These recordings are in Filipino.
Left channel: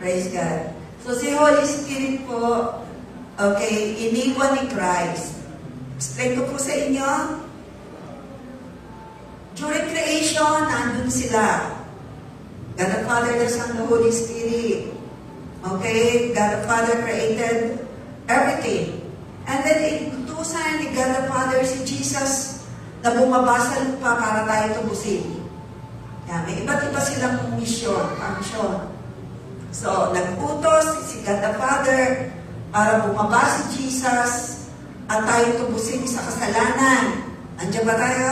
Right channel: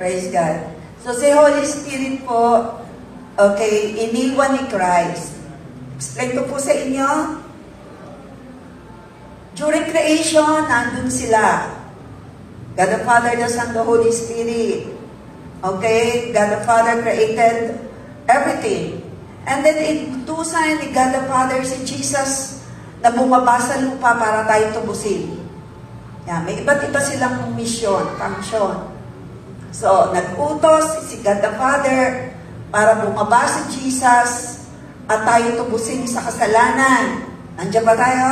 Praise God. So, si Holy Spirit po, okay, iniwan ni Christ. Explain ko po sa inyo. During creation, nandun sila. God the Father, the Son, the Holy Spirit. Okay? God the Father created everything. And then, inutusan ni God the Father si Jesus na bumaba sa lupa para tayo tubusin. Yan, may iba't iba silang mission, function. So, nag-utos si God the Father para bumaba si Jesus at tayo tubusin sa kasalanan. Nandiyan ba tayo?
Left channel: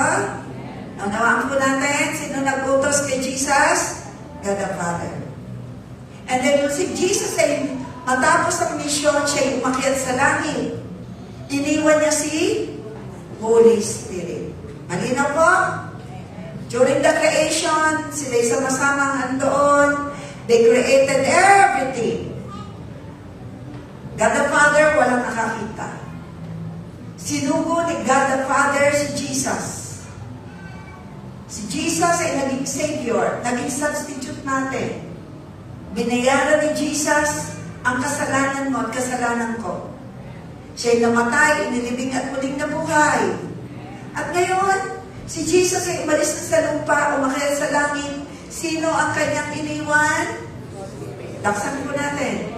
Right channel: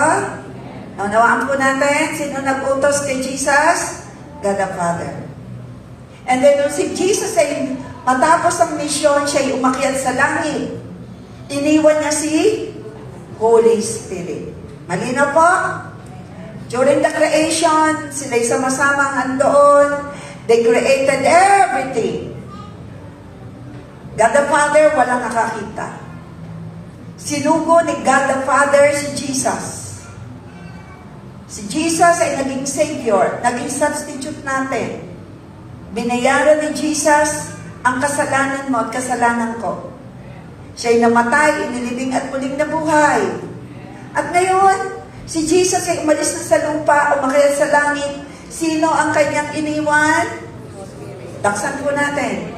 Naunawaan po natin, sino nag-utos kay Jesus? God the Father. And then, si Jesus ay matapos ang mission, siya ay umakyat sa langit. Iniwan niya si Holy Spirit. Malinaw po? During the creation, sila'y sama-samang andoon. They created everything. God the Father, walang nakakita. Sinugo ni God the Father si Jesus. Si Jesus ay naging Savior, naging substitute natin. Binayaran ni Jesus ang kasalanan mo at kasalanan ko. Siya'y namatay, inilibing at muling nabuhay. At ngayon, si Jesus ay umalis na sa lupa, umakyat sa langit. Sino ang kanyang iniwan? Laksan po natin.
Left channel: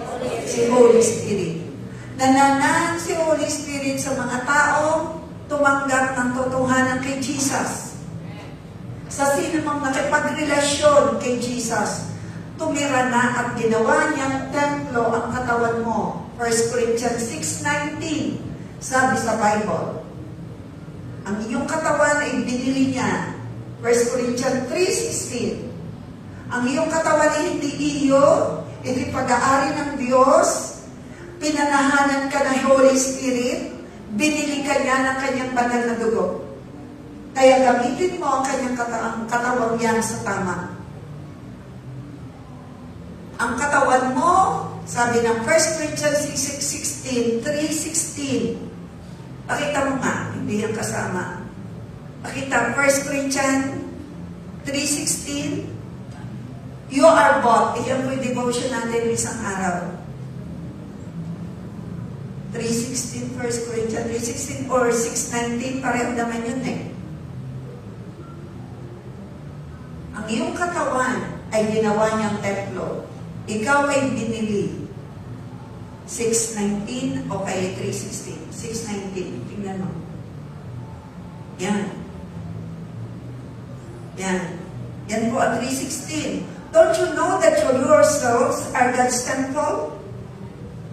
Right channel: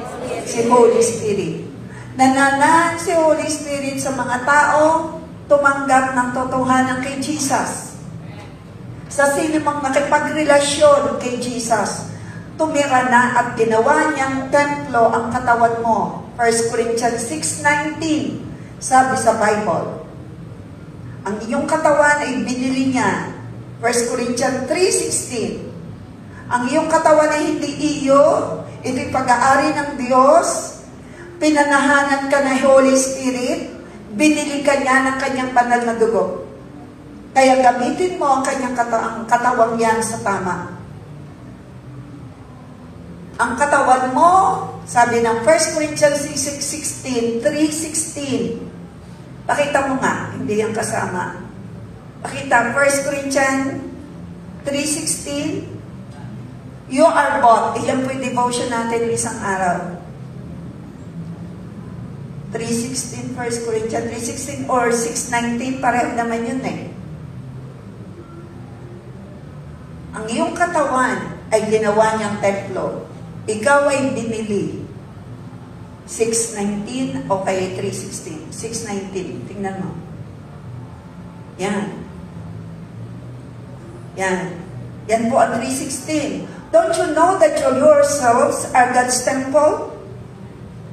Si Holy Spirit. Nananan si Holy Spirit sa mga tao tumanggap ng totohanan kay Jesus. Sa sino mang makipagrelasyon kay Jesus, tumira na at ginawa niyang templo ang katawan mo. 1 Corinthians 6:19, sabi sa Bible. Ang iyong katawan ay binili niya. 1 Corinthians 3:16. Ang iyong katawan ay hindi iyo, ito'y pag-aari ng Diyos. Pinanahanan ka ng Holy Spirit, binili ka niya ng kanyang banal na dugo. Kaya gamitin mo ang kanyang katawang yan sa tama. Ang katawan mo, sabi ng 1 Corinthians 3:16, pakita mo nga, hindi yan kasama. Pakita, 1 Corinthians 3:16, you are bought. Iyan po yung devotion natin isang araw. 3:16, 1 Corinthians 3:16 or 6:19, pareho naman yun eh. Ang iyong katawan ay ginawa niyang templo. Ikaw ay binili. 6:19 o kaya 3:16. 6:19. Tingnan mo. Yan. Yan. Yan po ang 3:16. Don't you know that yourselves are God's temple?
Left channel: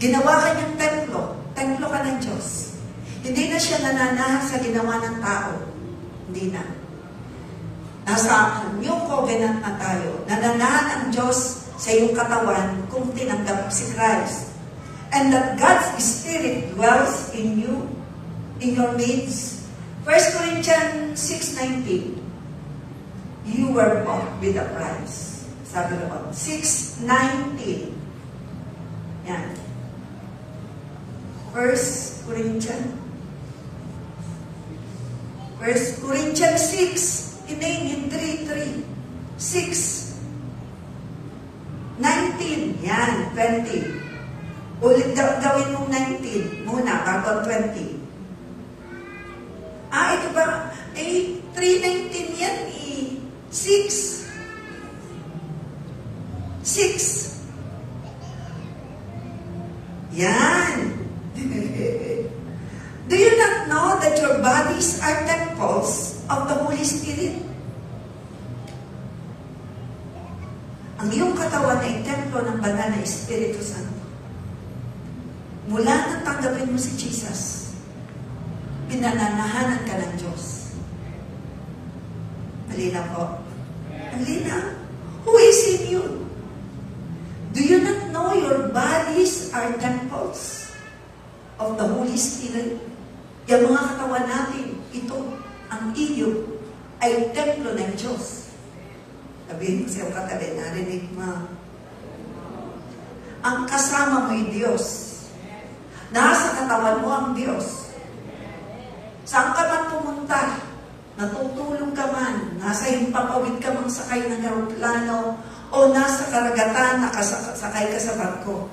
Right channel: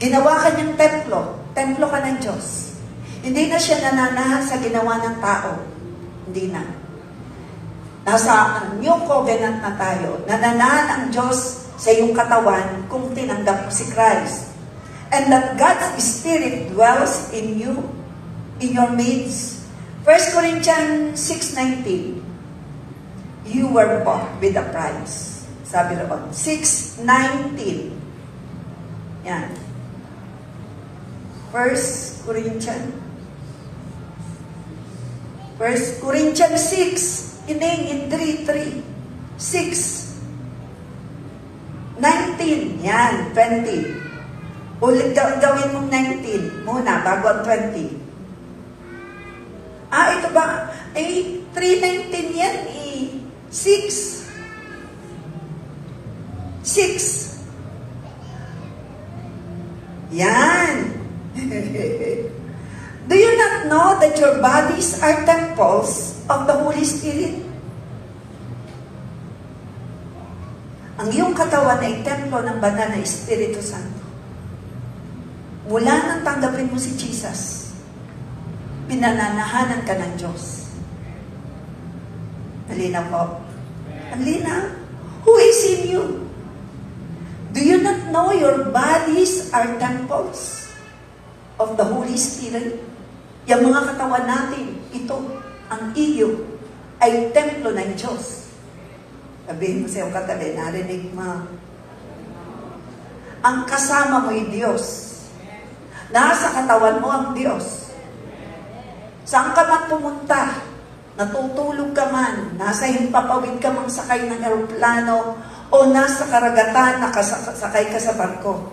Ginawa ka niyang templo. Templo ka ng Diyos. Hindi na siya nananahan sa ginawa ng tao. Hindi na. Nasa new covenant na tayo. Nananahan ang Diyos sa iyong katawan kung tinanggap si Christ. And that God's Spirit dwells in you, in your midst. 1 Corinthians 6:19. You were bought with a price. Sabi roon. 6:19. Yan. 1 Corinthians 6. Iningin 3:3. 6:19. Yan. 20. Ulit gawin mong 19 muna bago ang 20. Ito ba? 3:19 yan. 6. Yan. Do you not know that your bodies are temples of the Holy Spirit? Ang iyong katawan ay templo ng banal na Espiritu Santo. Mula nang tanggapin mo si Jesus, pinananahanan ka ng Diyos. Halina po. Halina. Who is in you? Do you not know your bodies are temples of the Holy Spirit? Yung mga katawan natin, ito, ang iyo, ay templo ng Diyos. Sabihin mo sa'yo katabi, narinig mo. Ang kasama mo ay Diyos. Nasa katawan mo ang Diyos. Saan ka man pumunta, natutulog ka man, nasa himpapawid ka mang sakay ng eroplano, o nasa karagatan, sakay ka sa barko.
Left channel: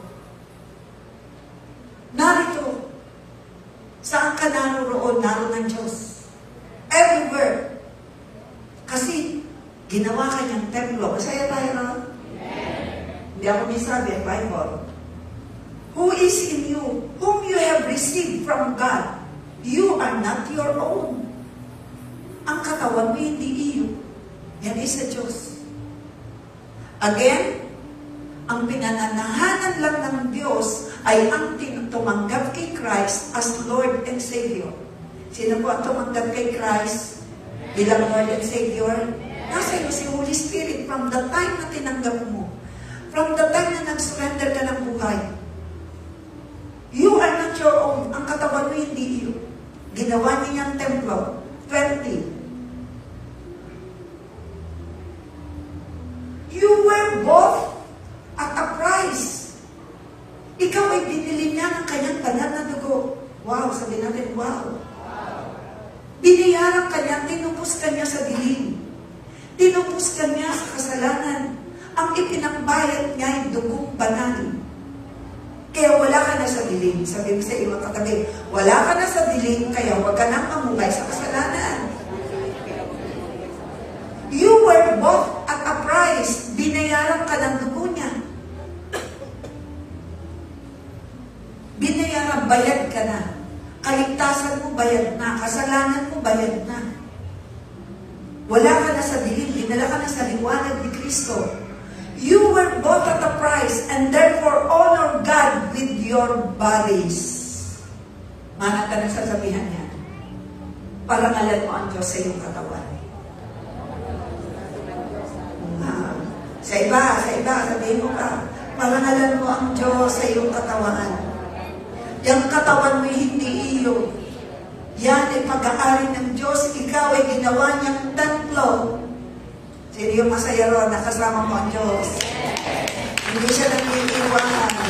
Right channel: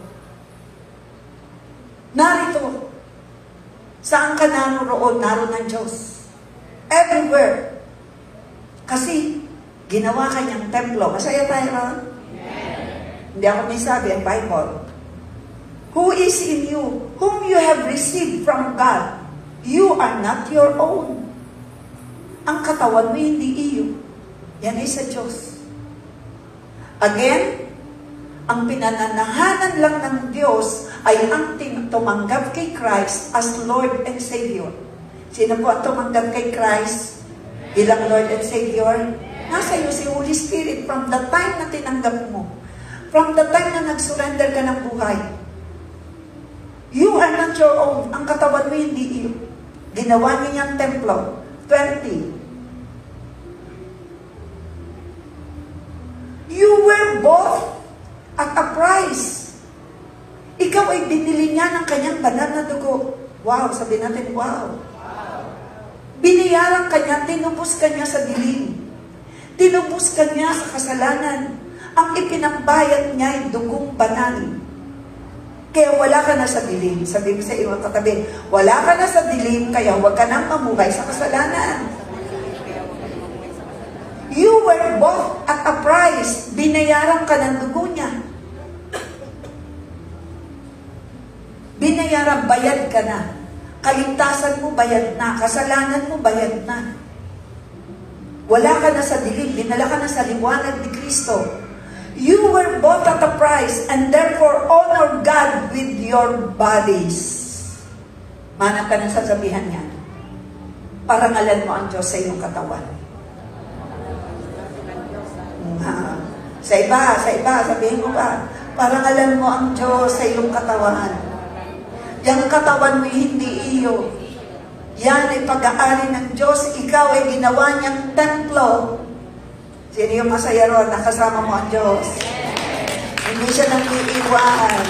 Narito. Saan ka naroon? Naroon ng Diyos. Everywhere. Kasi, ginawa ka niyang templo. Masaya tayo, ha? Hindi ako may sabi ang Bible. Who is in you? Whom you have received from God. You are not your own. Ang katawan mo hindi iyo. Yan ay sa Diyos. Again, ang pinananahanan lang ng Diyos ay ang tumanggap kay Christ as Lord and Savior. Sino po ang tumanggap kay Christ bilang Lord and Savior? Nasa iyo si Holy Spirit from the time na tinanggap mo. From the time na nag-surrender ka ng buhay. You are not your own. Ang katawan mo hindi iyo. Ginawa niya niyang templo. 20. You were bought at a price. Ikaw ay binili niya ng kanyang banal na dugo. Wow, sabi natin, wow. Biniyaran ka niya, tinupos ka niya sa dilim. Tinupos ka niya sa kasalanan. Ang ipinambayad niya ay dugong banal. Kaya wala ka na sa dilim. Sabi mo sa iyong katabi, wala ka na sa dilim, kaya huwag ka nang mamugay sa kasalanan. You were bought at a price. Binayaran ka ng dugo niya. Binayaran, bayad ka na. Kaligtasan mo, bayad na. Kasalanan mo, bayad na. Wala ka na sa dilim. Dinala ka na sa liwanag ni Kristo. You were bought at a price, and therefore honor God with your bodies. Manang ka ng sasabihan niya. Parangalan mo ang Diyos sa iyong katawan. Sa iba, sabihin mo pa, parangalan mo ang Diyos sa iyong katawan. Yung katawan mo hindi iyo. Yan ay pag-aari ng Diyos. Ikaw ay ginawa niyang templo. Sino yung masaya ron? Nakasama mo ang Diyos. Hindi siya nang-iiwan.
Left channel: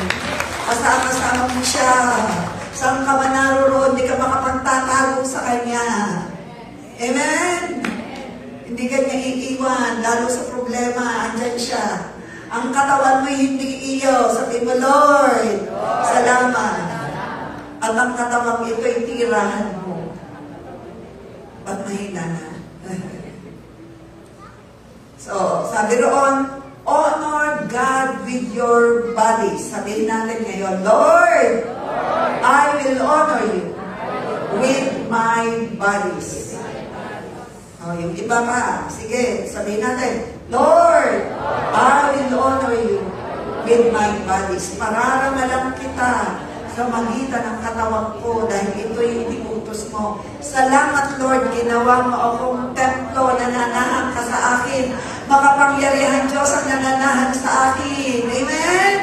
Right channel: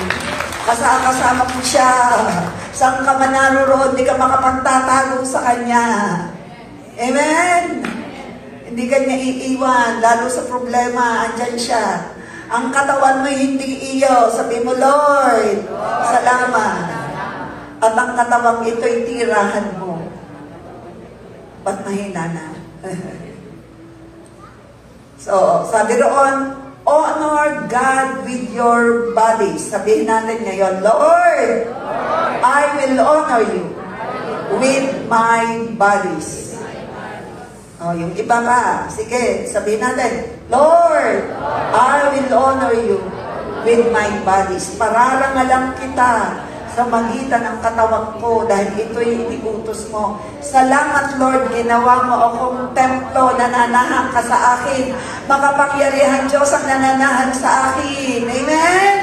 Kasama mo siya. Saan ka man naroon, hindi ka makapagtatago sa Kanya. Amen? Hindi ka niya iiwan, lalo sa problema, andyan siya. Ang katawan mo hindi iyo. Sabi mo, Lord, salamat. At ang katawang ito'y tirahan mo. Ba't mahina na? So, sabi roon, honor God with your body. Sabihin natin ngayon, Lord, I will honor you with my bodies. Oh, yung iba pa. Sige, sabihin natin, Lord, I will honor you with my bodies. Pararangalan kita sa magitan ng katawan ko dahil ito'y iniutos mo. Salamat, Lord, ginawa mo akong templo, nananahan ka sa akin. Makapangyarihan Diyos ang nananahan sa akin. Amen?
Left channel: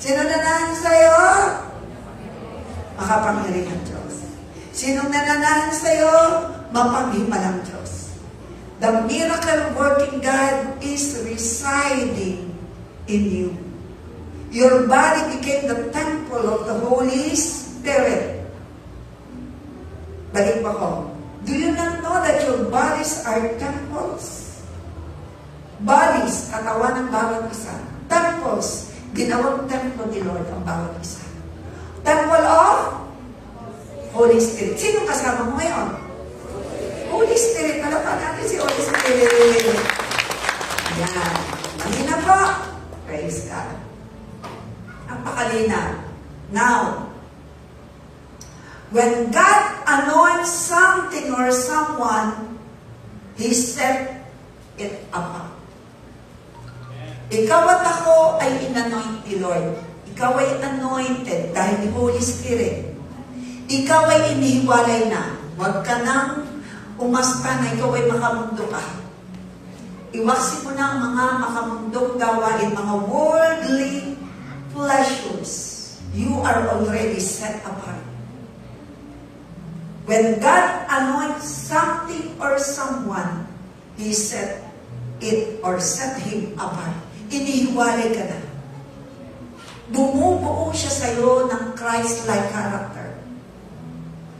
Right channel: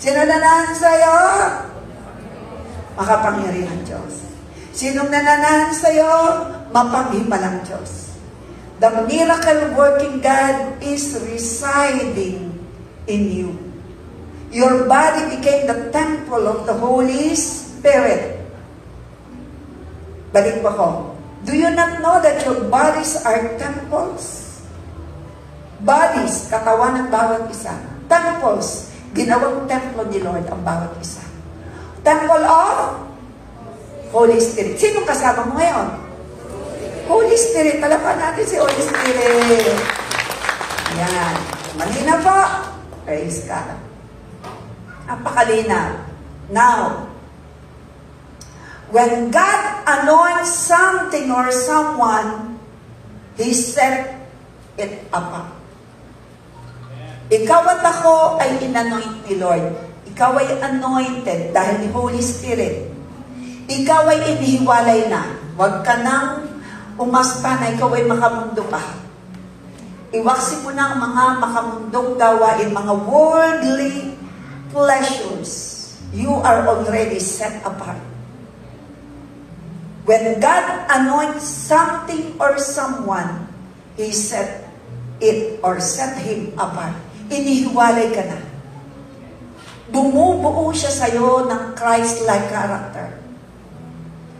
Sino nananahan sa'yo? Makapangyarihan Diyos. Sinong nananahan sa'yo? Mapanghimalang Diyos. The miracle working God is residing in you. Your body became the temple of the Holy Spirit. Balik pa ko. Do you not know that your bodies are temples? Bodies, katawan ng bawat isa. Temples, ginawang templo ni Lord ang bawat isa. Temple of Holy Spirit. Sino kasama mo ngayon? Holy Spirit. Palapan natin si Holy Spirit. Yan. Malina po. Praise God. Napakalina. Now, when God anoints something or someone, He set it apart. Ikaw at ako ay inanoint ni Lord. Ikaw ay anointed dahil ni Holy Spirit. Ikaw ay inihiwalay na. Huwag ka nang umasta na ikaw ay makamundo ka. Iwaksi mo na ang mga makamundong gawain, mga worldly pleasures. You are already set apart. When God anoints something or someone, He set it or set him apart. Inihiwalay ka na. Bumubuo siya sa'yo ng Christ-like character.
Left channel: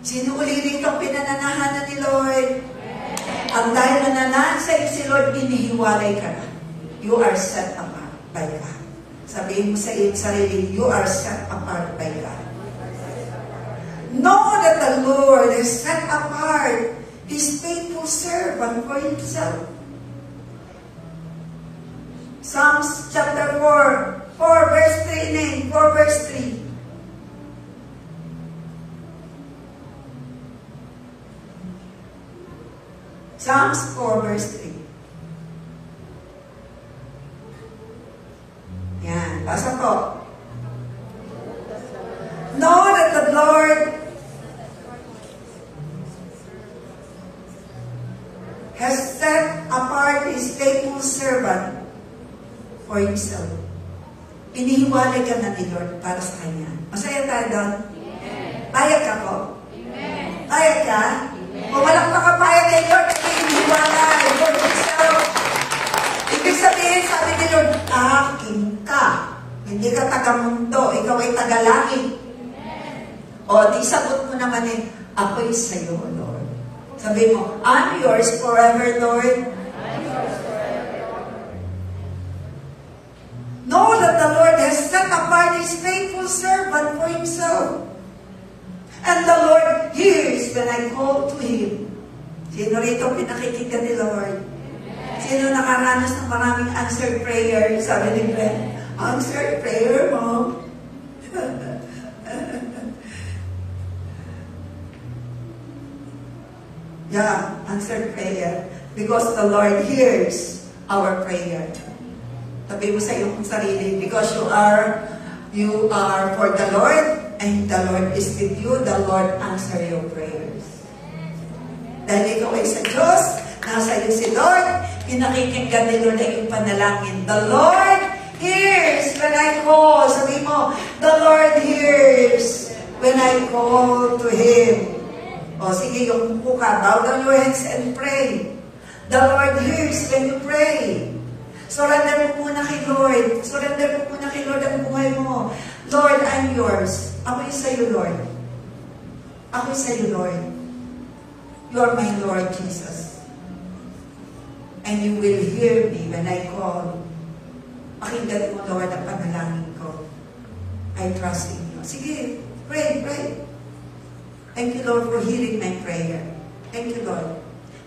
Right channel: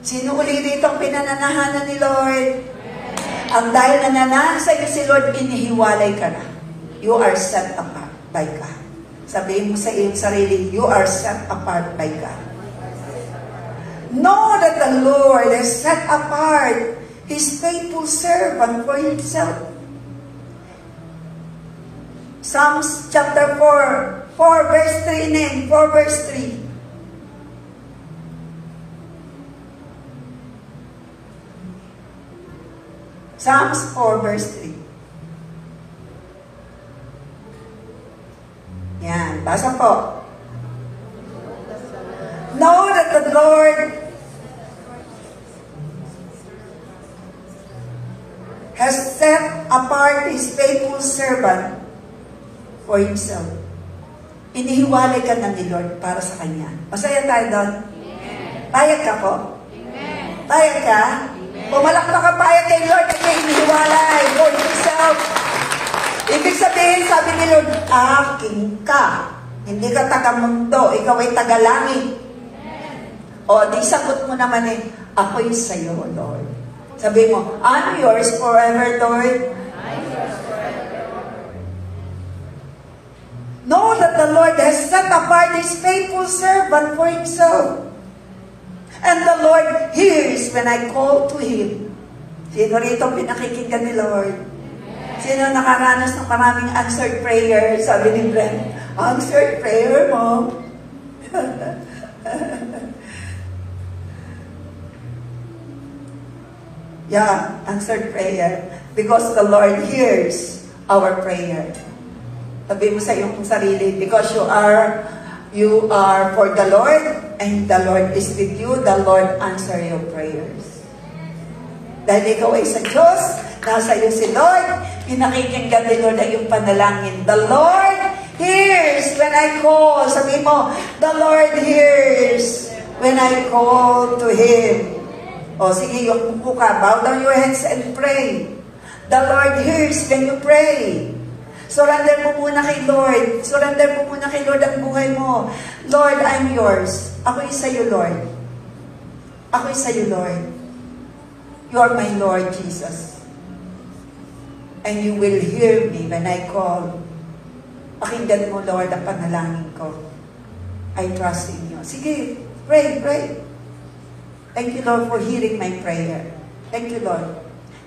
Sino uli rito ang pinananahanan ni Lord? Ang dahil nananahan sa'yo si Lord, inihiwalay ka na. You are set apart. by God. Sabihin mo sa iyong sarili, you are set apart by God. Know that the Lord has set apart His faithful servant for Himself. Psalms chapter 4 verse 3, 4 verse 3. Psalms 4 verse 3. Yan, basa po. Know that the Lord has set apart His faithful servant for Himself. Inihiwalay ka na ni Lord para sa Kanya. Masaya tayo doon? Payag ka po? Payag ka? Pumalakpak ka payag kay Lord at may inihiwalay for Himself. Ibig sabihin, sabi ni Lord, aking ka. Hindi ka taga-mundo, ikaw ay taga-langit. O, di sagot mo naman ako'y sa'yo, Lord. Sabi mo, I'm yours forever, Lord. Know that the Lord has set apart His faithful servant for Himself. And the Lord hears when I call to Him. Sino rito pinakikinggan ni Lord? Sino nakaranas ng maraming answered prayer? Sabi ni Glenn, answered prayer mo. Yeah, answered prayer. Because the Lord hears our prayer. Sabi mo sa iyong sarili, because you are for the Lord, and the Lord is with you, the Lord answer your prayers. Dahil ikaw ay sa Diyos, nasa iyo si Lord, pinakikinggan ni Lord ay yung panalangin. The Lord hears when I call. Sabi mo, the Lord hears when I call to Him. O sige, yung buka, bow down your heads and pray. The Lord hears when you pray. Surrender mo muna kay Lord. Surrender mo muna kay Lord ang buhay mo. Lord, I'm yours. Ako'y sa'yo, Lord. Ako'y sa'yo, Lord. You're my Lord, Jesus. And you will hear me when I call. Pakinggan mo, Lord, ang panalangin ko. I trust in you. Sige, pray, pray. Thank you, Lord, for hearing my prayer. Thank you, Lord.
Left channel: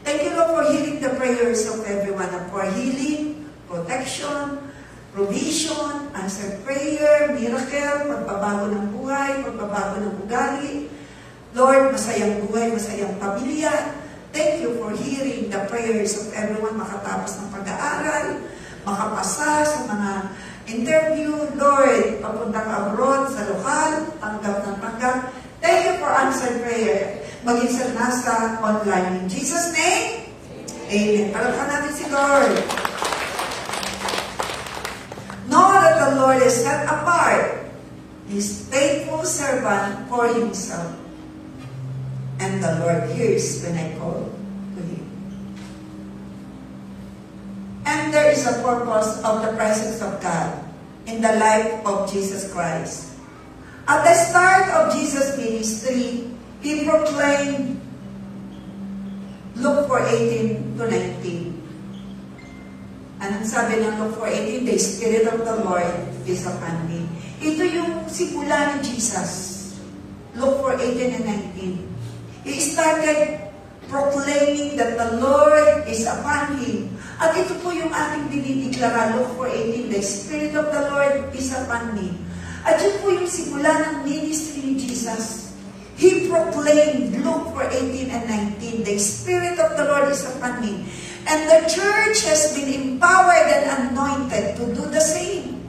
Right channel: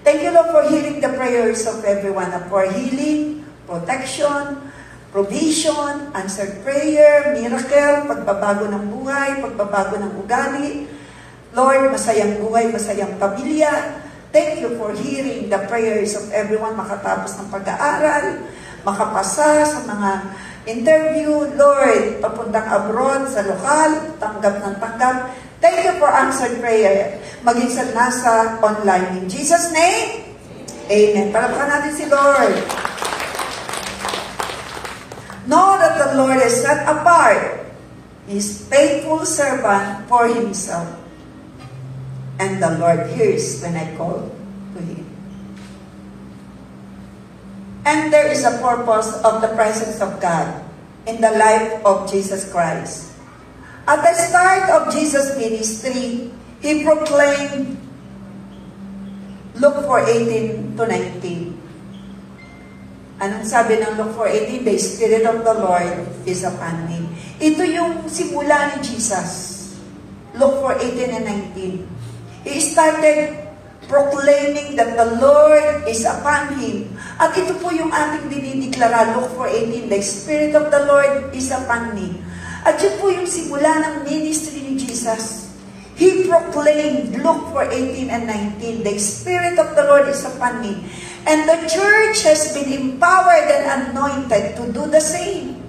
Thank you, Lord, for hearing the prayers of everyone, for healing, protection, provision, answered prayer, miracle, pagbabago ng buhay, pagbabago ng ugali. Lord, masayang buhay, masayang pamilya. Thank you for hearing the prayers of everyone makatapos ng pag-aaral, makapasa sa mga interview. Lord, papuntang abroad, sa lokal, tanggap ng tanggap. Thank you for answered prayer. Maging sa nasa online. In Jesus' name, amen. Palakpakan natin si Lord. Know that the Lord has set apart His faithful servant for Himself. And the Lord hears when I call to Him. And there is a purpose of the presence of God in the life of Jesus Christ. At the start of Jesus' ministry, He proclaimed, Luke 4:18 to 19. Anong sabi ng Luke 4:18? The Spirit of the Lord is upon me. Ito yung simula ni Jesus. Luke 4:18 and 19. He started proclaiming that the Lord is upon Him. At ito po yung ating dinideklara, Luke 4:18, the Spirit of the Lord is upon me. At yun po yung simula ng ministry ni Jesus. He proclaimed, Luke 4:18 and 19, the Spirit of the Lord is upon me. And the church has been empowered and anointed to do the same.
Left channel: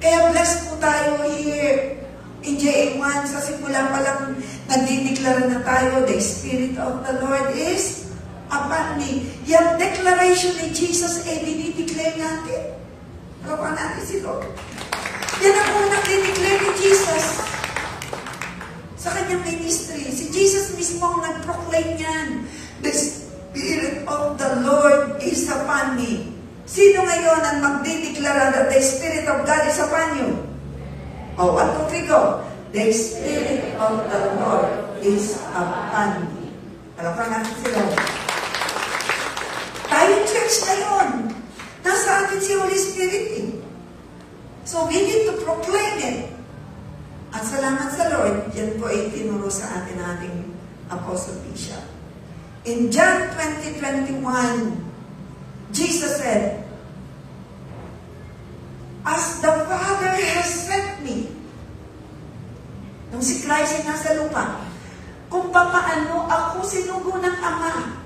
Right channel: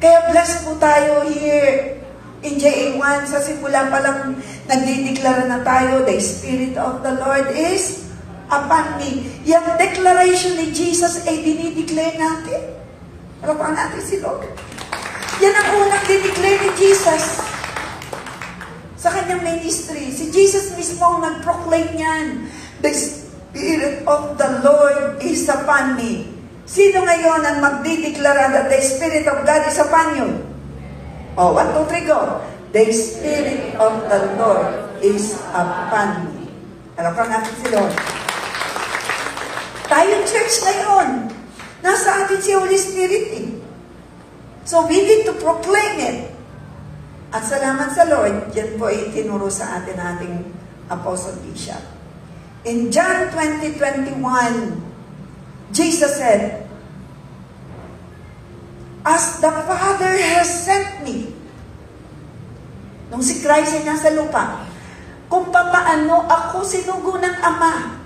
Kaya blessed po tayo here in JA1. Sa simula pa lang nagdideklara na tayo, the Spirit of the Lord is upon me. Yung declaration ni Jesus ay dinideclare natin. Palakpakan natin si Lord. Yan ang unang dinideclare ni Jesus sa kanyang ministry. Si Jesus mismo ang nag-proclaim yan. The Spirit of the Lord is upon me. Sino ngayon ang magdideklara that the Spirit of God is upon you? Oh, 1, 2, 3, go. The Spirit of the Lord is upon me. Palakpakan natin si Lord. Tayong church ngayon, Nasa atin si Holy Spirit eh. So we need to proclaim it. At salamat sa Lord, yan po ay tinuro sa atin ating Apostle Bishop. In John 20:21, Jesus said, "As the Father has sent me," nung si Christ ay nasa lupa, kung papaano ako sinugo ng Ama,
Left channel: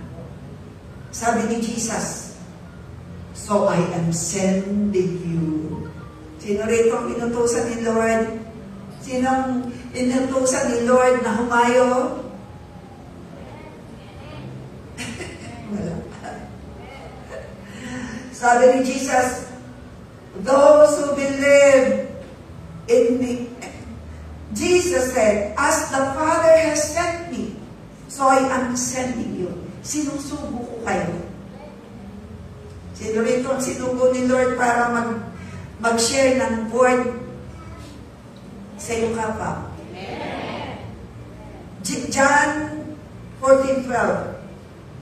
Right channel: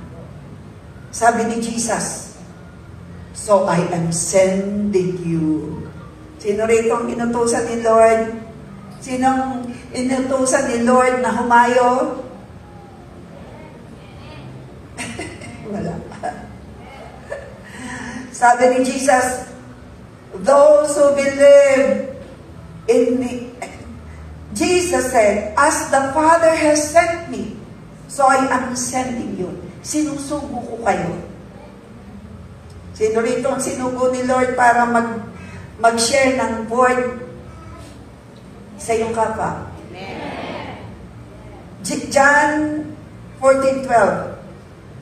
sabi ni Jesus, "So I am sending you." Sino rito ang inutusan ni Lord? Sinong inutusan ni Lord na humayo? Wala. Sabi ni Jesus, those who believe in me, Jesus said, "As the Father has sent me, so I am sending you." Sinusugo ko kayo. Sino rito ang sinugo ni Lord para mag-share ng word sa iyong kapwa? John 14:12.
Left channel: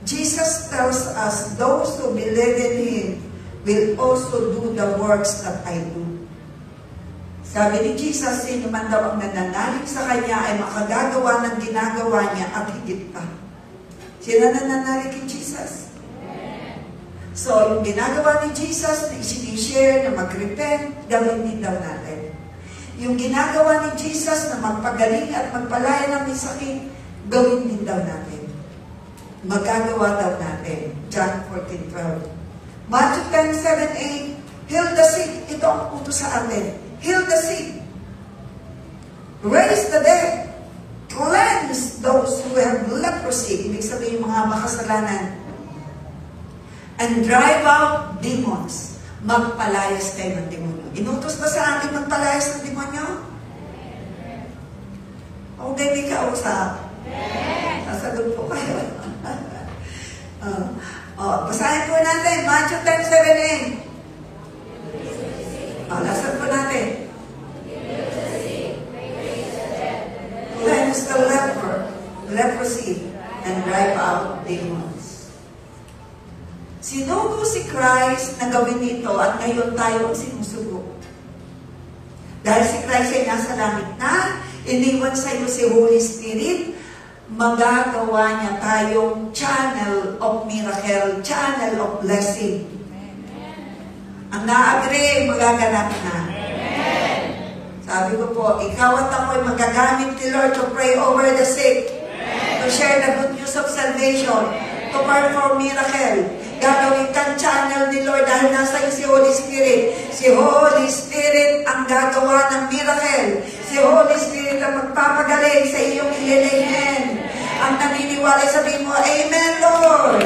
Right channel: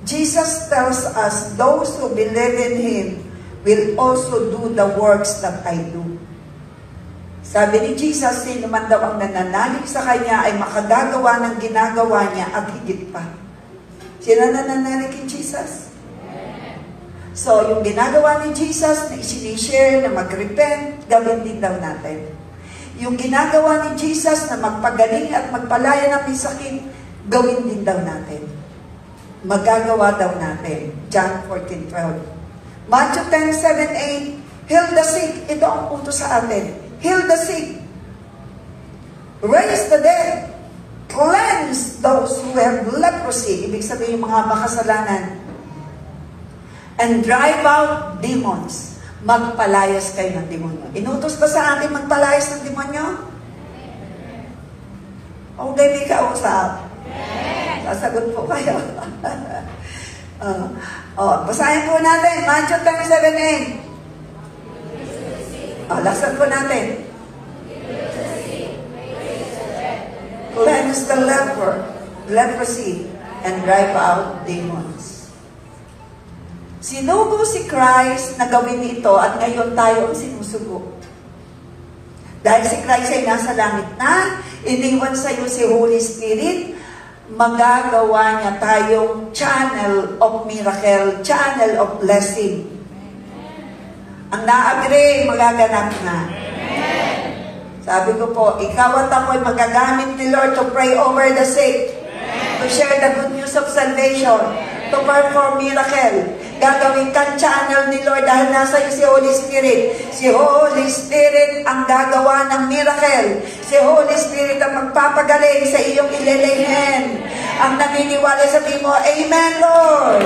Jesus tells us, those who believe in Him will also do the works that I do. Sabi ni Jesus, sino man daw ang nananalig sa Kanya ay makagagawa ng ginagawa niya at higit pa. Sino nananalig kay Jesus? So, yung ginagawa ni Jesus na isinishare, na mag-repent, gawin din daw natin. Yung ginagawa ni Jesus na magpagaling at magpalaya ng may sakit, gawin din daw natin. Magagawa daw natin. John 14:12. Matthew 10:7-8, heal the sick. Ito ang utos sa atin. Heal the sick. Raise the dead. Cleanse those who have leprosy. Ibig sabihin yung mga makasalanan. And drive out demons. Magpalayas kayo ng demonyo. Inutos ba sa amin magpalayas ng demonyo? Okay, may kausap. Sasagot po kayo. Basahin po natin. Matthew 10:7-8. Lasan po natin. Cleanse the leprosy, and drive out demons. Sinugo si Christ na gawin ito at ngayon tayo ang sinusugo. Dahil si Christ ay nasa langit na, iniwan sa iyo si Holy Spirit, magagawa niya tayong channel of miracle, channel of blessing. Ang na-agree, magaganap na. Sabi ko po, ikaw at ako ay magagamit ni Lord to pray over the sick, to share the good news of salvation, to perform miracle. Gagawin kang channel ni Lord dahil nasa iyo si Holy Spirit. Si Holy Spirit ang gagawa ng miracle. Si Holy Spirit ang magpapagaling sa iyong ililighen. Ang naniniwala, sabihin mo, Amen, Lord.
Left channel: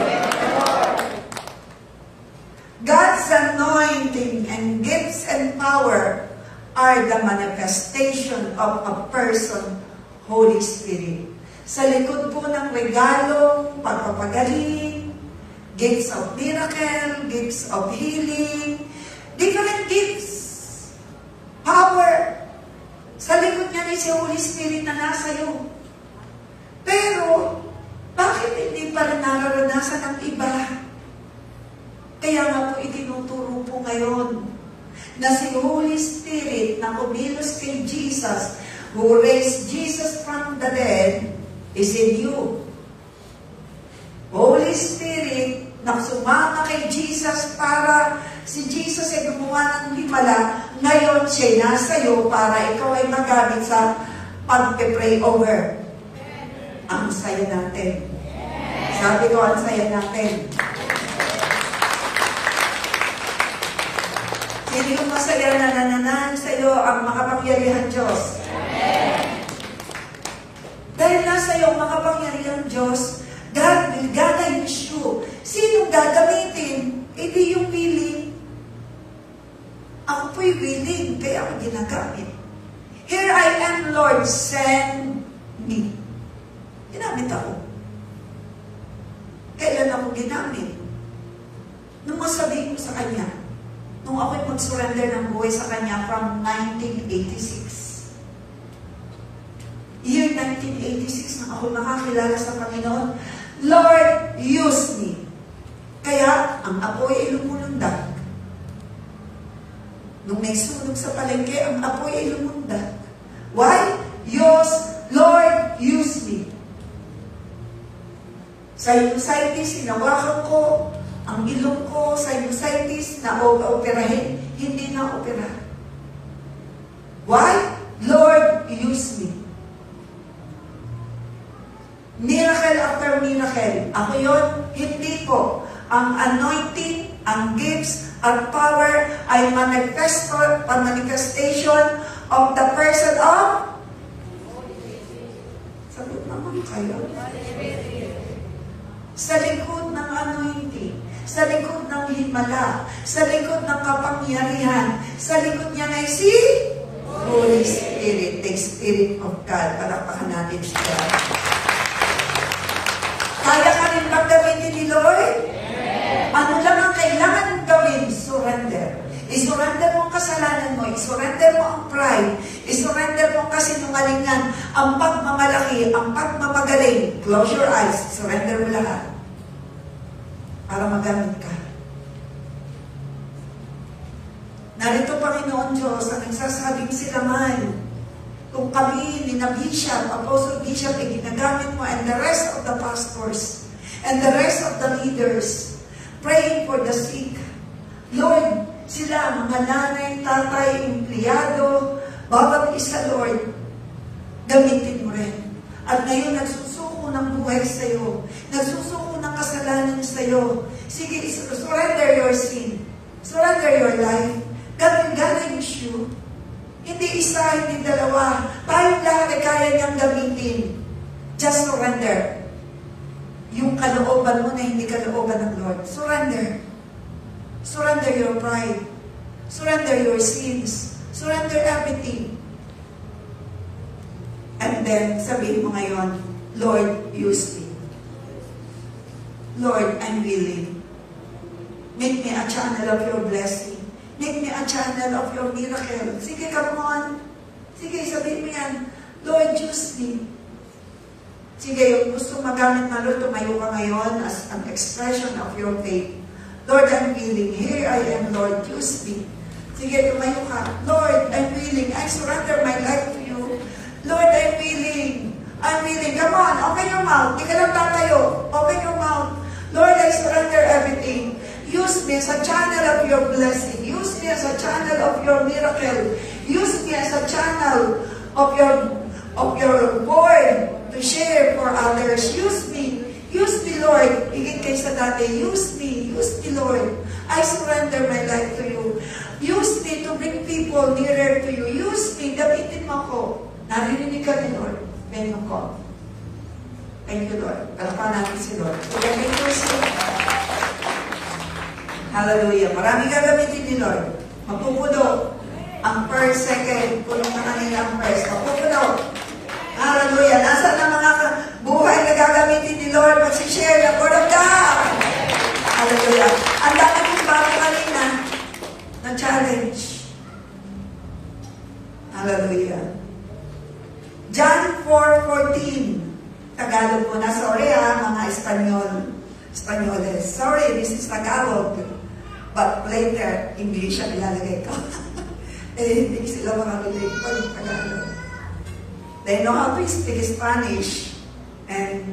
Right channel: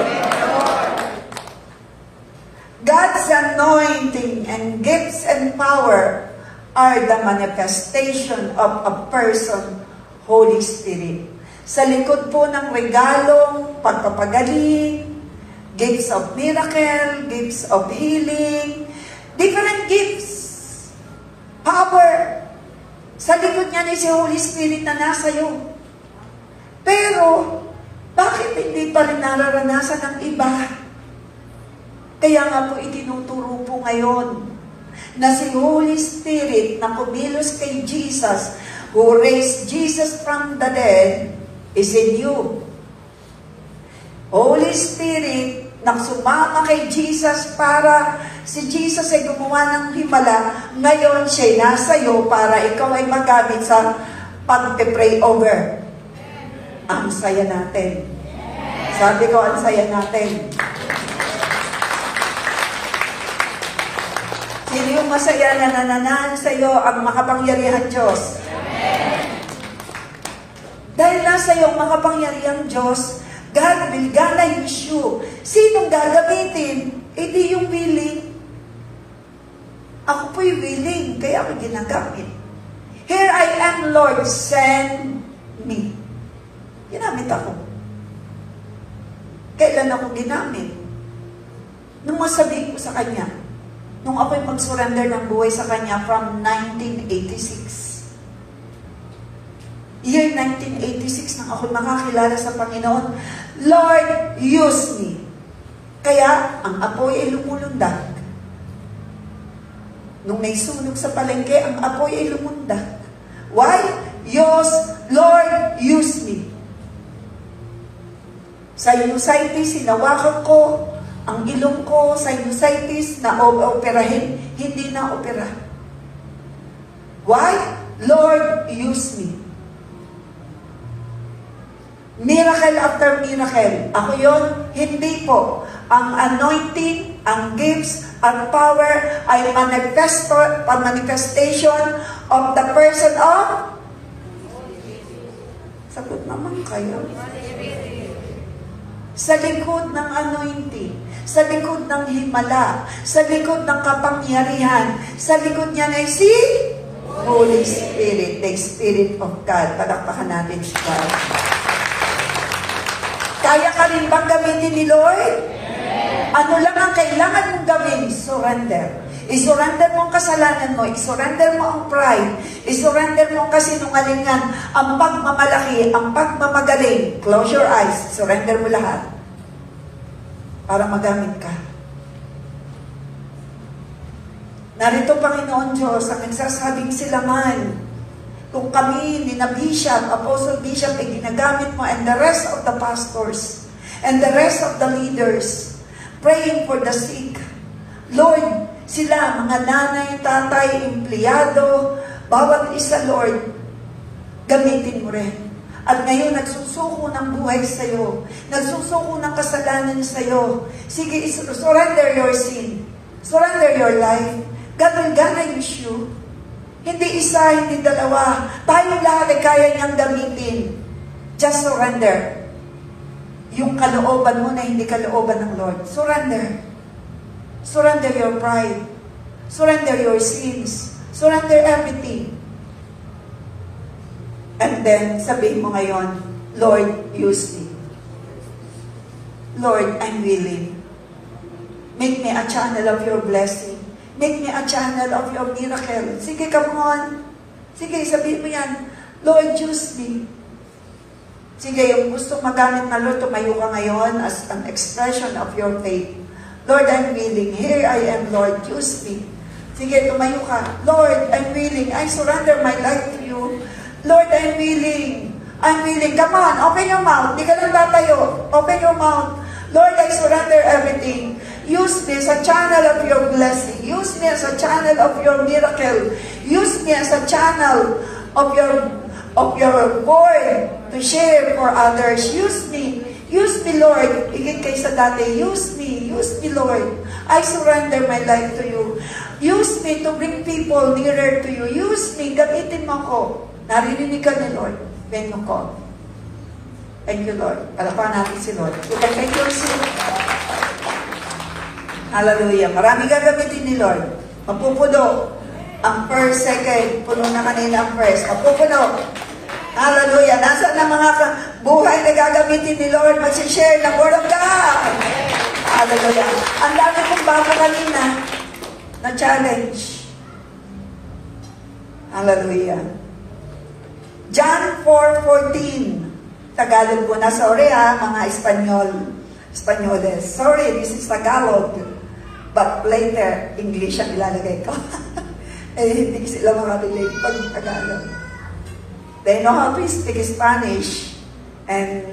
God's anointing and gifts and power are the manifestation of a person, Holy Spirit. Sa likod po ng regalong pagpapagaling, gifts of miracle, gifts of healing, different gifts, power. Sa likod niya ni si Holy Spirit na nasa iyo. Pero, bakit hindi pa rin nararanasan ng iba? Kaya nga po itinuturo po ngayon na si Holy Spirit na kumilos kay Jesus, who raised Jesus from the dead, is in you. Holy Spirit na sumama kay Jesus para si Jesus ay gumawa ng himala, ngayon siya nasa iyo para ikaw ay magamit sa pag-pray over. Ang saya natin. Sabi ko, ang saya natin. Sino yung masaya na nananahan sa iyo ang makapangyarihan Diyos? Dahil nasa iyo ang makapangyarihan Diyos, God will gonna use you. Sinong gagamitin? Hindi yung willing. Ako po'y willing, kaya ako ginagamit. Here I am, Lord, send me. Ginamit ako. Kailan ako ginamit? Nung masabihin ko sa Kanya, nung ako'y mag-surrender ng buhay sa Kanya from 1986. Year 1986 nang ako'y makakilala sa Panginoon, Lord, use me. Kaya, ang apoy ay lumulundag. Nung may sunog sa palengke, ang apoy ay lumunda. Why? Yes, Lord, use me. Sinusitis, hinawakan ko, ang ilong ko, sinusitis, na-operahin, hindi na-opera. Why? Lord, use me. Miracle after miracle. Ako yun? Hindi po. Ang anointing, ang gifts, ang power ay manifestation of the person of sagot naman kayo. Sa likod ng anointing, sa likod ng himala, sa likod ng kapangyarihan, sa likod niya ay si Holy Spirit, the Spirit of God. Palakpakan natin siya. Kaya ka rin bang gamitin ni Lord? Ano lang ang kailangan mong gawin? Surrender. I-surrender mo ang kasalanan mo. I-surrender mo ang pride. I-surrender mo ang kasinungalingan. Ang pagmamalaki, ang pagmamagaling. Close your eyes. Surrender mo lahat. Para magamit ka. Narito, Panginoon Diyos, ang nagsasabing sila man. Kung kami, ni Bishop, Apostle Bishop, ay ginagamit mo, and the rest of the pastors, and the rest of the leaders, praying for the sick. Lord, sila, mga nanay, tatay, empleyado, bawat isa, Lord, gamitin mo rin. At ngayon, nagsusuko ng buhay sa'yo. Nagsusuko ng kasalanan sa'yo. Sige, surrender your sin. Surrender your life. God will gonna use you. Hindi isa, hindi dalawa. Tayong lahat ay kaya niyang gamitin. Just surrender. Yung kalooban mo na hindi kalooban ng Lord. Surrender. Surrender your pride. Surrender your sins. Surrender everything. And then, sabihin mo ngayon, Lord, use me. Lord, I'm willing. Make me a channel of your blessing. Make me a channel of your miracle. Sige, come on. Sige, sabihin mo yan. Lord, use me. Sige, yung gusto magamit na Lord, tumayo ka ngayon as an expression of your faith. Lord, I'm willing. Here I am, Lord. Use me. Sige, tumayo ka. Lord, I'm willing. I surrender my life to you. Lord, I'm willing. I'm willing. Come on, open your mouth. Di ka nang tatayo. Open your mouth. Lord, I surrender everything. Use me as a channel of your blessing. Use me as a channel of your miracle. Use me as a channel of your word to share for others. Use me. Use me, Lord. Higit kaysa dati. Use me, Lord. I surrender my life to you. Use me to bring people nearer to you. Use me. Gamitin mo ko. Narinig ka ni Lord when you call. Thank you, Lord. Palapakan natin si Lord. Thank you, Lord. Hallelujah. Maraming gagamitin ni Lord. Mapupuno. Ang first, second, puno na kanila ang first. Mapupuno. Hallelujah. Nasaan ang mga buhay na gagamitin ni Lord? Mag-share the word of God. Hallelujah. Ang dami kong bago kanina na challenge. Hallelujah. John 4:14. Tagalog ko na. Sorry mga Espanyoles. Sorry, this is Tagalog. But later, English ang ilalagay ko. Hindi sila makarinig pag Tagalog. They know how to speak Spanish and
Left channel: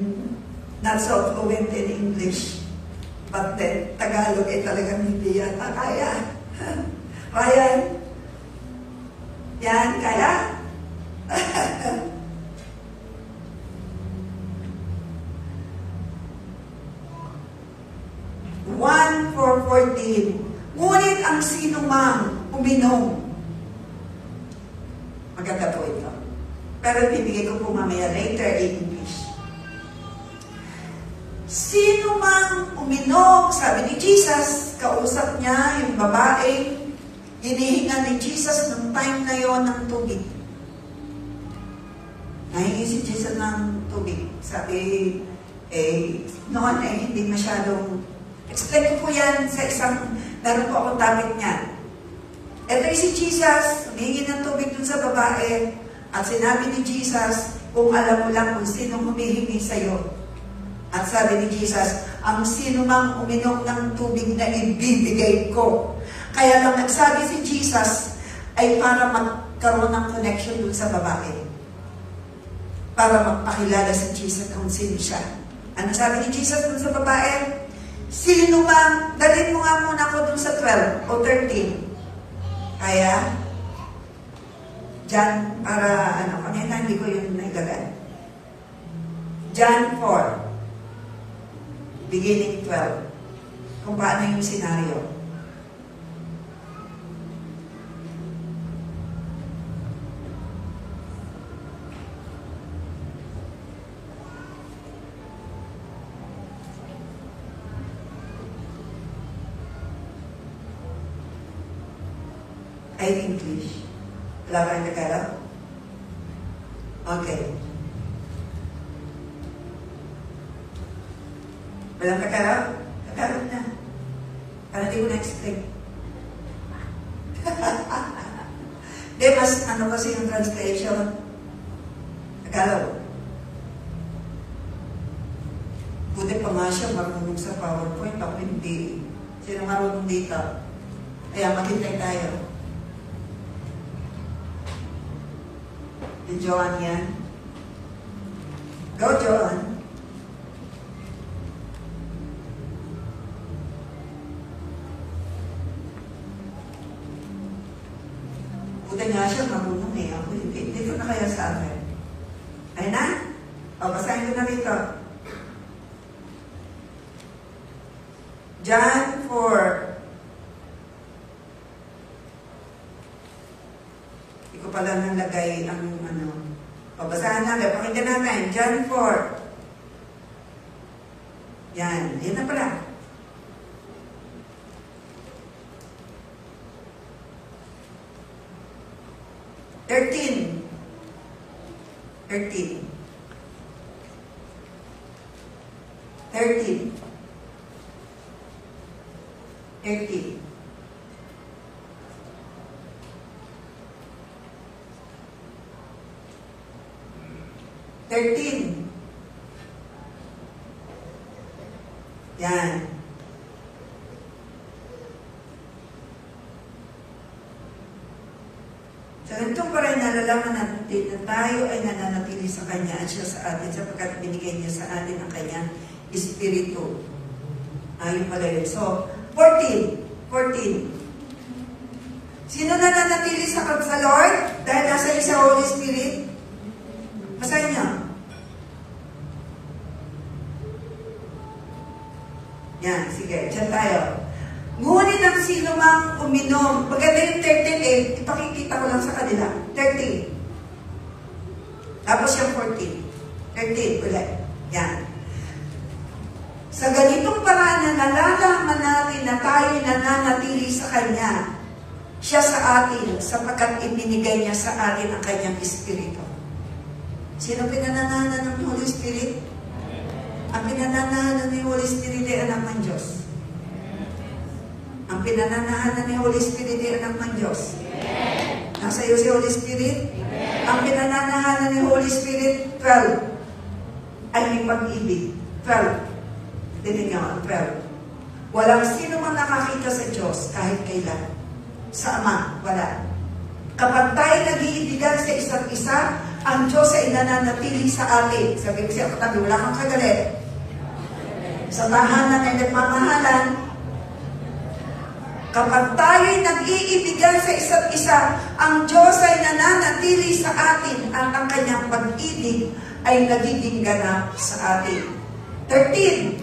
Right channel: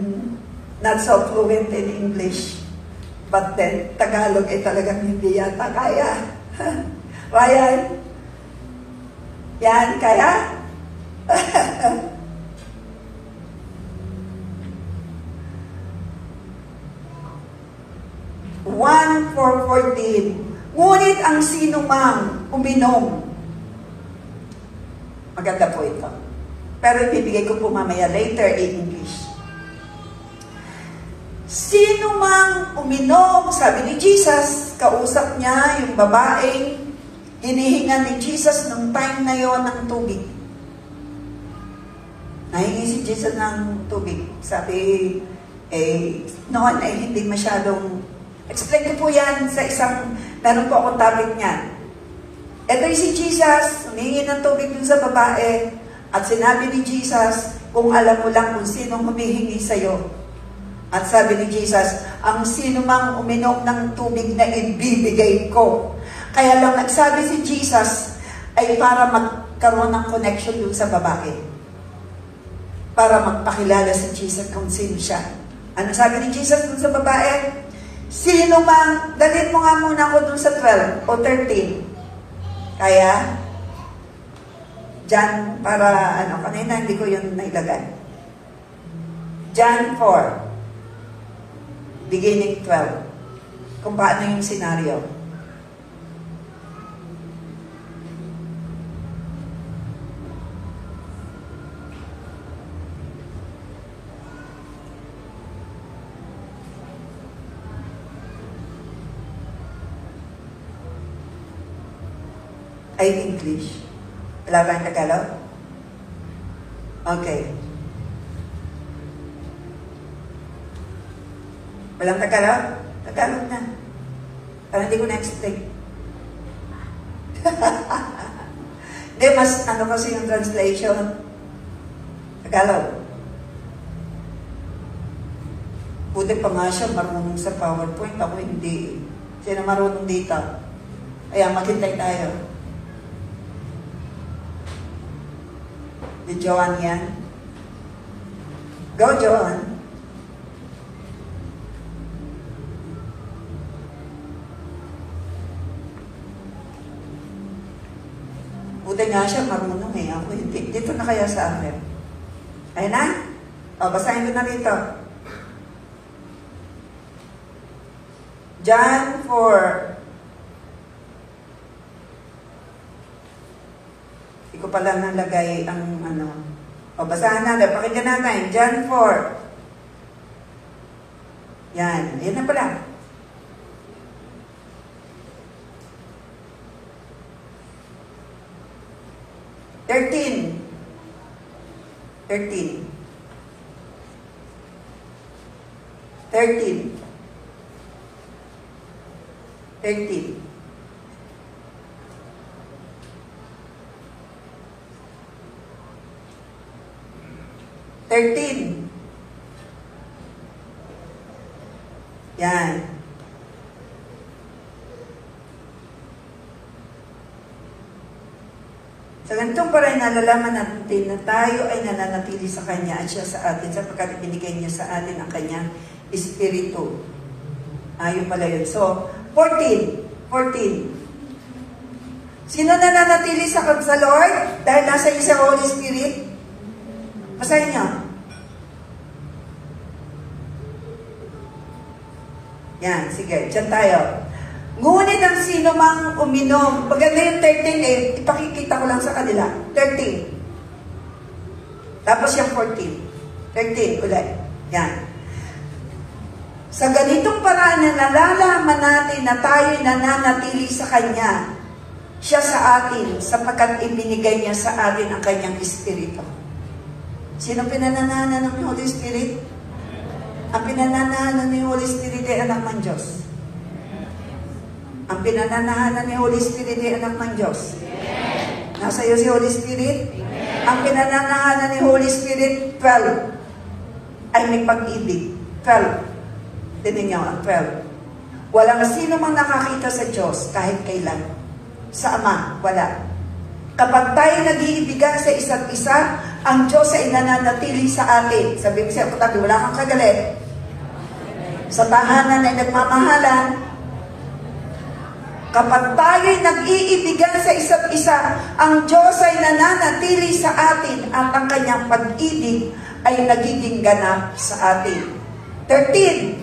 not so fluent in English. But then, Tagalog ay talagang hindi yata kaya. Ryan? Yan, kaya? 1:14. Ngunit ang sinumang uminom. Maganda po ito. Pero ibibigay ko po mamaya later in English. Sino mang uminom, sabi ni Jesus, kausap niya yung babaeng hinihinga ni Jesus nung time na yon ng tubig. Nahingi si Jesus ng tubig. Sabi, noon hindi masyadong, explain ko po yan sa isang, meron po akong topic niya. Ito si Jesus, humingi ng tubig dun sa babae, at sinabi ni Jesus, kung alam mo lang kung sinong humihingi sa'yo. At sabi ni Jesus, ang sino mang uminom ng tubig na ibibigay ko, Kaya lang nagsabi si Jesus ay para magkaroon ng connection dun sa babae. Para magpakilala si Jesus kung sino siya. Ano sabi ni Jesus dun sa babae? Sino mang, dalhin mo nga muna ako dun sa 12 o 13. Kaya, John, para kanina hindi ko yun nailagay. John 4, beginning 12. Kung paano yung senaryo. Ay, English. Wala ba ang Tagalog? Okay. Walang Tagalog? Tagalog na. Para hindi ko na-explain. Hindi, mas kasi yung translation. Tagalog. Buti pa nga siya marunong sa PowerPoint. Ako hindi. Siya na marunong dito. Kaya maghintay tayo. Di Joan yan. Go, Joan. Buti nga siya marunong eh. Ako hindi. Dito na kaya sa akin. Ayun na? O, basahin ko na rito. John 4. Hindi ko pala nalagay ang babasahan natin. Pakinggan natin. John 4. Yan. Yan na pala. Thirteen. 13. 13. 13. 13. Yan. Sa ganitong parang nalalaman natin na tayo ay nananatili sa Kanya at siya sa atin sapagkat binigay niya sa atin ang Kanyang Espiritu. Ayun pala yun. So, 14. 14. Sino nananatili sa Lord? Dahil nasa iyo sa Holy Spirit? Basahin niyo. Yan, sige. Diyan tayo. Ngunit ang sino mang uminom, maganda yung 13 eh, ipakikita ko lang sa kanila. 13. Tapos yung 14. 13 ulit. Yan. Sa ganitong paraan na nalalaman natin na tayo nananatili sa Kanya, siya sa atin, sapagkat ibinigay niya sa atin ang Kanyang Espiritu. Sino pinananahanan ng Holy Spirit? Ang pinananahanan ng Holy Spirit ay anak ng Diyos. Ang pinananahanan ng Holy Spirit ay anak ng Diyos. Nasa iyo si Holy Spirit? Ang pinananahanan ng Holy Spirit, 12, ay may pag-ibig. 12. Tinig nga, 12. Walang sino man nakakita sa Diyos kahit kailan. Sa Ama, wala. Kapag tayo nag-iibigan sa isa't isa, ang Diyos ay nananatili sa atin. Sabi ko siya, katabi, wala kang kagalit. Sa tahanan ay nagmamahalan. Kapag tayo'y nag-iibigan sa isa't isa, ang Diyos ay nananatili sa atin at ang Kanyang pag-ibig ay nagiging ganap sa atin. 13.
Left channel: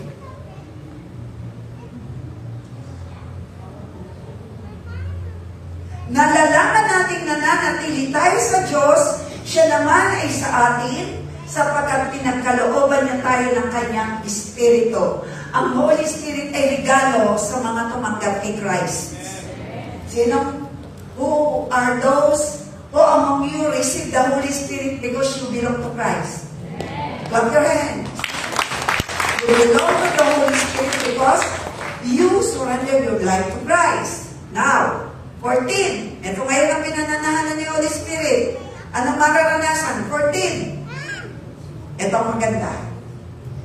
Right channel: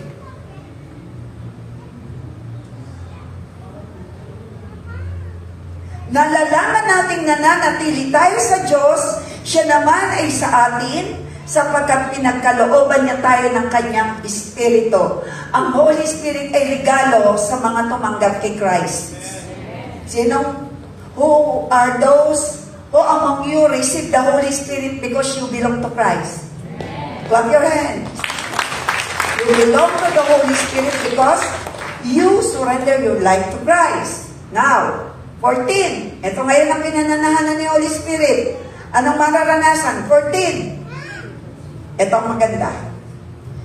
Nalalaman nating nananatili tayo sa Diyos, siya naman ay sa atin, sapagkat pinagkalooban niya tayo ng Kanyang Espiritu. Ang Holy Spirit ay regalo sa mga tumanggap kay Christ. Sino? Who are those who among you receive the Holy Spirit because you belong to Christ? Clap your hands. You belong to the Holy Spirit because you surrender your life to Christ. Now, 14. Ito ngayon ang pinananahanan ni Holy Spirit. Anong mararanasan? 14. Ito ang maganda.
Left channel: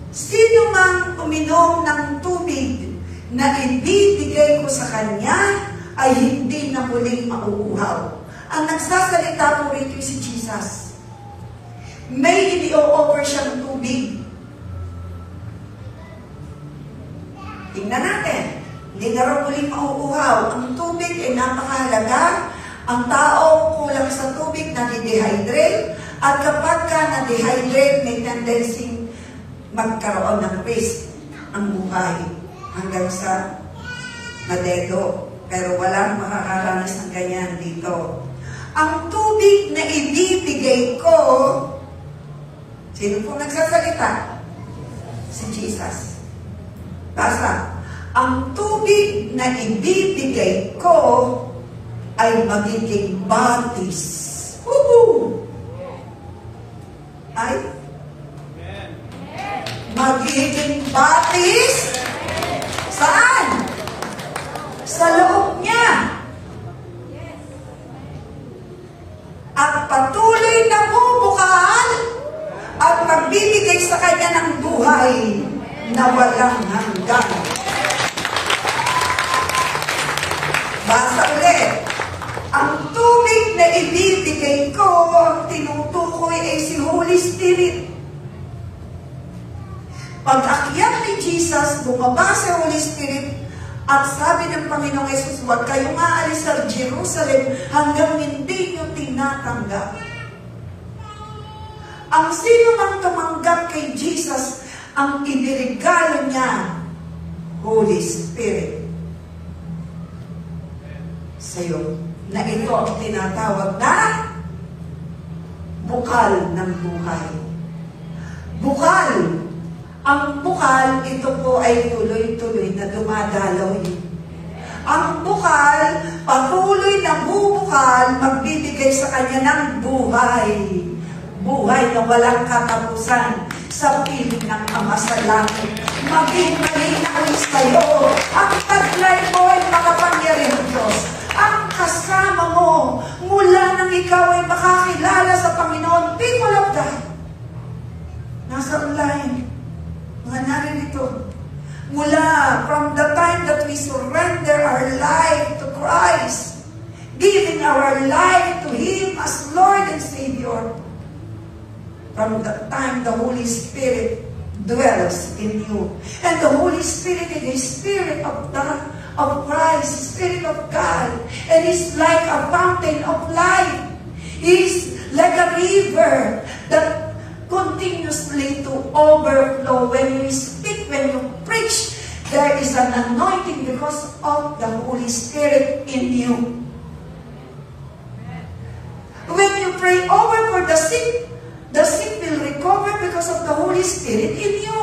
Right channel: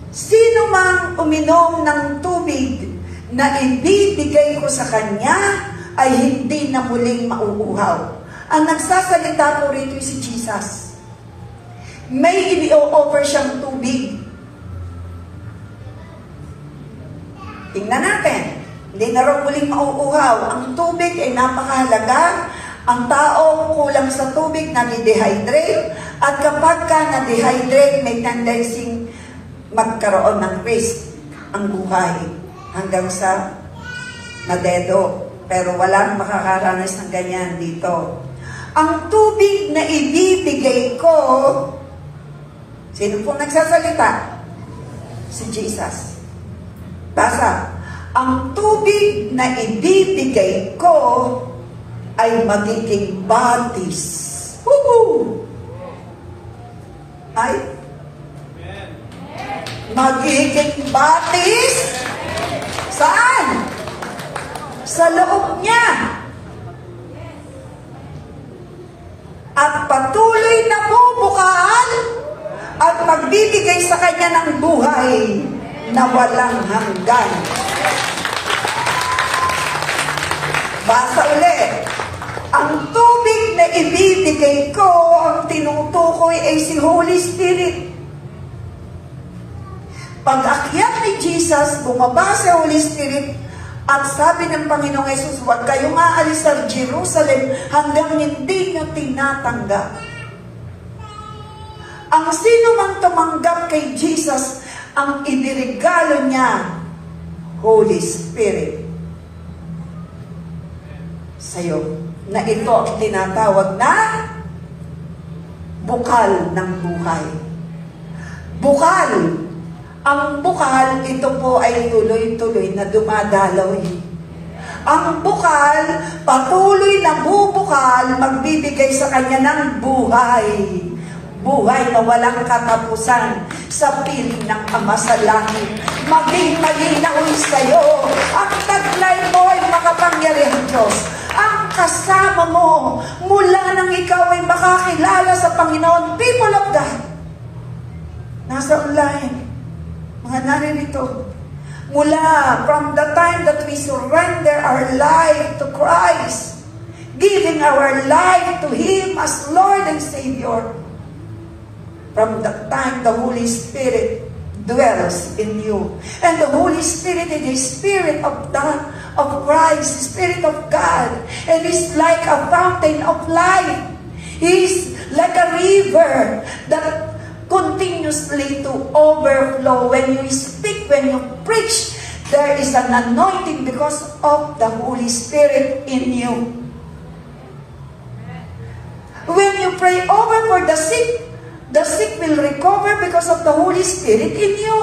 Sino mang uminom ng tubig na ibibigay ko sa kanya ay hindi na muling mauuhaw. Ang nagsasalita po rito si Jesus. May ini-offer siyang tubig. Tingnan natin. Hindi na rin muling mauuhaw. Ang tubig ay napakahalaga. Ang tao kulang sa tubig, nade-dehydrate. At kapag ka na-dehydrate, may tendency magkaroon ng risk ang buhay hanggang sa nadedo. Pero walang makakaranas ng ganyan dito. Ang tubig na ibibigay ko, sino po nagsasalita? Si Jesus. Basta, ang tubig na ibibigay ko ay magiging batis. Woohoo! Ay? Magiging batis? Saan? Sa loob niya. At patuloy na bubukal at magbibigay sa kanya ng buhay na walang hanggan. Basta ulit. Ang tubig na ibibigay ko, ang tinutukoy ay si Holy Spirit. Pag-akyat ni Jesus, bumaba sa Holy Spirit, at sabi ng Panginoong Yesus, huwag kayong aalis sa Jerusalem hanggang hindi nyo tinatanggap. Ang sino mang tumanggap kay Jesus, ang inirigalo niya, Holy Spirit. Sa'yo, na ito ang tinatawag na bukal ng buhay. Bukal. Ang bukal, ito po ay tuloy-tuloy na dumadaloy. Ang bukal, patuloy na bubukal, magbibigay sa kanya ng buhay. Buhay na walang katapusan sa piling ng Ama sa langit. Maging malinaw sa'yo. Ang taglay mo ay makapangyarihang Diyos. Ang kasama mo, mula nang ikaw ay makakilala sa Panginoon, people of God. Nasa online. Mga naririto, mula from the time that we surrender our life to Christ, giving our life to Him as Lord and Savior, from that time the Holy Spirit dwells in you. And the Holy Spirit is the Spirit of Christ, the Spirit of God, and is like a fountain of life. He's like a river that continuously to overflow. When you speak, when you preach, there is an anointing because of the Holy Spirit in you. When you pray over for the sick will recover because of the Holy Spirit in you.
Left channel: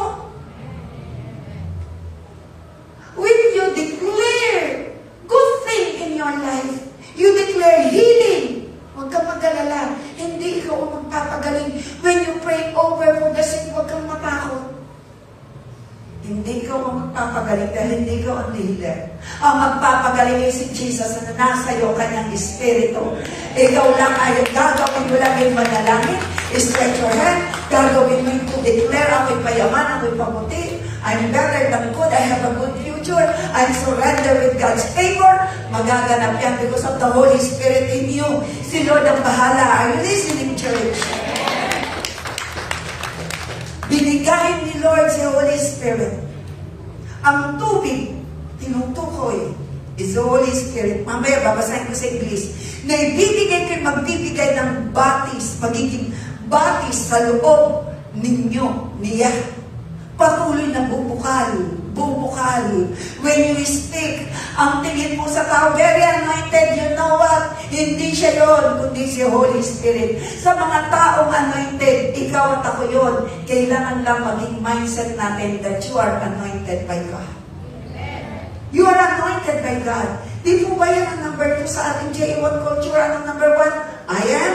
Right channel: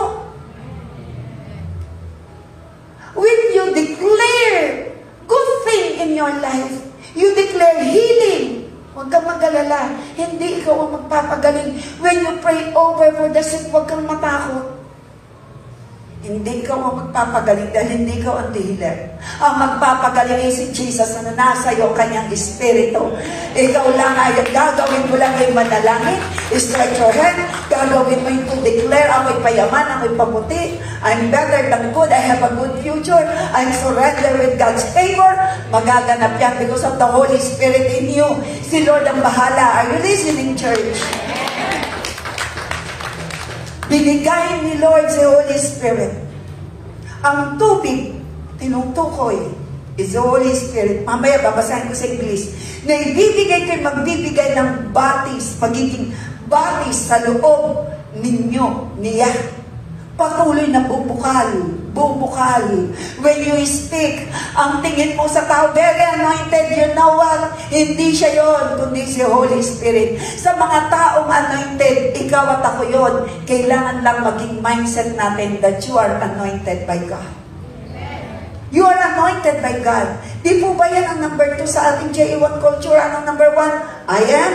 When you declare good thing in your life, you declare healing. Huwag kang mag-alala. Hindi ikaw ang magpapagaling. When you pray over for the sick, huwag kang matakot. Hindi ikaw ang magpapagaling dahil hindi ikaw ang healer. Ang magpapagaling ay si Jesus na nasa iyo kanyang espiritu. Ikaw lang ay gagawin mo lang yung manalangin. Strike your hand. Gagawin mo yung to declare, ako'y payaman, ako'y paputi. I'm better than good. I have a good future. I'm surrender with God's favor. Magaganap yan because of the Holy Spirit in you. Si Lord ang bahala. Are you listening, church? Binigay ni Lord si Holy Spirit. Ang tubig, tinutukoy, is the Holy Spirit. Mamaya, babasahin ko sa English. Na ibibigay kayo, magbibigay ng batis, magiging batis sa loob ninyo, niya. Patuloy na bubukal. When you speak, ang tingin po sa tao, very anointed, you know what? Hindi siya yun, kundi si Holy Spirit. Sa mga taong anointed, ikaw at ako yun. Kailangan lang maging mindset natin that you are anointed by God. You are anointed by God. Di po ba yan ang number 2 sa ating J1 culture? Anong number 1? I am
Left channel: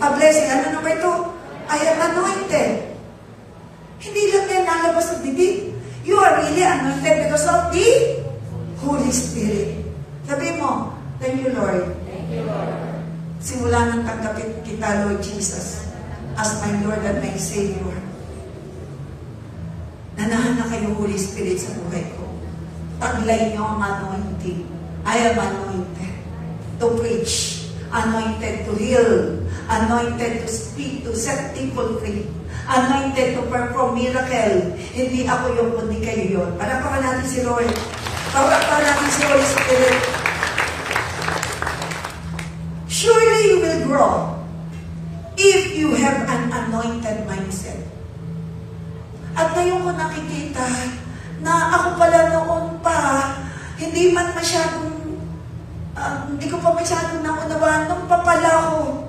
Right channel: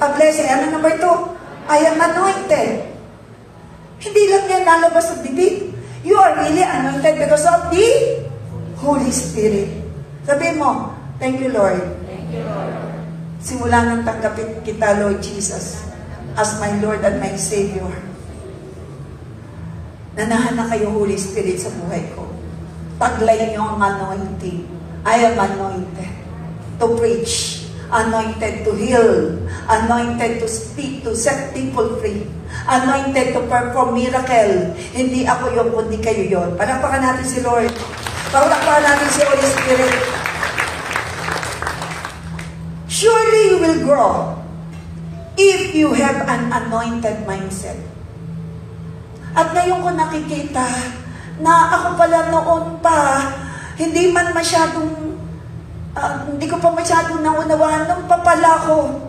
a blessing. Ano number 2? I am anointed. Hindi lang yan lalabas sa bibig. You are really anointed because of the Holy Spirit. Sabihin mo, thank you, Lord. Thank you, Lord. Simula nang tanggapin kita, Lord Jesus, as my Lord and my Savior. Nanahan na kayo, Holy Spirit, sa buhay ko. Taglay niyo ang anointing. I am anointed. to preach, anointed to heal, anointed to speak, to set people free, anointed to perform miracle. Hindi ako yung kundi kayo yun. Palakpakan natin si Lord. Palakpakan natin si Holy Spirit. Surely you will grow if you have an anointed mindset. At ngayon ko nakikita na ako pala noon pa, hindi ko pa masyadong naunawaan, nung pa pala ko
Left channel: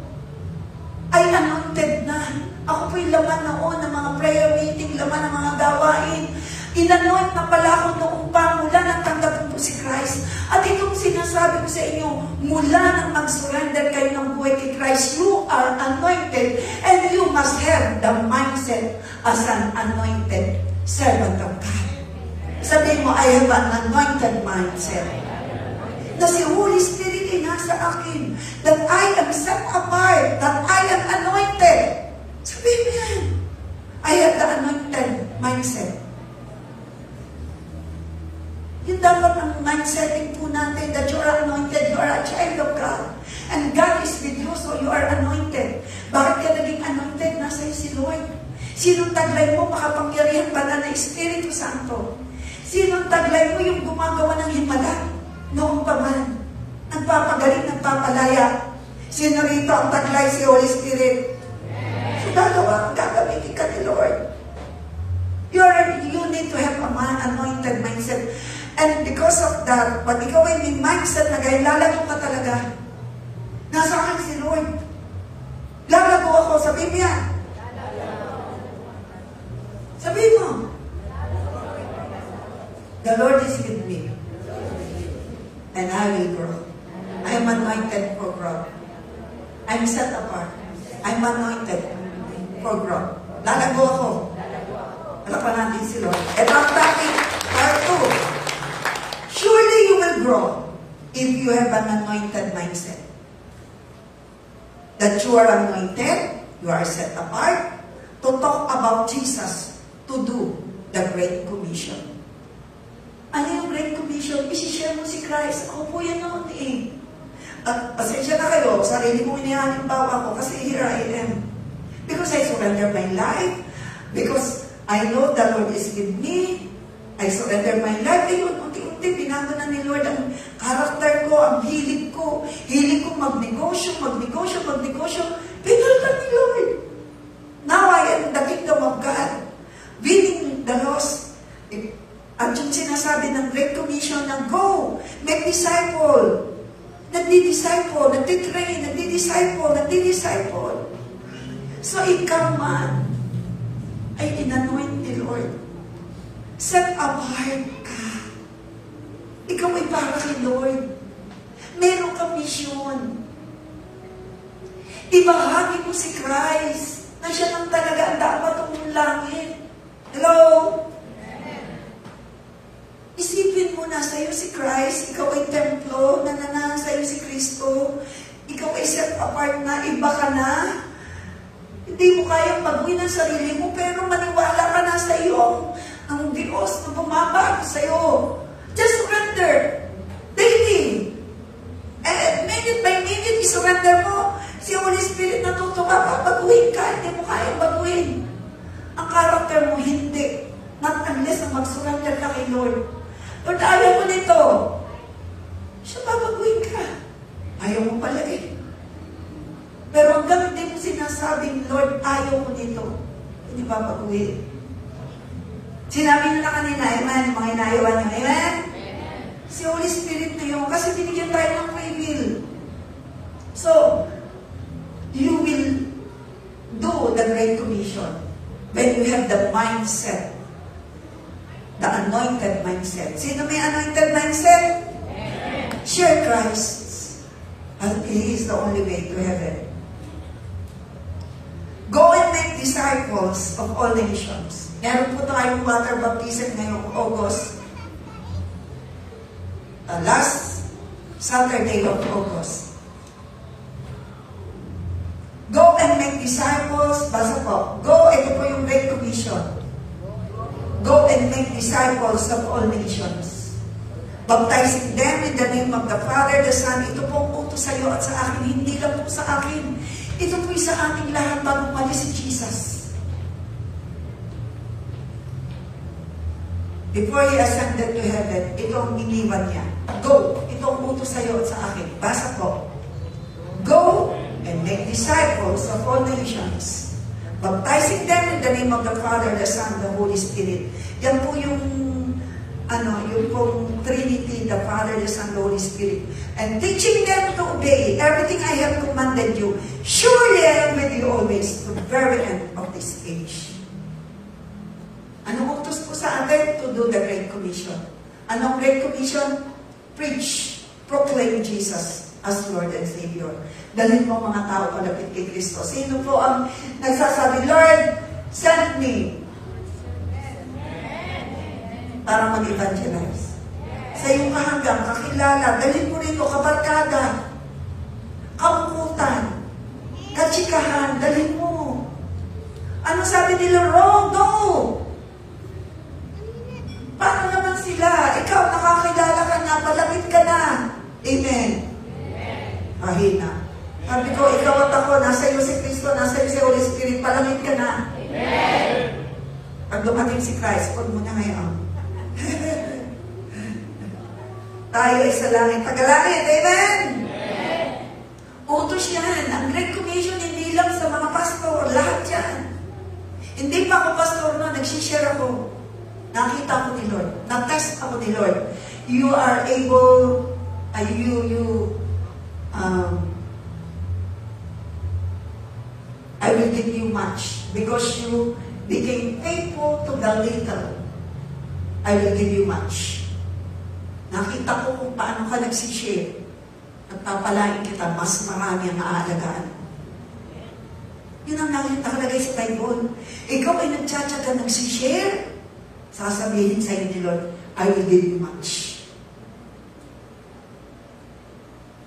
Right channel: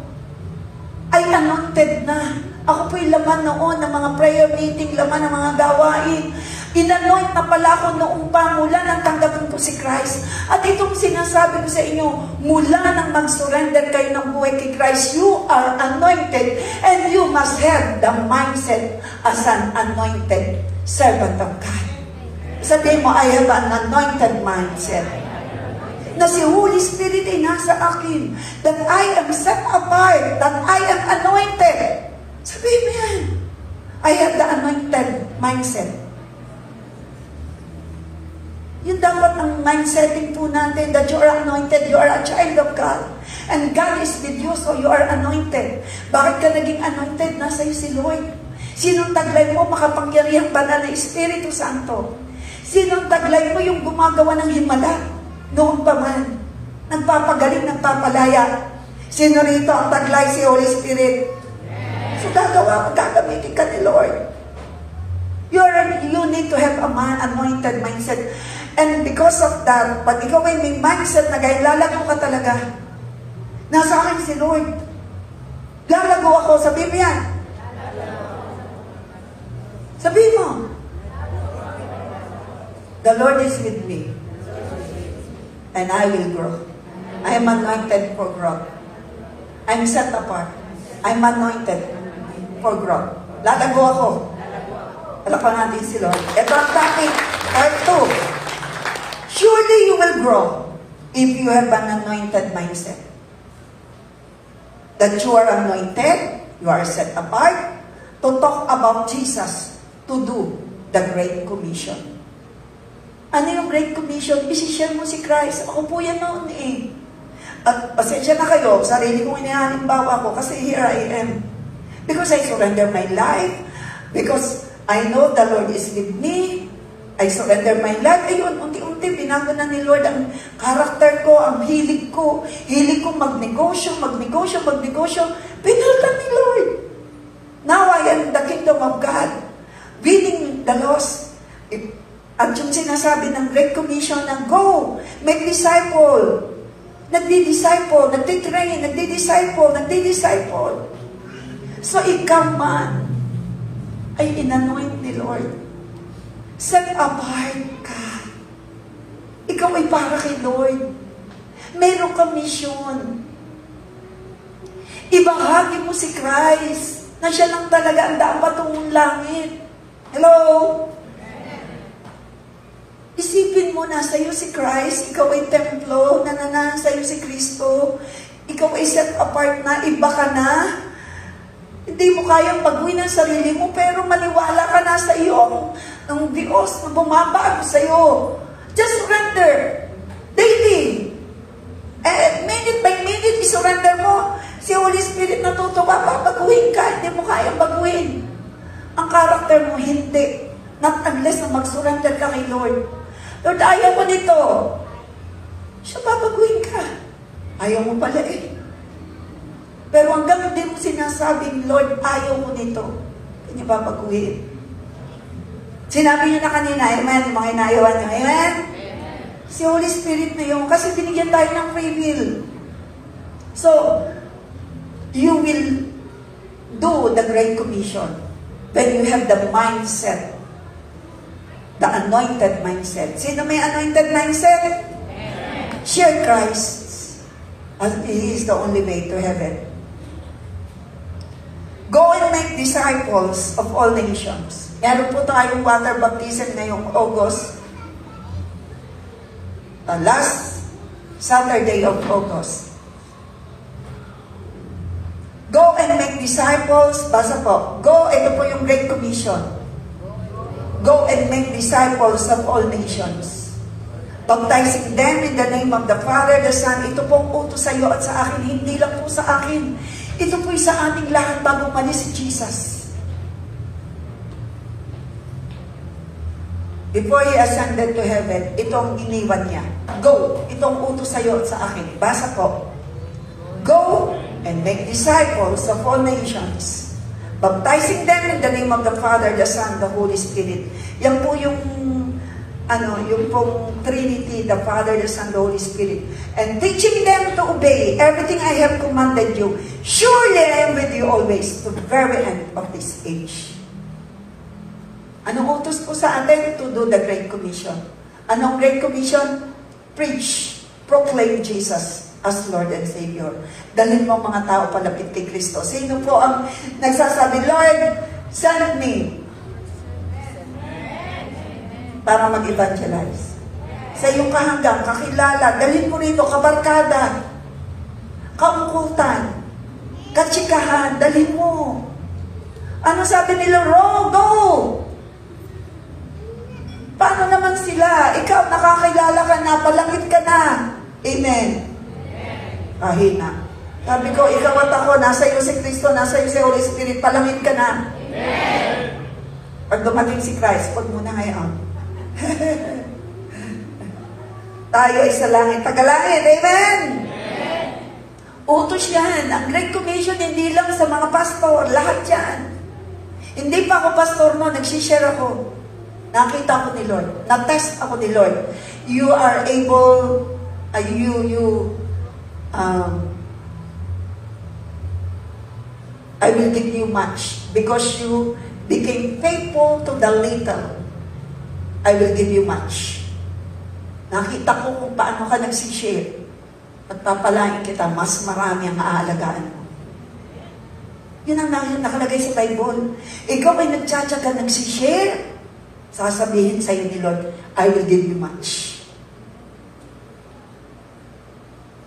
ay anointed na. Ako po'y laman noon ng mga prayer meeting, laman ng mga gawain. Inanoint na pala ako noong pa mula nang tanggapin po si Christ. At itong sinasabi ko sa inyo, mula nang mag-surrender kayo ng buhay kay Christ, you are anointed and you must have the mindset as an anointed servant of God. Sabihin mo, I have an anointed mindset. Na si Holy Spirit ay nasa akin. That I am set apart. That I am anointed. Sabihin mo yan. I have the anointed mindset. Yun dapat ang mindsetting po natin, that you are anointed, you are a child of God. And God is with you, so you are anointed. Bakit ka naging anointed? Nasa iyo si Lord. Sinong taglay mo makapangyarihang banal na Espiritu Santo? Sinong taglay mo yung gumagawa ng himala? Noon pa man, nagpapagaling, nagpapalaya. Sino rito ang taglay? Si Holy Spirit. So gagamitin ka ni Lord. You need to have an anointed mindset. And because of that, pag ikaw ay may mindset na gaya, lalago ka talaga. Nasa akin si Lord. Lalago ako. Sabihin mo yan. Sabihin mo. The Lord is with me. And I will grow. I am anointed for growth. I'm set apart. I'm anointed for growth. Lalago ako. Alakan natin si Lord. Ito ang topic, part 2. Surely you will grow if you have an anointed mindset. That you are anointed, you are set apart to talk about Jesus, to do the Great Commission. Ano yung Great Commission? Isishare mo si Christ. Ako po yan noon eh. At pasensya na kayo, sarili kong inihalimbawa ko kasi here I am. Because I surrender my life, because I know the Lord is with me. I surrender my life. Ayun, unti-unti, binago na ni Lord ang karakter ko, ang hilig ko. Hilig ko magnegosyo. Pinaltan ni Lord. Now I am the kingdom of God. Winning the lost. At yung sinasabi ng Great Commission ng go, make disciple. Nagdi-disciple, nagtitrain, nagdi-disciple. So ikaw man, ay inanoint ni Lord. Set apart ka. Ikaw ay para kay Lord. Meron kang mission. Ibahagi mo si Christ na siya lang talaga ang dapat tungong langit. Hello? Isipin mo na sa'yo si Christ, ikaw ay templo, sa'yo si Kristo, ikaw ay set apart na, iba ka na. Hindi mo kayang baguhin ang sarili mo, pero maniwala ka na sa iyo ang Diyos na bumabago sa iyo. Just surrender. Daily. And minute by minute, isurrender mo. Si Holy Spirit natutuwa ka, baguhin ka. Hindi mo kayang baguhin. Ang karakter mo, hindi. Not unless na mag-surrender ka kay Lord. Lord, ayaw mo nito. Siya, babaguhin ka. Ayaw mo pala eh. Pero hanggang hindi mo sinasabing, Lord, ayaw mo nito, hindi ba baguhin? Sinabi niyo na kanina, amen, mga inayawan niyo, amen? Si Holy Spirit na yun, kasi binigyan tayo ng free will. So, you will do the Great Commission when you have the mindset, the anointed mindset. Sino may anointed mindset? Amen. Share Christ. And He is the only way to heaven. Go and make disciples of all nations. Meron po tayong water baptism ngayong August. Last Saturday of August. Go and make disciples. Basa po. Go, ito po yung Great Commission. Go and make disciples of all nations. Baptizing them in the name of the Father, the Son. Ito po ang utos sa iyo at sa akin. Hindi lang po sa akin. Ito po sa ating lahat bago umalis si Jesus. Before He ascended to heaven, ito ang iniwan niya. Go! Ito ang utos sa iyo at sa akin. Basa po. Go and make disciples of all nations, baptizing them in the name of the Father, the Son, the Holy Spirit. Yan po yung pong Trinity, the Father, the Son, the Holy Spirit. And teaching them to obey everything I have commanded you. Surely I am with you always to the very end of this age. Anong utos po sa atin? To do the Great Commission. Anong Great Commission? Preach, proclaim Jesus as Lord and Savior. Dalhin mo mga tao palapit kay Kristo. Sino po ang nagsasabi, Lord, send me para mag-evangelize? Sa iyong kahanggang, kakilala, dalhin mo rito, kabarkada, kaungkutan, katsikahan, dalhin mo. Ano sabi nila? Go! Paano naman sila? Ikaw, nakakilala ka na, palapit ka na. Amen. Kahina. Sabi ko, ikaw at ako, nasa iyo si Kristo, nasa iyo si Holy Spirit, palangit ka na. Amen. Pag dumating si Christ, huwag mo na ngayon. Tayo ay sa langit, tagalangit. Amen. Amen. Utos yan. Ang Great Commission, hindi lang sa mga pastor, lahat yan. Hindi pa ako pastor no, nagsishare ako. Nakita ako ni Lord. Nag-text ako ni Lord. You are able, I will give you much because you became faithful to the little. I will give you much. Nakita ko kung paano ka nagsishare. At papalain kita, mas marami ang aalagaan mo. Yun ang nakalagay sa Bible. Ikaw ay nagtsatsaga, nagsishare. Sasabihin sa iyo ni Lord, I will give you much.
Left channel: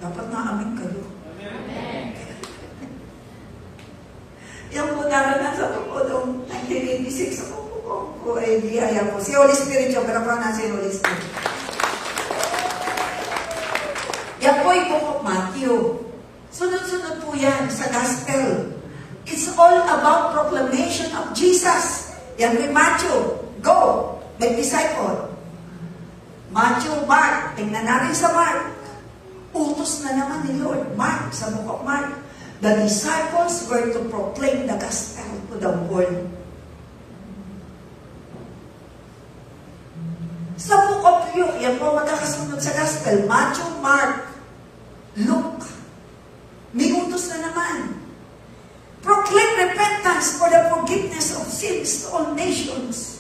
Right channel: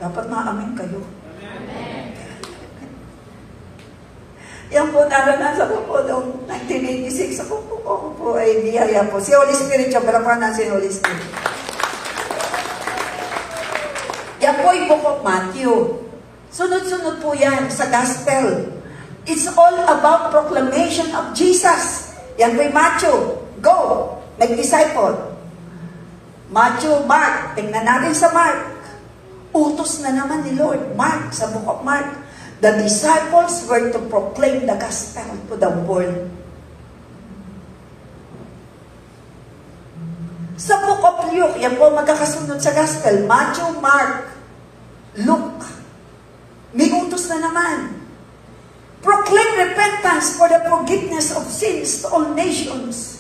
Dapat maamin kayo. Amen. Yan po, naranasan ko po noong 1986. Ako po ay biyaya po. Si Holy Spirit, siya, pero pa na si Holy Spirit. Yan po yung Book of Matthew. Sunod-sunod po yan sa Gospel. It's all about proclamation of Jesus. Yan po yung Matthew. Go, make disciple. Matthew, Mark, tingnan natin sa Mark. Utos na naman ni Lord. Mark, sa Book of Mark, the disciples were to proclaim the gospel to the world. Sa Book of Luke, yan po magkakasunod sa gospel. Matthew, Mark, Luke. May utos na naman. Proclaim repentance for the forgiveness of sins to all nations.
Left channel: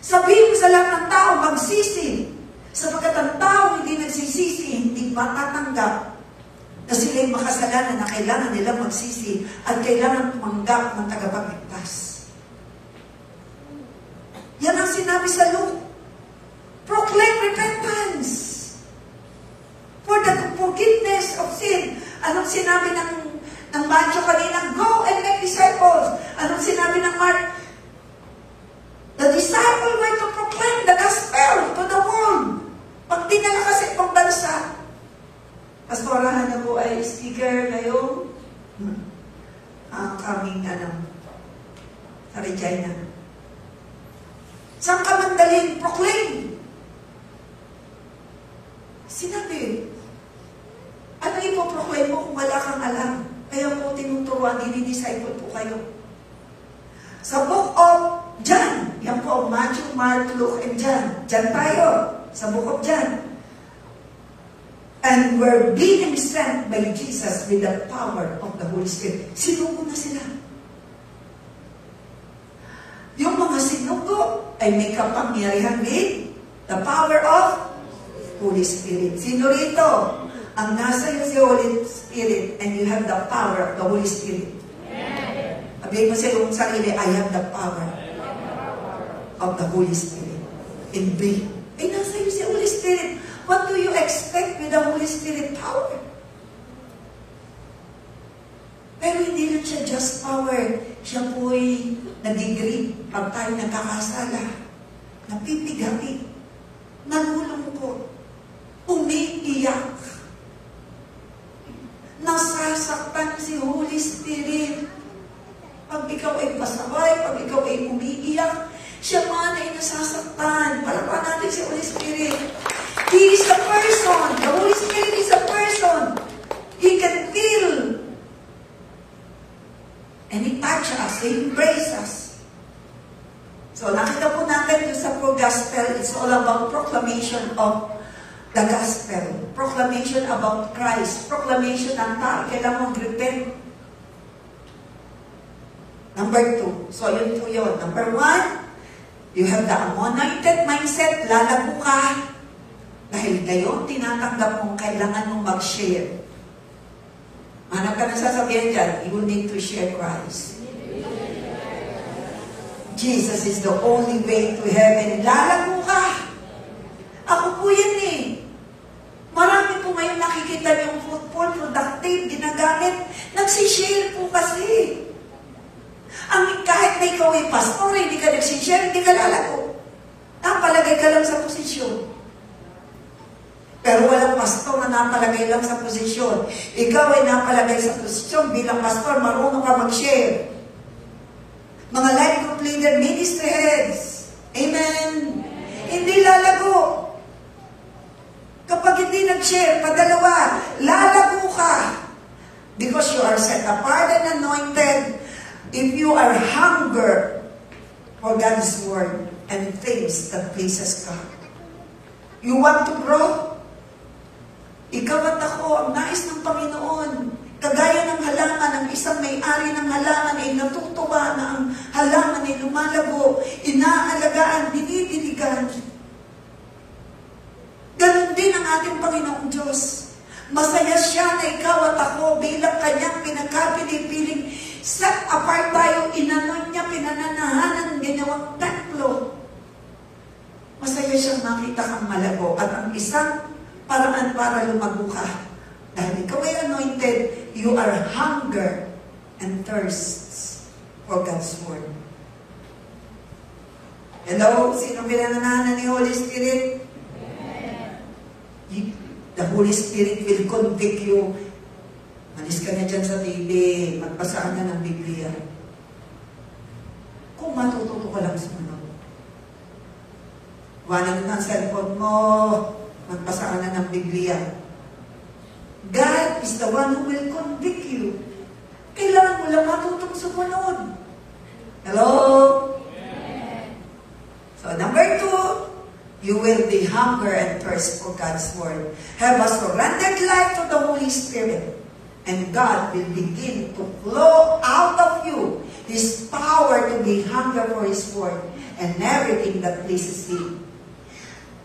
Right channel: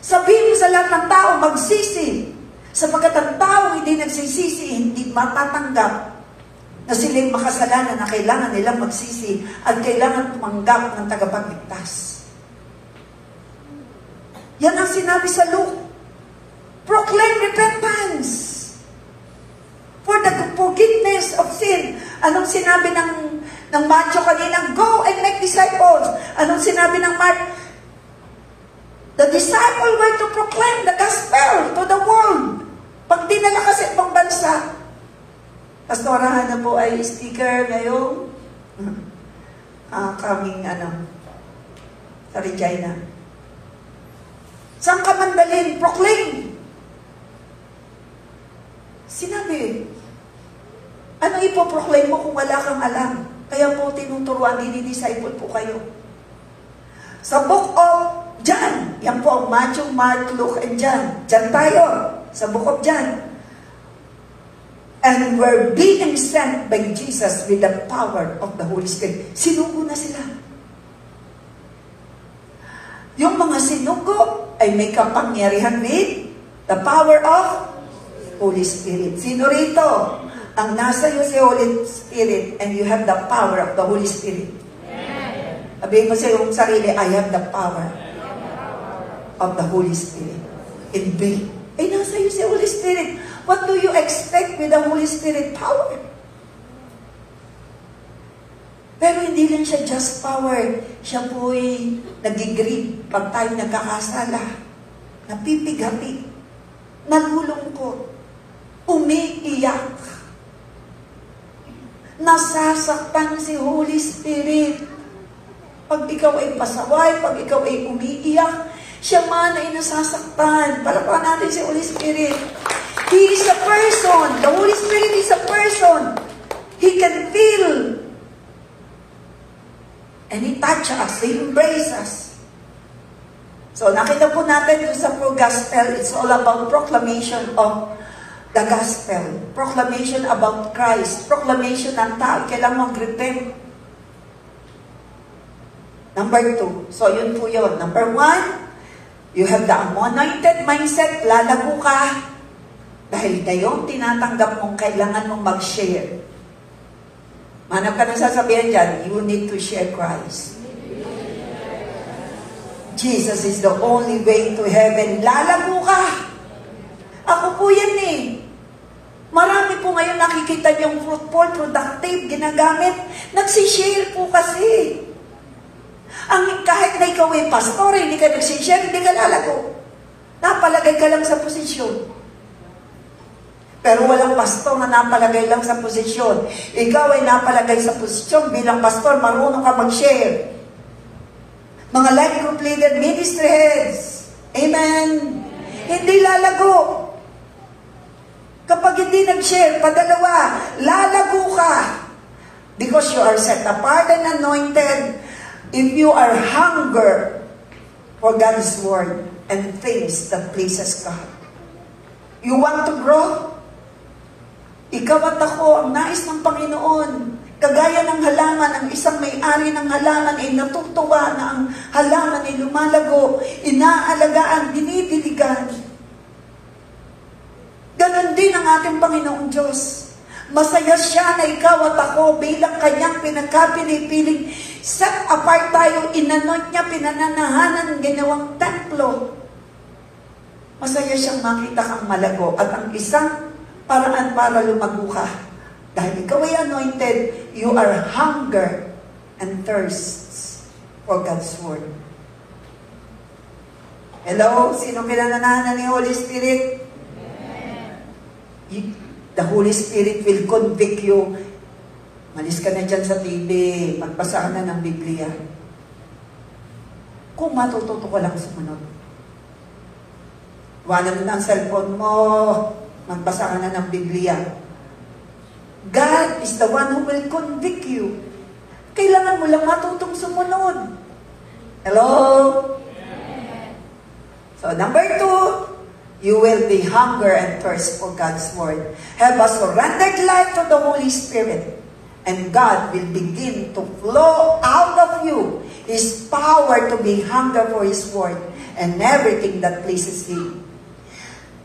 Sabihin sa lahat ng tao, magsisi. Sapagkat ang tao hindi nagsisisi, hindi matatanggap na sila'y makasalanan na kailangan nilang magsisi at kailangan tumanggap ng tagapagligtas. Yan ang sinabi sa Luke. Proclaim repentance for the forgiveness of sin. Anong sinabi ng Matthew kanina? Go and make disciples. Anong sinabi ng Mark? The disciple were to proclaim the gospel to the world. Pag dinala kasi pang bansa, pastorahan na po ay speaker ngayong coming sa Regina. Saan ka man dalhin? Proclaim. Sinabi, ano ipoproclaim mo kung wala kang alam? Kaya po tinuturuan, dinidisciple po kayo. Sa Book of John, yan po ang Matthew, Mark, Luke, and John. John tayo, sa Book of John. And we're being sent by Jesus with the power of the Holy Spirit. Sinugo na sila. Yung mga sinugo ay may kapangyarihan with the power of Holy Spirit. Sino rito? Ang nasa iyo si Holy Spirit and you have the power of the Holy Spirit. Sabihin mo sa iyong sarili, I have the power of the Holy Spirit in me. Ay, nasa iyo si Holy Spirit. What do you expect with the Holy Spirit power? Pero hindi lang siya just power. Siya po'y nagigreed pag tayo nagkakasala. Napipigati. Nalulungkot. Nasasaktan si Holy Spirit. Pag ikaw ay pasaway, pag ikaw ay umiiyak, siya man ay nasasaktan. Palakpakan natin si Holy Spirit. He is a person. The Holy Spirit is a person. He can feel. And He touches us. He embraces us. So, nakita po natin doon sa Pro-Gospel, it's all about proclamation of the Gospel. Proclamation about Christ. Proclamation ng tao. Kailangan mag-repent. Number 2. So, yun po yun. Number 1, you have the anointed mindset. Lalago ka. Dahil kayo, tinatanggap mong kailangan mong mag-share. Manap ka na sasabihin dyan, you need to share Christ. Jesus is the only way to heaven. Lalago ka. Ako po yan eh. Marami po ngayon nakikita niyong fruitful, productive, ginagamit. Nagsishare po kasi. Kahit na ikaw ay pastor, hindi ka nagsishare, hindi ka lalago. Napalagay ka lang sa posisyon. Pero walang pastor na napalagay lang sa posisyon. Ikaw ay napalagay sa posisyon bilang pastor, marunong ka mag-share. Mga life group leader, ministry heads. Amen. Hindi lalago. Kapag hindi nag-share, padalawa, lalago ka. Because you are set apart and anointed. If you are hunger for God's word and things that pleases God. You want to grow? Ikaw at ako, ang nais ng Panginoon. Kagaya ng halaman, ang isang may-ari ng halaman ay natutuwa na ang halaman ay lumalago, inaalagaan, dinidiligan. Ganon din ang ating Panginoong Diyos. Masaya siya na ikaw at ako bilang kanyang pinagkapili-piling. Set apart tayo, inanoint niya, pinananahanan, ginawang templo. Masaya siyang makita kang malago at ang isang paraan para lumago ka. Dahil ikaw ay anointed, you are hunger and thirst for God's word. Hello? Sino pinananahanan ni Holy Spirit? The Holy Spirit will convict you. Malis ka na dyan sa TV, magbasa ka na ng Biblia. Kung matututo ka lang sumunod. Wanan mo ng cellphone mo, magbasa ka na ng Biblia. God is the one who will convict you. Kailangan mo lang matutong sumunod. Hello? So, number 2, you will be hunger and thirst for God's word. Have a surrendered life to the Holy Spirit, and God will begin to flow out of you His power to be hunger for His word and everything that pleases Him.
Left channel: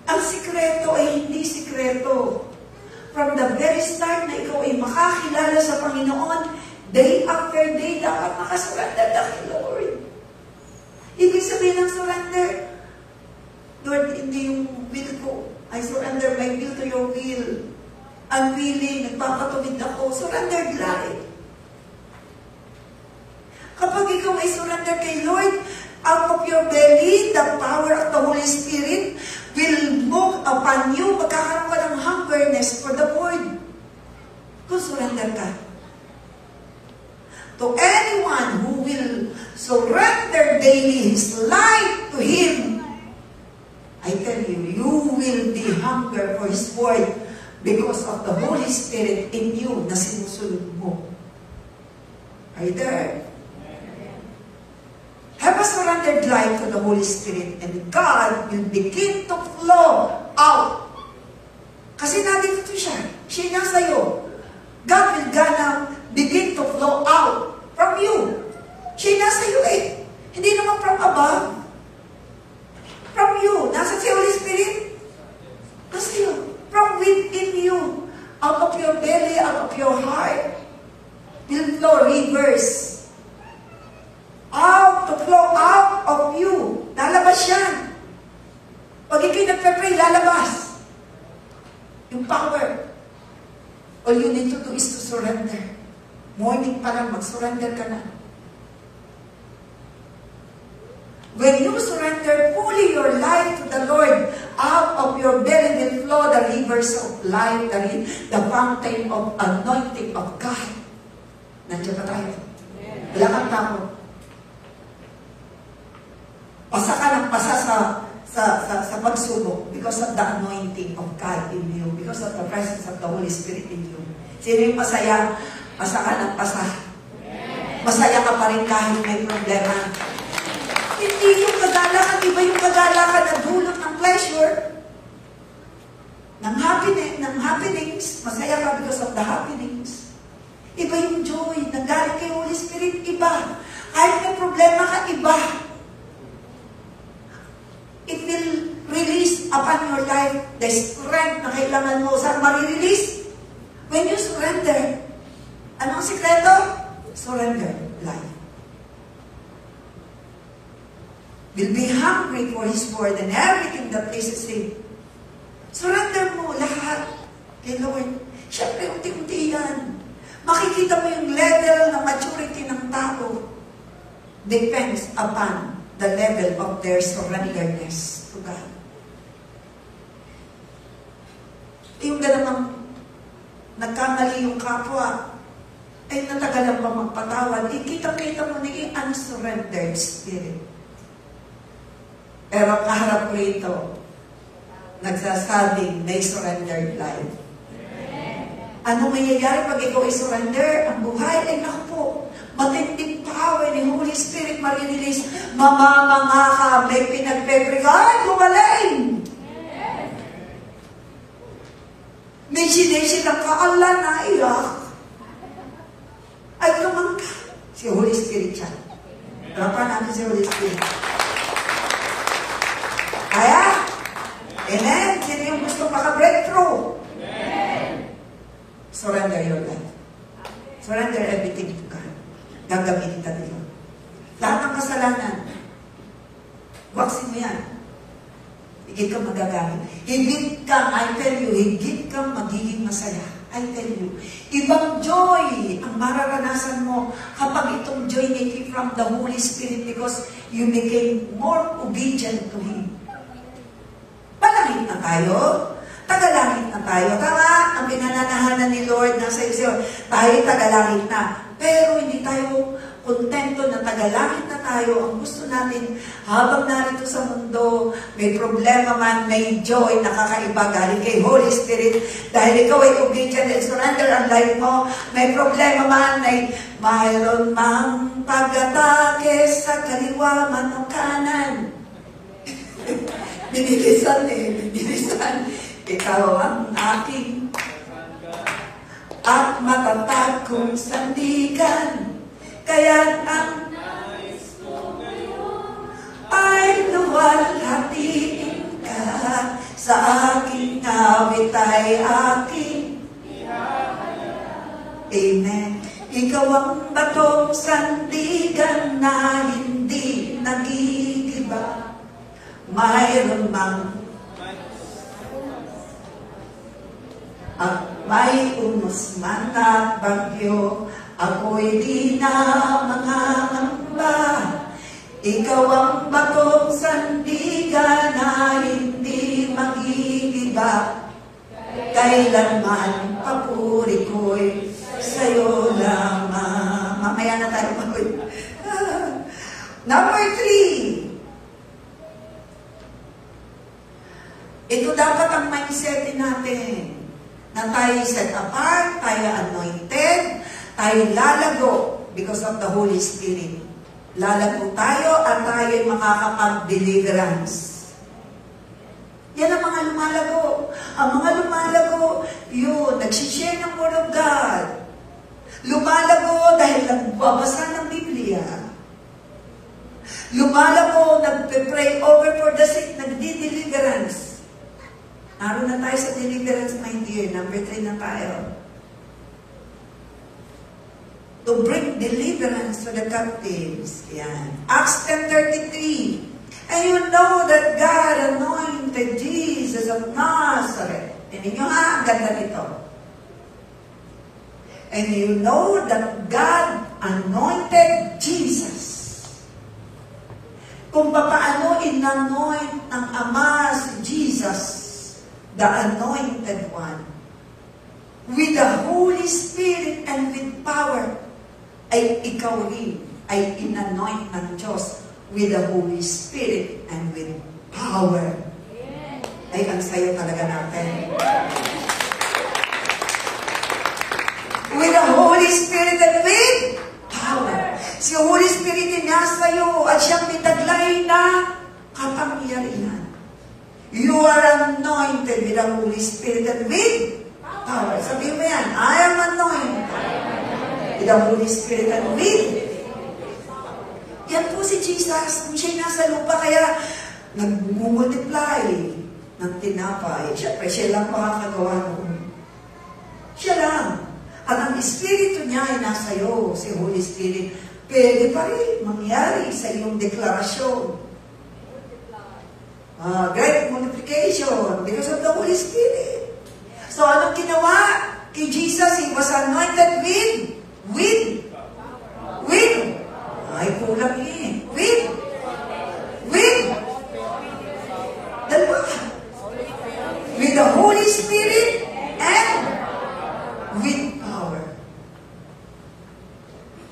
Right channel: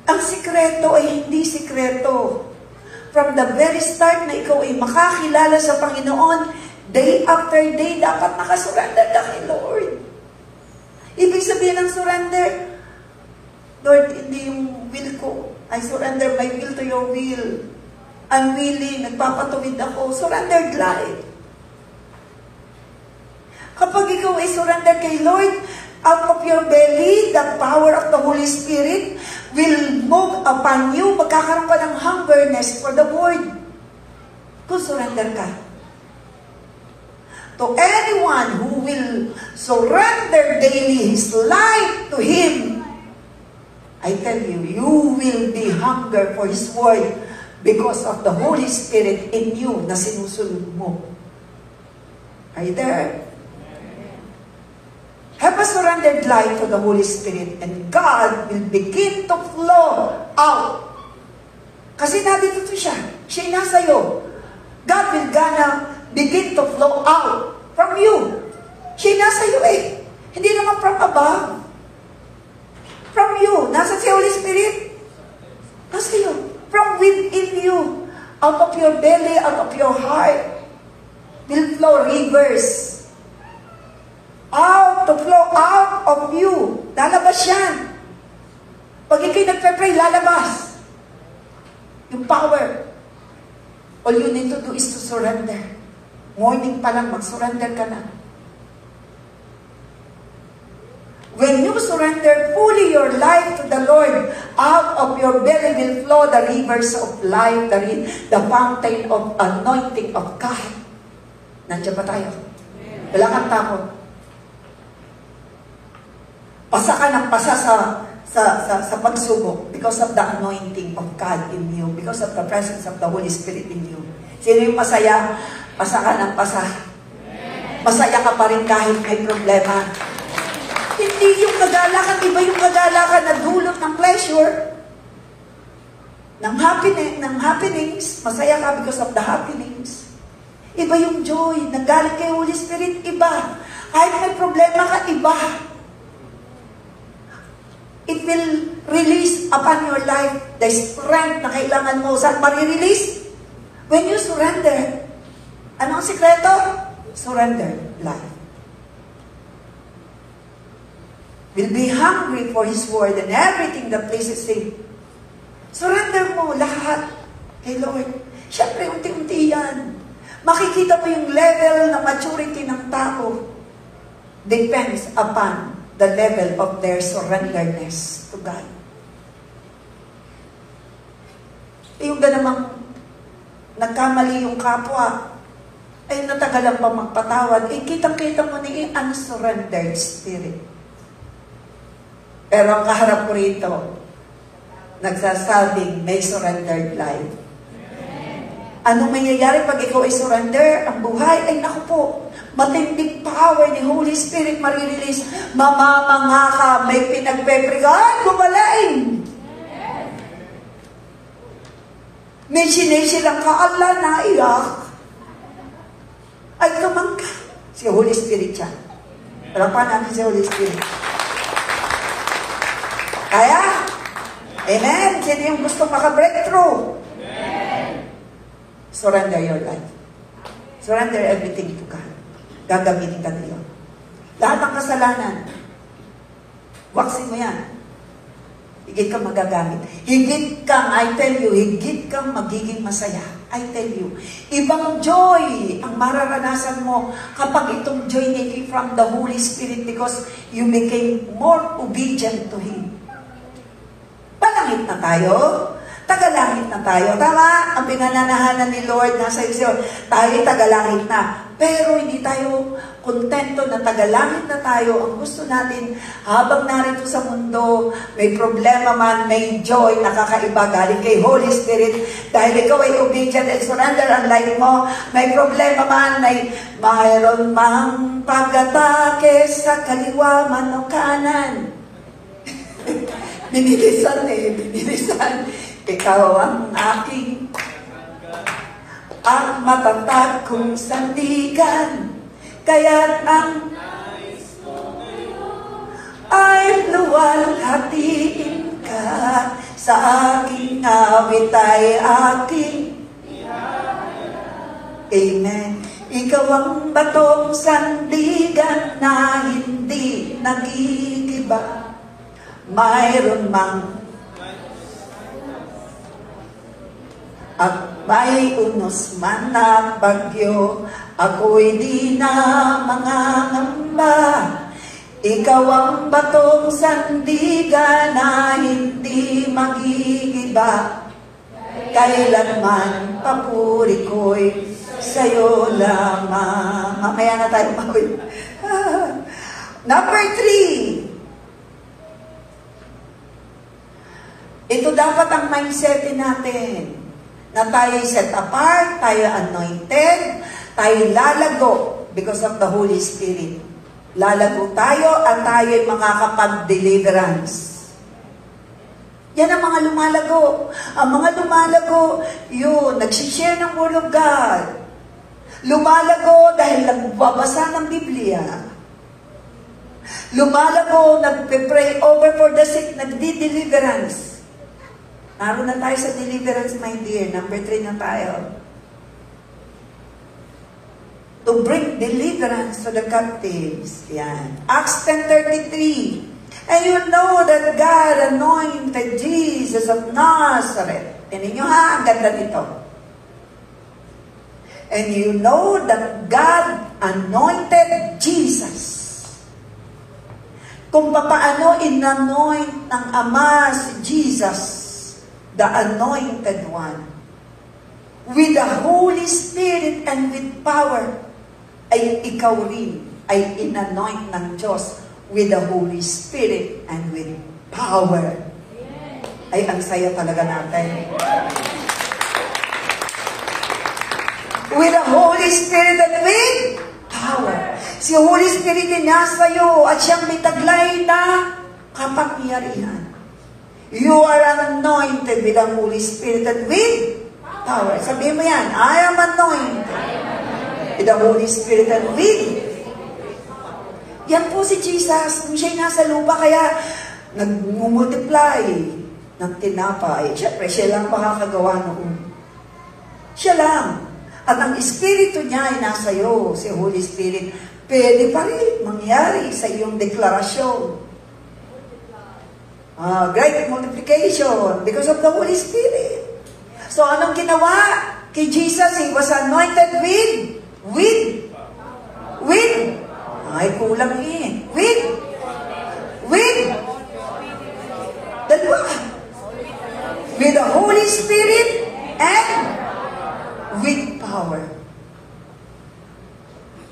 Ang sikreto ay hindi sikreto. From the very start na ikaw ay makakilala sa Panginoon, day after day, dapat nakasurrender ka kay Lord. Ibig sabihin ng surrender, Lord, hindi yung will ko. I surrender my will to your will. I'm willing, nagpapatuwid ako. Surrendered life. Kapag ikaw ay surrender kay Lord, out of your belly, the power of the Holy Spirit will move upon you. Magkakaroon ka ng hungerness for the word. Kung surrender ka. To anyone who will surrender daily his life to Him, I tell you, you will be hunger for His word because of the Holy Spirit in you na sinusunod mo. Are you there? Have a surrendered life to the Holy Spirit and God will begin to flow out. Kasi nandito siya. Siya nasa iyo. God will gonna begin to flow out from you. Siya nasa iyo eh. Hindi naman from above. From you. Nasa si Holy Spirit? Nasa iyo. From within you. Out of your belly, out of your heart will flow rivers. Out to flow out of you. Lalabas yan. Pag ikay nagpe-pray, lalabas. Yung power. All you need to do is to surrender. Morning pa lang, mag-surrender ka na. When you surrender fully your life to the Lord, out of your belly will flow the rivers of life, the fountain of anointing of God. Nandiyan pa tayo. Wala kang takot. Pasa ka ng pasa sa pagsubok because of the anointing of God in you, because of the presence of the Holy Spirit in you. Sino yung masaya? Pasa ka ng pasa. Masaya ka pa rin kahit may problema. Hindi yung kagalakan, iba yung kagalakan na dulot ng pleasure, ng happenings. Masaya ka because of the happenings. Iba yung joy, nanggaling kay Holy Spirit, iba. Kahit may problema ka, iba. It will release upon your life the strength na kailangan mo. Saan marirelease? When you surrender. Anong sikreto? Surrender life. Will be hungry for His Word and everything that pleases Him. Surrender mo lahat kay Lord. Siyempre, unti-unti yan. Makikita mo yung level ng maturity ng tao. Depends upon the level of their surrenderness to God. Yung namang nagkamali yung kapwa, ay natagalan pa magpatawad, kitang-kita mo na yung unsurrendered spirit. Pero ang kaharap ko rito, nagsasabing may surrendered life. Anong mangyayari pag ikaw ay surrender? Ang buhay ay naku po, matinding power ni Holy Spirit marirelease. Mamamanga ka, may pinagpepregaan, gumaling. May sinisilang kaala na iyak. Ay lumangka. Si Holy Spirit siya. Harapan natin si Holy Spirit. Kaya, amen? Sino yung gusto maka-breakthrough? Surrender your life. Surrender everything to God. Gagamitin ka na yun. Lahat ng kasalanan, waksin mo yan. Higit kang magagamit. Higit kang, I tell you, higit kang magiging masaya. I tell you. Ibang joy ang mararanasan mo kapag itong joy came from the Holy Spirit because you became more obedient to Him. Palangit na tayo. Tagalangit na tayo. Tama, ang pinananahanan ni Lord nasa isyo. Tayo tagalangit na. Pero hindi tayo kontento na tagalangit na tayo. Ang gusto natin, habang narito sa mundo, may problema man, may joy na kakaiba galing kay Holy Spirit. Dahil ikaw ay obedient and surrender ang life mo. May problema man, mayroon mang pag-atake sa kaliwa man o kanan. Binilisan. Ikaw ang aking at matatag kong sandigan, kaya't ang ay luwalhatiin ka sa aking awit ay aking amen. Ikaw ang batong sandigan na hindi nagigiba, mayroon mang at may unos man na bagyo, ako'y di na mangangamba. Ikaw ang batong sandigan na hindi magigiba, kailanman papuri ko'y sa'yo lamang. Mamaya na tayo mag- Number 3. Ito dapat ang mindset natin. Na tayo set apart, tayo anointed, tayo lalago because of the Holy Spirit. Lalago tayo at tayo ay makakapag-deliverance. Yan ang mga lumalago. Ang mga lumalago, yun, nagsishare ng Word of God. Lumalago dahil nagbabasa ng Biblia. Lumalago, nagpe-pray over for the sick, nagdi-deliverance. Naroon na tayo sa deliverance, my dear. Number 3 na tayo. To bring deliverance to the captives. Yan. Acts 10:33. And you know that God anointed Jesus of Nazareth. Tinin nyo ha, ang ganda nito. And you know that God anointed Jesus. Kung paano in-anoint ng Ama si Jesus, the anointed one, with the Holy Spirit and with power. ay ikaw rin ay inanoint ng Diyos with the Holy Spirit and with power. Ay, ang saya talaga natin. With the Holy Spirit and with power. Si Holy Spirit ay nasa iyo at siyang may taglay na kapangyarihan. You are anointed with the Holy Spirit and with power. Sabihin mo yan, I am anointed with the Holy Spirit and with. Yan po si Jesus. Kung siya'y nasa lupa, kaya nag-multiply ng tinapay. Siyempre, siya lang makakagawa noon. Siya lang. At ang Espiritu niya ay nasa iyo, si Holy Spirit. Pwede pa rin mangyari sa iyong deklarasyon. Great multiplication because of the Holy Spirit. So, anong ginawa kay Jesus? He was anointed with. Ay, kulang yun. With. Dalawa. With the Holy Spirit and with power.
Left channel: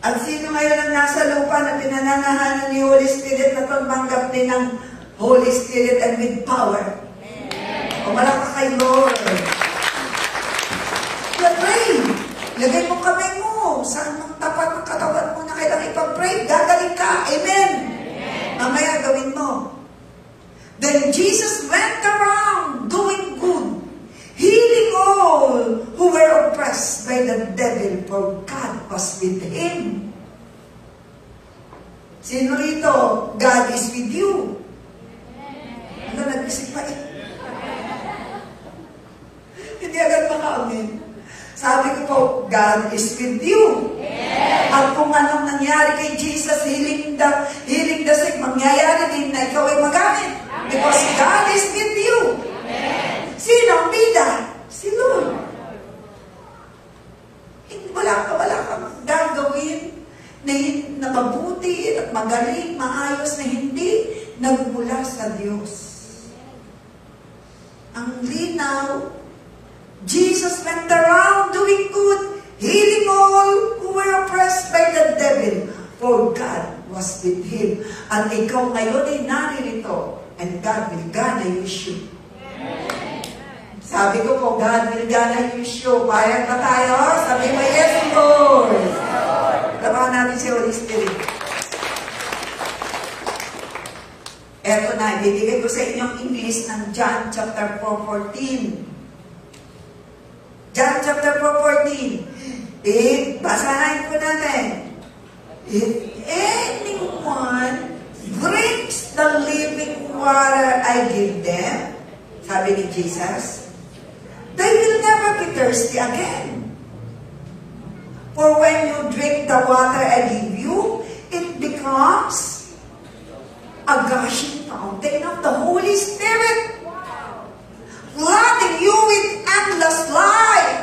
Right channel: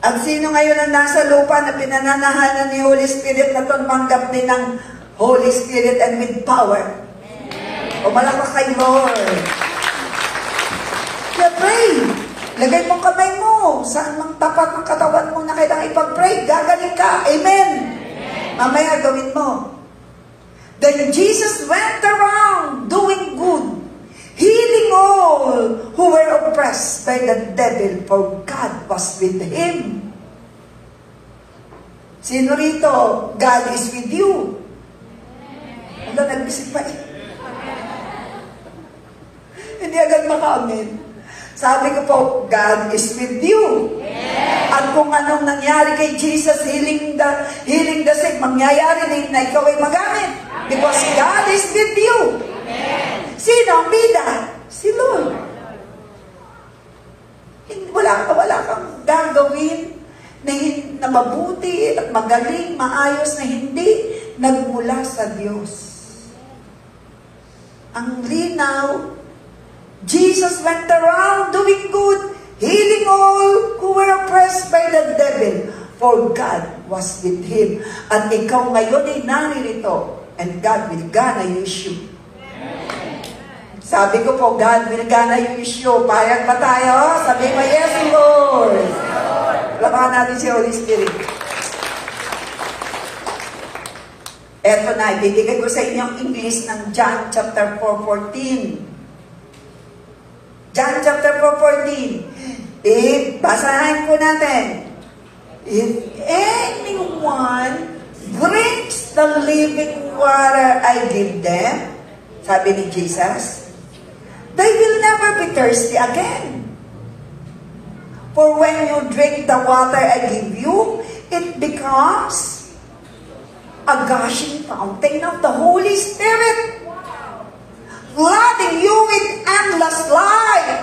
At sino ngayon ang nasa lupa na pinananahanan ni Holy Spirit na tumanggap din ng Holy Spirit and with power? O malakas kay Lord. Pray. Lagay mo kamay mo. Saan mang tapat ng katawan mo na kailangan ipag-pray? Gagaling ka. Amen. Mamaya gawin mo. Then Jesus went around doing good, healing all who were oppressed by the devil, for God was with him. Sino rito? God is with you. Ano, nag-isip pa eh. Hindi agad maka-amen. Sabi ko po, God is with you. At kung anong nangyari kay Jesus, healing the sick, mangyayari din na ikaw ay magamit. Because God is with you. Sino ang bida? Si Lord. Wala kang gagawin na mabuti at magaling, maayos na hindi nagmula sa Diyos. Ang linaw, Jesus went around doing good, healing all who were oppressed by the devil, for God was with him. At ikaw ngayon ay naririto, and God will gonna use you. Sabi ko po, God will gonna use you. Payag ba tayo? Sabi mo, yes, Lord. Labakan natin si Holy Spirit. Eto na, ibibigay ko sa inyo ang English ng John chapter 4:14. John chapter 4:14. Basahin po natin. If anyone drinks the living water I give them, sabi ni Jesus, they will never be thirsty again. For when you drink the water I give you, it becomes a gushing fountain of the Holy Spirit, flooding you with endless life.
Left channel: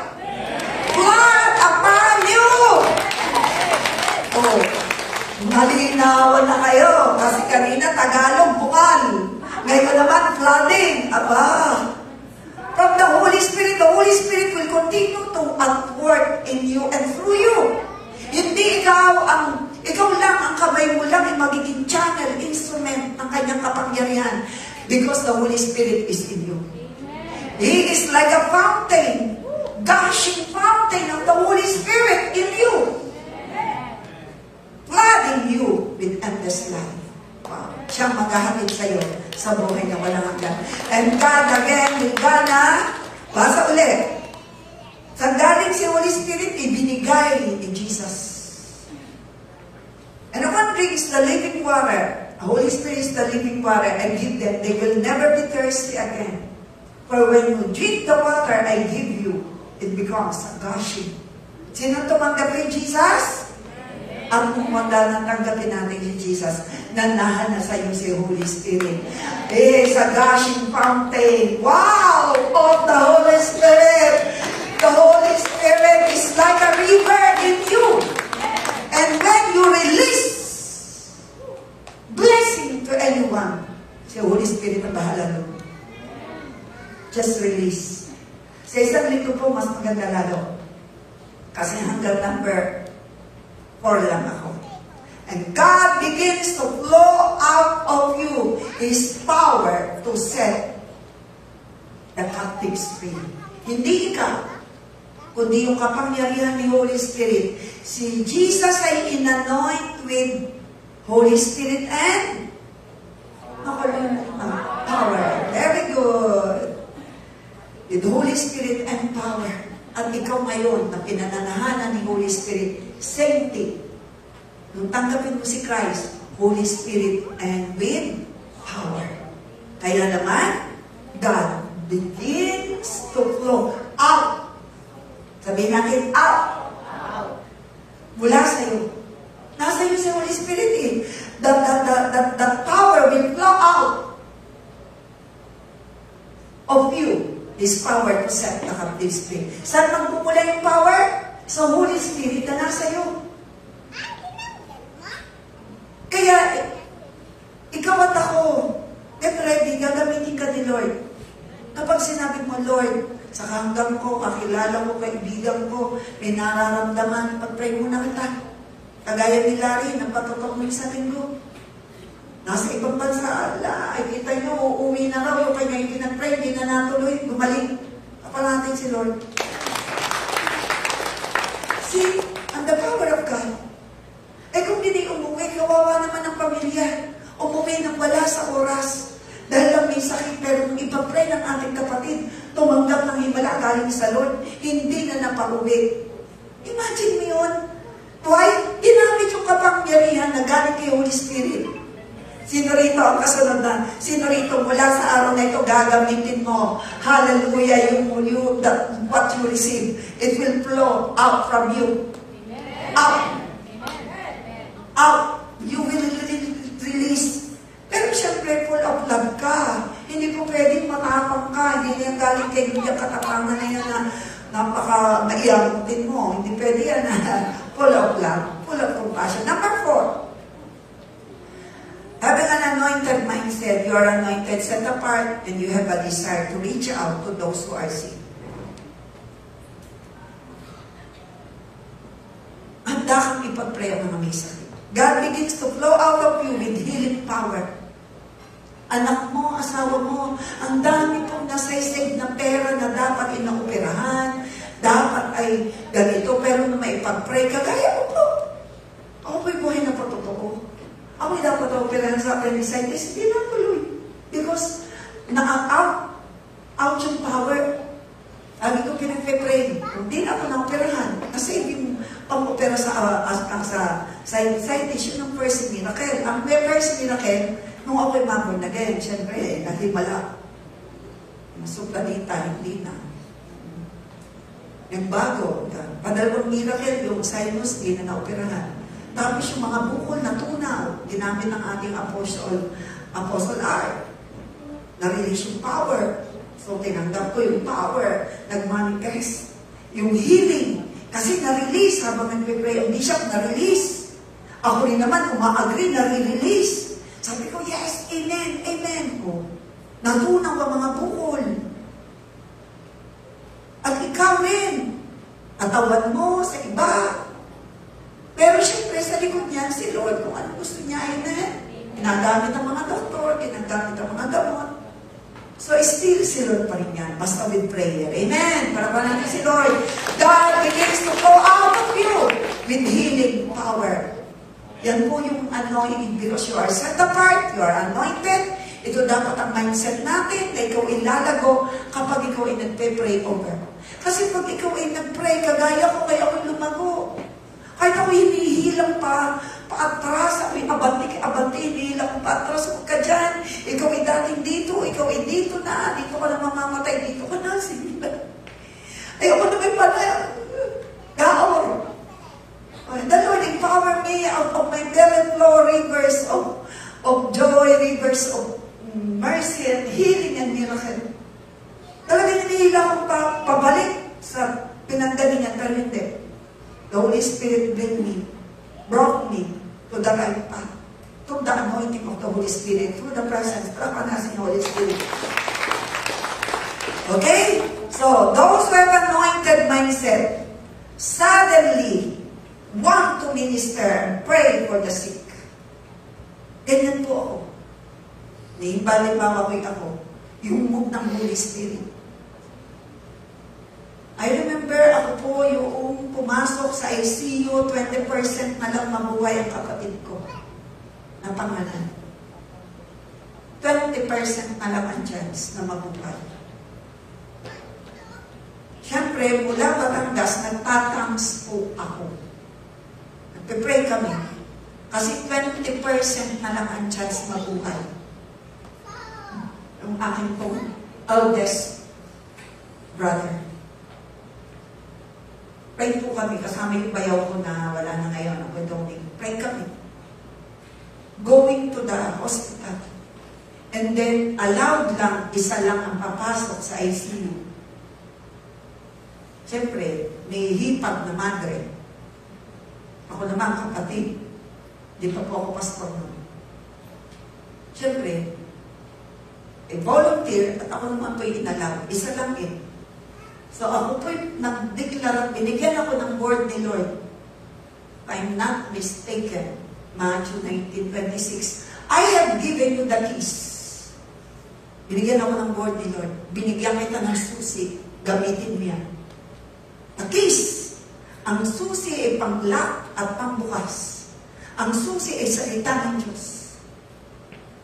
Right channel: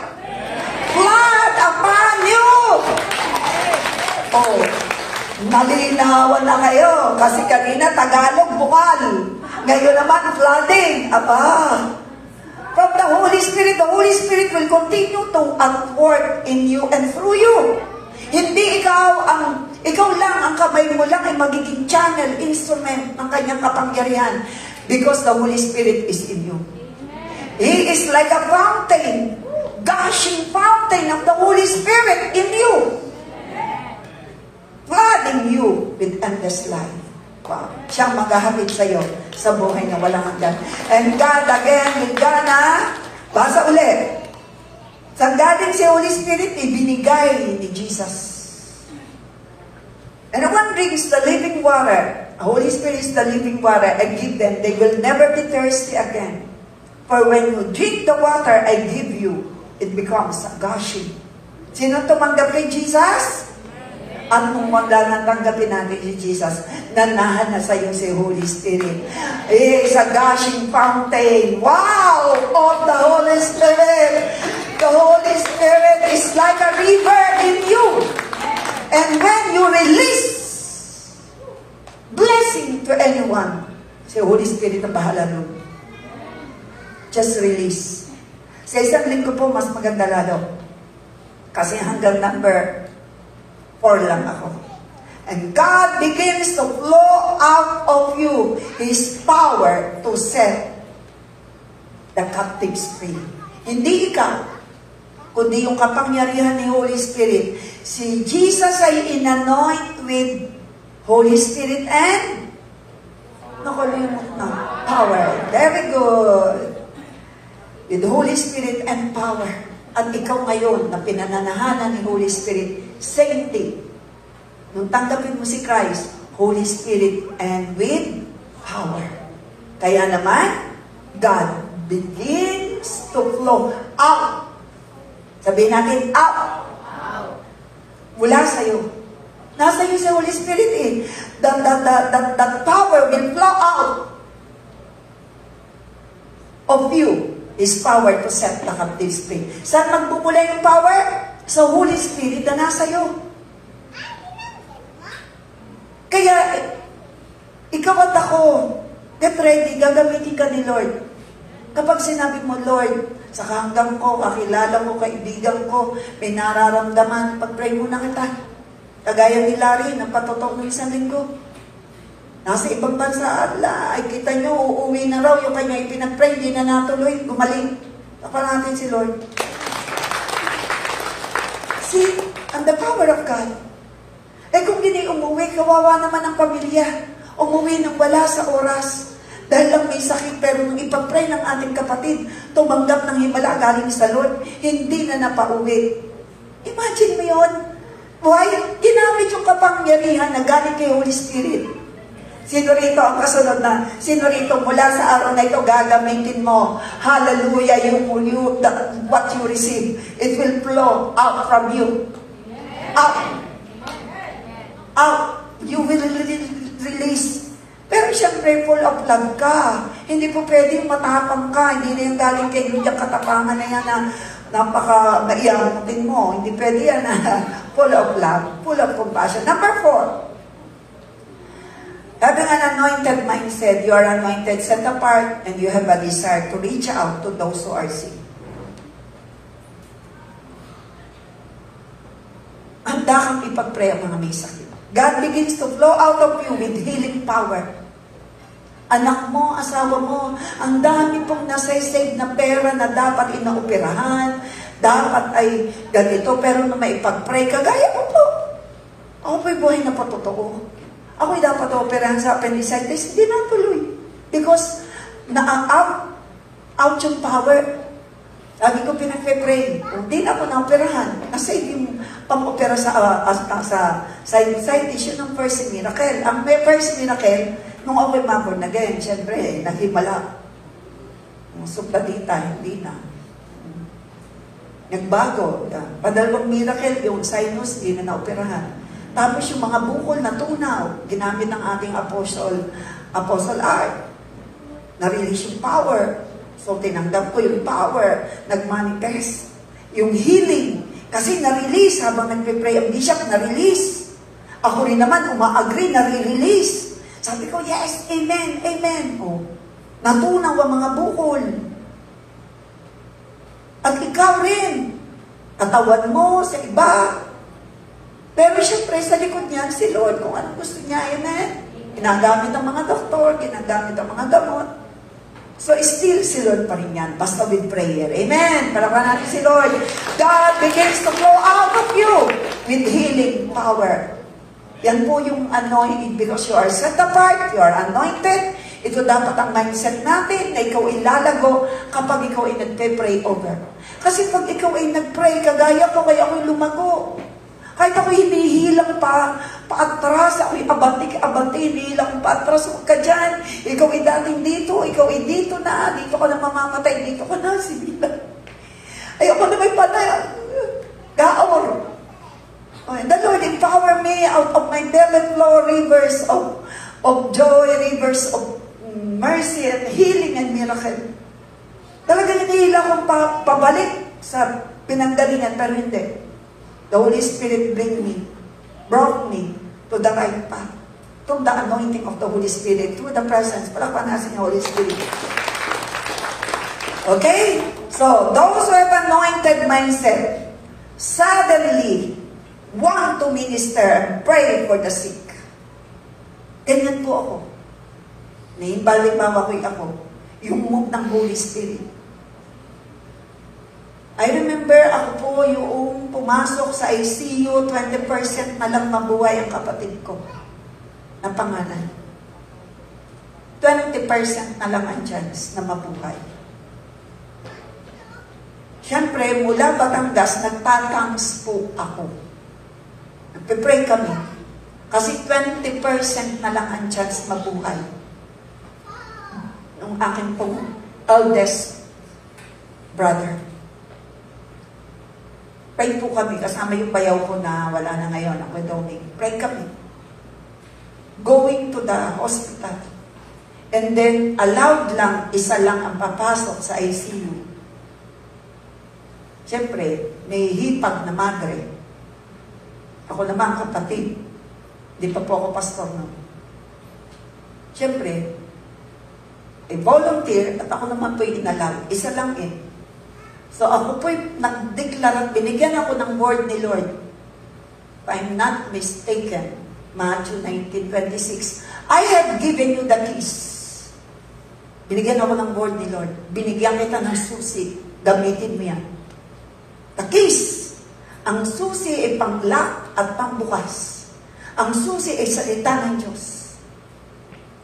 Flood upon you. Oh, malinawan na kayo. Kasi kanina Tagalog, bukal. Ngayon naman, flooding. Aba. From the Holy Spirit will continue to work in you and through you. Hindi ikaw lang ang kamay mo lang ay magiging channel, instrument ng kanyang kapangyarihan. Because the Holy Spirit is in you. He is like a fountain, gushing fountain of the Holy Spirit in you, flooding you with endless life. Wow. Siyang maghahatid sa iyo sa buhay na walang hanggan. And God again will gonna, basa ulit. Saan galing si Holy Spirit? Ibinigay ni Jesus. And no one drinks the living water. Holy Spirit is the living water I give them. They will never be thirsty again. For when you drink the water I give you, it becomes a gushing. Sino tumanggap kay Jesus? At kung wala nang tanggapin natin si Jesus, nanahan na sa iyo si Holy Spirit. It's a gushing fountain. Wow! Of the Holy Spirit. The Holy Spirit is like a river in you. And when you release blessing to anyone, si Holy Spirit ang bahala nun. Just release. Sa isang linggo po, mas maganda lalo. Kasi hanggang number 4 lang ako. And God begins to flow out of you His power to set the captives free. Hindi ikaw, kundi yung kapangyarihan ni Holy Spirit. Si Jesus ay inanoint with Holy Spirit and power. Very good. With Holy Spirit and power. At ikaw ngayon na pinananahanan ni Holy Spirit, same thing. Nung tanggapin mo si Christ, Holy Spirit and with power. Kaya naman, God begins to flow out. Sabihin natin, out. Mula sa'yo. Nasa iyo si Holy Spirit eh. The power will flow out of you. His power to set the captives free. Saan magpupula yung power? Sa Holy Spirit na nasa iyo. Kaya, ikaw at ako, get ready, gagamitin ka ni Lord. Kapag sinabi mo, Lord, sa hanggang ko, kakilala mo, kaibigan ko, may nararamdaman, pag-pray mo na kita. Kagaya ni Larry, nagpatotoo mo isang linggo. Nasa ibang bansa, ay kita nyo, uuwi na raw, yung kanya yung pinag-pray, hindi na natuloy, gumaling. Kapag natin si Lord. See, and the power of God. Eh kung hindi umuwi, kawawa naman ang pamilya. Umuwi nang wala sa oras. Dahil lang may sakit, pero nung ipapray ng ating kapatid, tumanggap ng himala galing sa Lord, hindi na napauwi. Imagine mo yun. Why? Ginamit yung kapangyarihan na galing kay Holy Spirit. Sino rito ang kasunod na? Sino rito mula sa araw na ito gagamitin mo? Hallelujah, what you receive, it will flow out from you. Out. Out. You will release. Pero siyempre, full of love ka. Hindi po pwedeng matapang ka. Hindi na yung galing kay yung katapangan na yan na napaka-maiyamutin mo. Hindi pwede yan na full of love, full of compassion. Number 4. Having an anointed mindset, you are anointed, set apart, and you have a desire to reach out to those who are sick. Handa kang ipag-pray ang mga may sakit. God begins to flow out of you with healing power. Anak mo, asawa mo, ang dami pong nasa-save na pera na dapat inaoperahan, dapat ay ganito, pero na maipag-pray, kagaya mo po. Ako po'y buhay na patotoo. Ako'y dapat operahan sa appendicitis, hindi natuloy. Because out yung power. Sabi ko, pinag-pray. Hindi na ako na-operahan. Kasi yung pang-opera sa appendicitis, yun ang first miracle. Ang first miracle, nung ako'y born again, syempre, naghimala. Yung supladita, hindi na. Nagbago. Padalawang miracle, yung sinus, hindi na na-operahan. Tapos yung mga bukol na tunaw, ginamit ng ating Apostle Art. Na-release yung power. So, tinanggap ko yung power. Nag-manifest. Yung healing. Kasi na-release habang nag-pray ang bishop, na-release. Ako rin naman, uma-agree, na-release. Sabi ko, yes, amen, amen. Oh, natunaw ang mga bukol. At ikaw rin. Katawan mo sa iba. Pero syempre, sa likod niyan, si Lord, kung ano gusto niya, amen. Ginagamit ang mga doktor, ginagamit ang mga gamot. So, still si Lord pa rin yan, basta with prayer. Amen. Para pa natin si Lord. God begins to flow out of you with healing power. Yan po yung anointing because you are set apart, you are anointed. Ito dapat ang mindset natin na ikaw ilalago kapag ikaw ay nagpe-pray over. Kasi pag ikaw ay nag-pray, kagaya ko, kaya ako'y lumago. Kahit ako hinihilang paatras, ako'y abante, hinihilang paatras, huwag ka dyan. Ikaw ay dating dito, ikaw ay dito na, dito ka na mamamatay, dito ka na, sila. Ayoko na may pala, gaor. The Lord empower me out of my belly flow rivers of joy, rivers of mercy and healing and miracle. Talagang hinihilang akong pabalik sa pinanggalingan, pero hindi. The Holy Spirit brought me to the right path, to the anointing of the Holy Spirit, to the presence, palapanas ng Holy Spirit. Okay? So, those who have anointed mindset, suddenly want to minister, pray for the sick. Ganyan po ako. Balik-bawa ko ako. Yung move ng Holy Spirit. I remember ako po yung pumasok sa ICU, 20% na lang mabuhay ang kapatid ko na pangalan. 20% na lang ang chance na mabuhay. Siyempre, mula Batangas, nagtatangs po ako. Nagpipray kami. Kasi 20% na lang ang chance mabuhay. Yung akin pong eldest brother. Pray po kami, kasama yung bayaw ko na wala na ngayon, ang widow-ing. Pray kami. Going to the hospital. And then, allowed lang, isa lang ang papasok sa ICU. Siyempre, may hipag na madre. Ako naman kapatid. Di pa po ako pastor nun. Siyempre, volunteer at ako naman po'y inalam. Isa lang eh. So ako po'y nag-declare, binigyan ako ng word ni Lord. If I'm not mistaken, Matthew 19:26, I have given you the keys. Binigyan ako ng word ni Lord. Binigyan kita ng susi. Gamitin mo yan. The keys. Ang susi ay pang-lock at pang-bukas. Ang susi ay salita ng Diyos.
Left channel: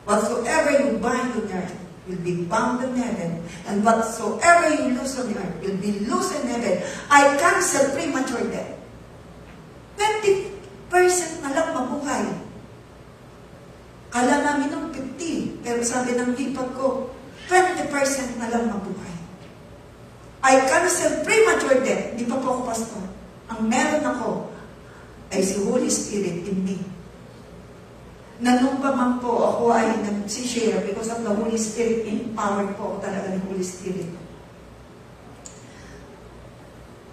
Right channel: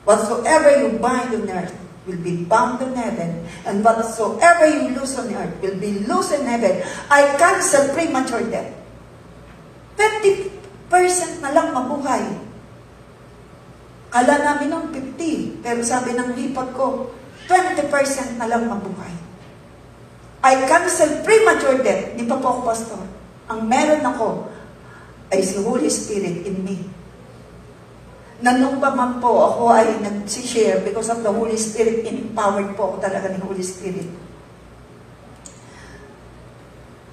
Whatsoever you bind on earth will be bound in heaven, and whatsoever you loose on earth will be loose in heaven. I cancel premature death. 20% na lang mabuhay. Kala namin ng 50, pero sabi ng hipag ko, 20% na lang mabuhay. I cancel premature death. Di pa po ako pastor. Ang meron ako ay si Holy Spirit in me. Nanong pa man po ako ay nag-share because of the Holy Spirit, empowered po ako talaga ni Holy Spirit.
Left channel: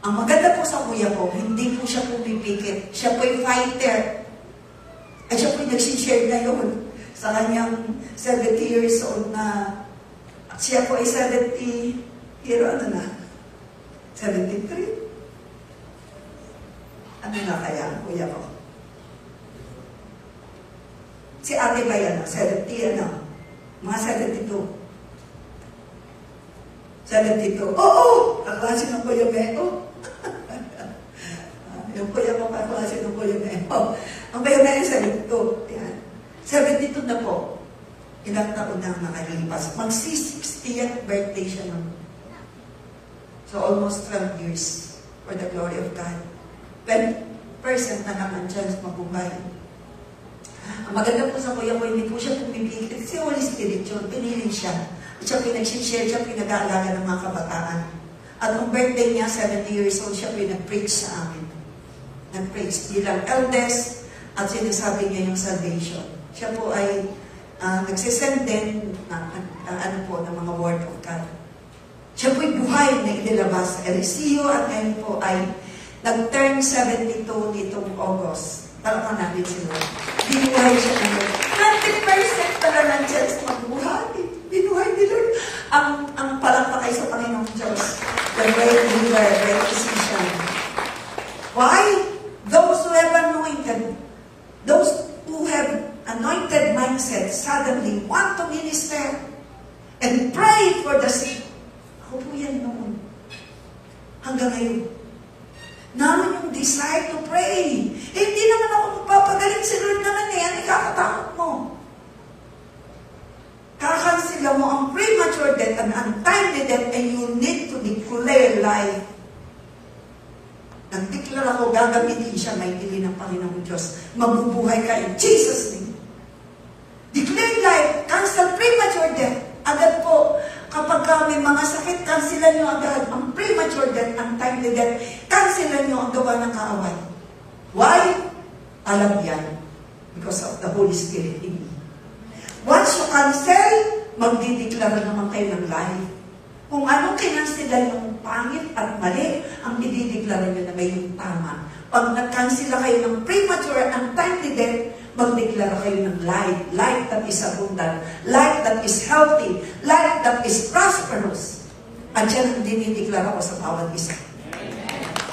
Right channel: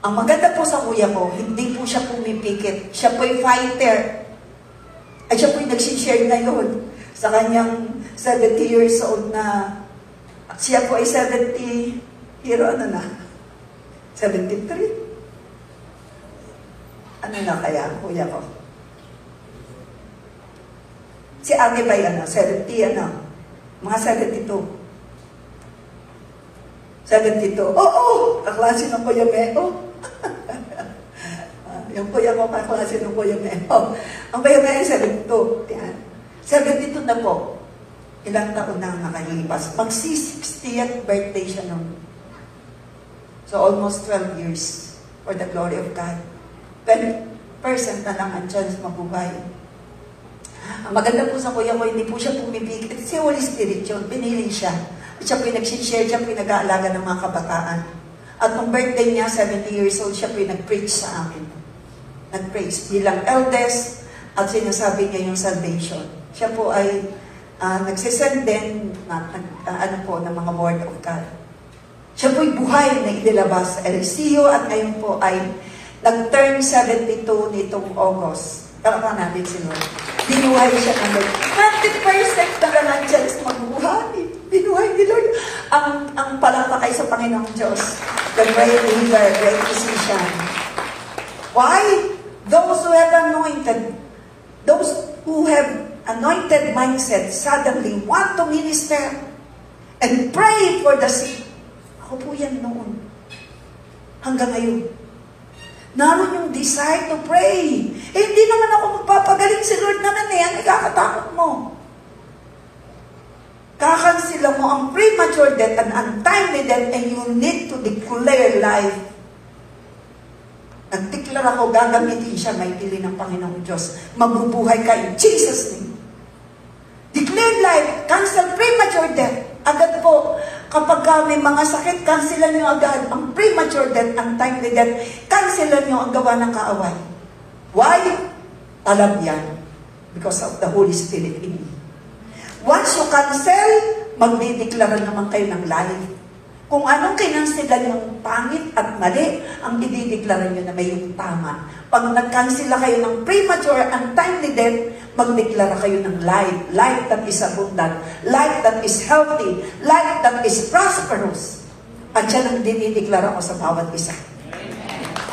Ang maganda po sa kuya ko, hindi po siya pumipikit. Siya po yung fighter. At siya po yung nag-share na yun sa kanyang 70 years old na siya po ay 70, ano na? 73? Ano na kaya, kuya ko? Si ate ba yan, 70, mga 72. 72. Oo! Kaklase ng Kuya Meo. Yung kuya ko, kaklase ng Kuya Meo. Ang Kuya Meo, 72. Yan. 72 na po. Ilang taon na nakalipas. Mag-60th birthday siya nun. So, almost 12 years for the glory of God. 20% na lang ang chance mabuhay. Ang maganda po sa kuya ko, hindi po siya pumipigil. Si Holy Spirit yun, pinili siya. At siya pinag-share, siya pinag-aalaga ng mga kabataan. At nung birthday niya, 70 years old, siya pinag-preach sa amin. Nag-preach bilang eldest at sinasabi niya yung salvation. Siya po ay nagsisend din ng mga word of God. Siya po'y buhay na inilabas sa LCU at ngayon po ay nag-turn 72 nitong August. Tama natin si Lord. Binuhay siya ng Lord. 20% na lang ang chance magbuhay. Binuhay ni Lord. Ang palakpakay sa Panginoong Diyos. The great healer, great physician. Why? Those who have anointed mindset suddenly want to minister and pray for the sick. Ako po yan noon. Hanggang ngayon. Naroon yung desire to pray. Hindi naman ako magpapagaling, si Lord naman ang ikakatakot mo. Kakansila mo ang premature death and untimely death and you need to declare life. Nagdeklara ko, gagamitin siya mightily ng Panginoong Diyos. Mabubuhay ka in Jesus' name. Declare life, cancel premature death. Agad po, kapag may mga sakit, cancelan nyo agad ang premature death, ang timely death, cancelan nyo ang gawa ng kaaway. Why? Alam yan. Because of the Holy Spirit in me. Once you cancel, magdideklara naman kayo ng life. Kung anong kinansilan yung pangit at mali, ang idideklara nyo na may yung tama. Pag nag-cancela kayo ng premature and timely death, magdeklara kayo ng life. Life that is abundant. Life that is healthy. Life that is prosperous. At yan ang dinideklara ko sa bawat isa.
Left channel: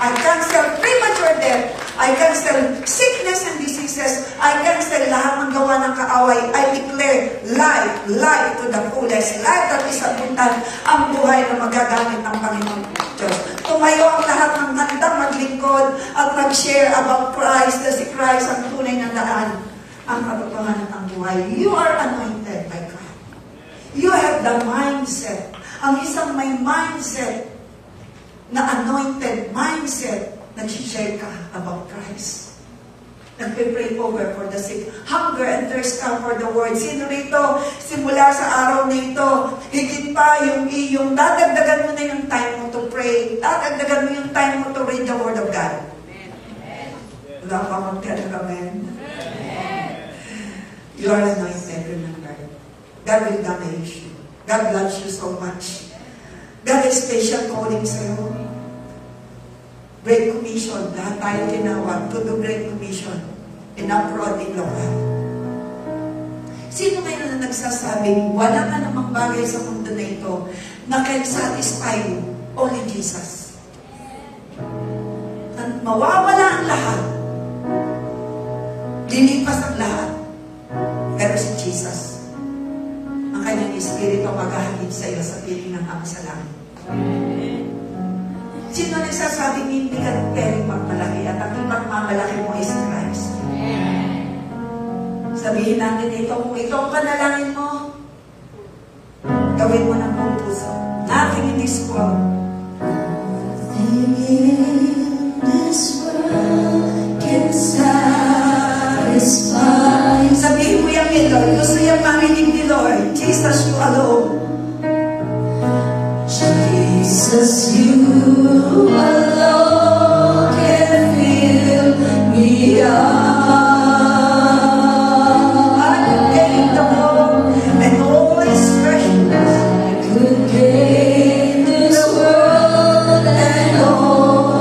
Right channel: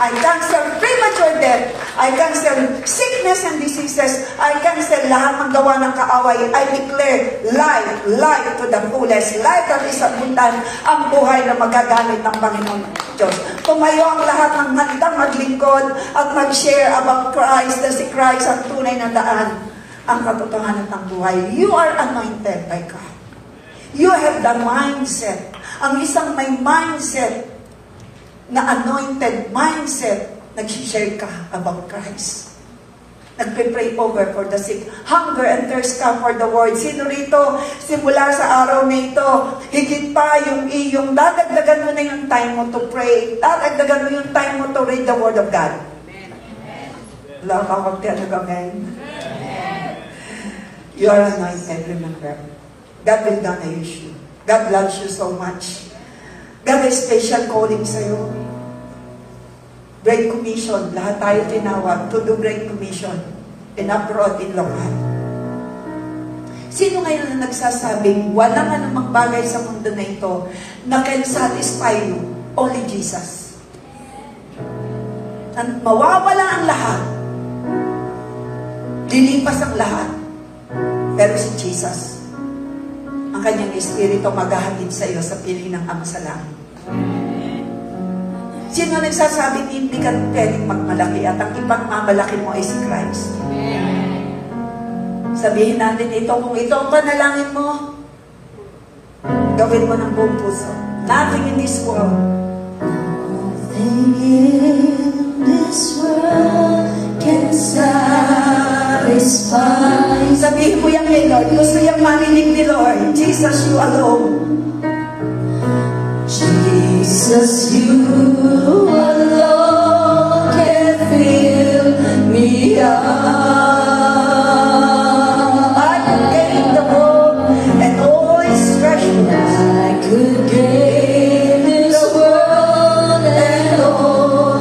I cancel premature death. I cancel sickness and diseases. I cancel lahat ng gawa ng kaaway. I declare life, life to the fullest. Life that is abundant, ang buhay na magagamit ng Panginoong Diyos. Kung ngayon ang lahat ng handang maglingkod at mag-share about Christ, na si Christ ang tunay na daan, ang katotohanan ng buhay. You are anointed by God. You have the mindset. Ang isang may mindset na anointed mindset, nag-share ka about Christ. Nagpe-pray over for the sick. Hunger and thirst ka for the word. Sino rito, simula sa araw na ito, higit pa yung dadagdagan mo na yung time mo to pray. Dadagdagan mo yung time mo to read the word of God. Wala ka magpiano ba ngayon? You are anointed, remember. God will not use you. God loves you so much. God has special calling sa'yo. Great Commission. Lahat tayo tinawag to do Great Commission in abroad, in local. Sino ngayon na nagsasabing wala ka namang bagay sa mundo na ito na can satisfy you? Only Jesus. Mawawala ang lahat. Lilipas ang lahat. Pero si Jesus, ang kanyang espiritu maghahatid sa iyo sa piling ng Ama sa langit. Sino nagsasabing hindi ka pwedeng magmalaki at ang ipagmamalaki mo ay si Christ? Sabihin natin ito, kung ito ang panalangin mo, gawin mo ng buong puso. Nothing in this world. Nothing in this world can satisfy. Sabihin mo yan kay Lord. Gusto yung marinig ni Lord. Jesus, you alone. Jesus, you alone can fill me up. I could gain the world and all its treasures. I could gain this world and all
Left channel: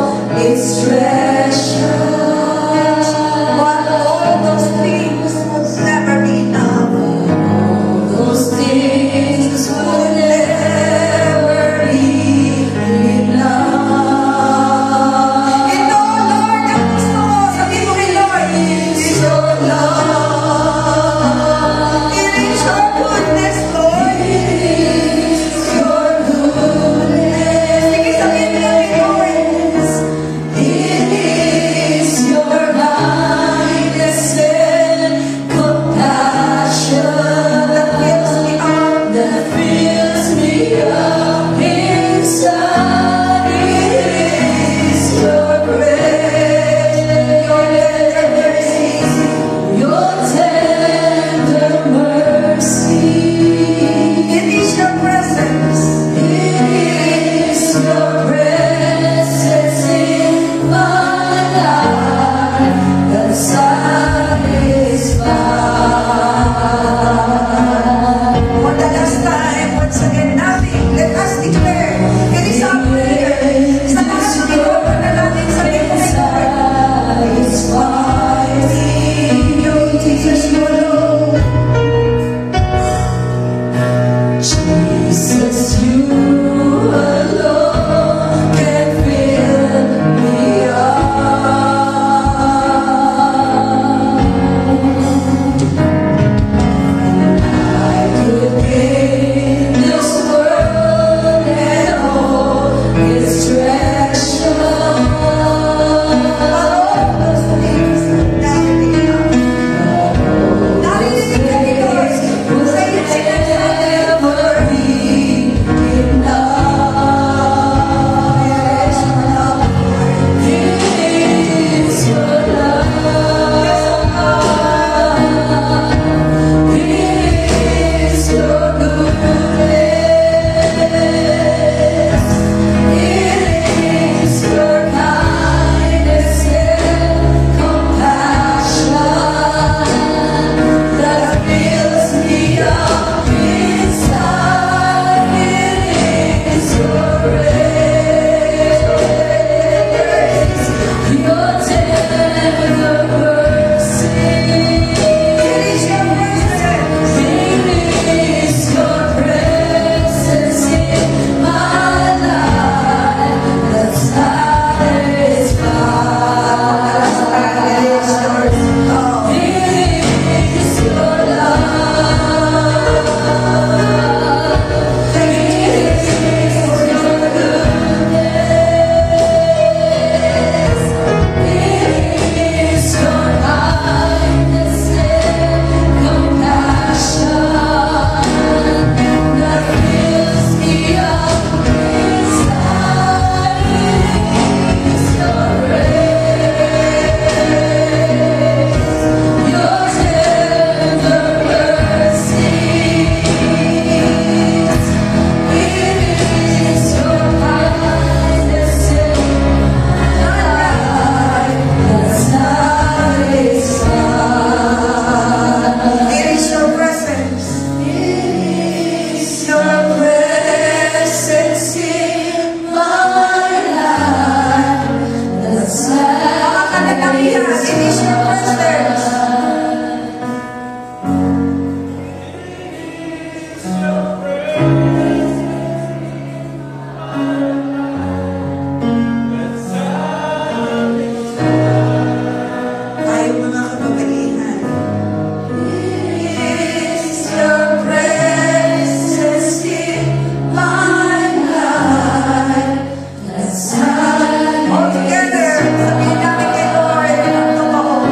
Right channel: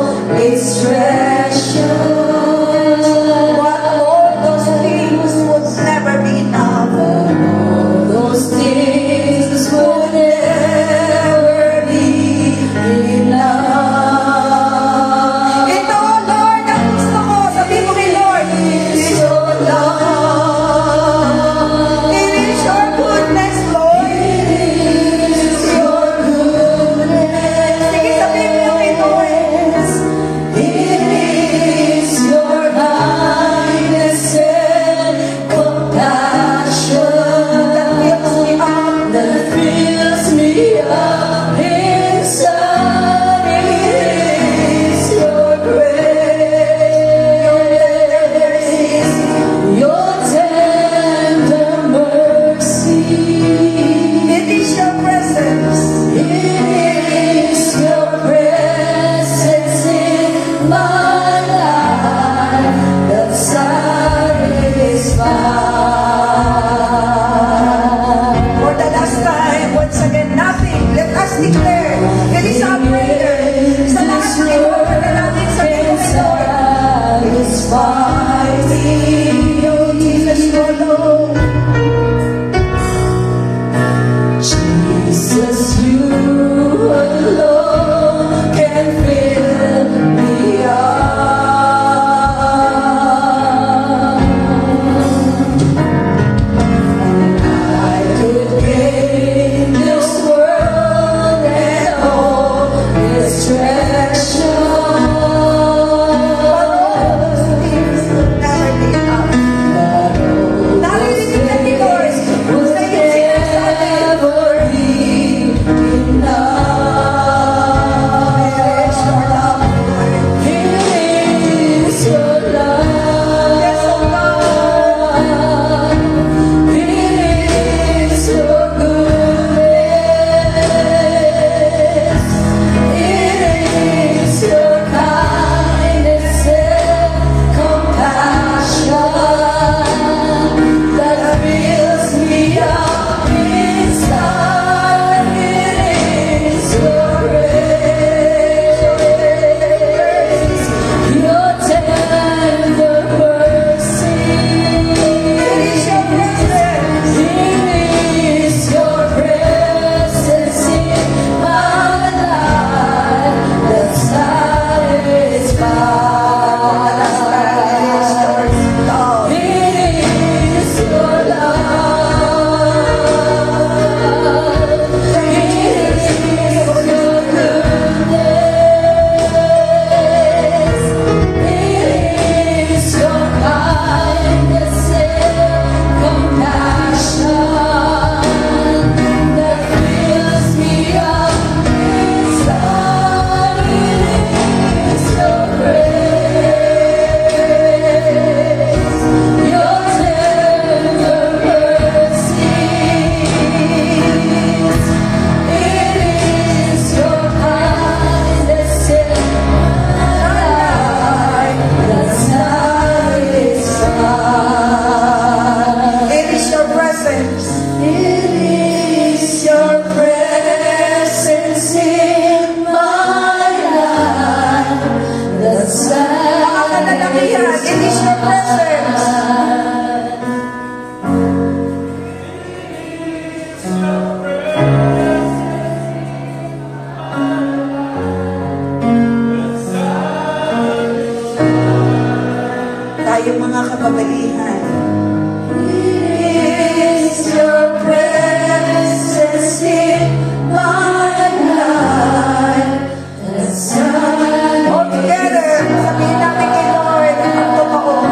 It is your presence. Tayo mga kababaihan. It is your presence in my life. All together, sabihin natin kay Lord ang totoo.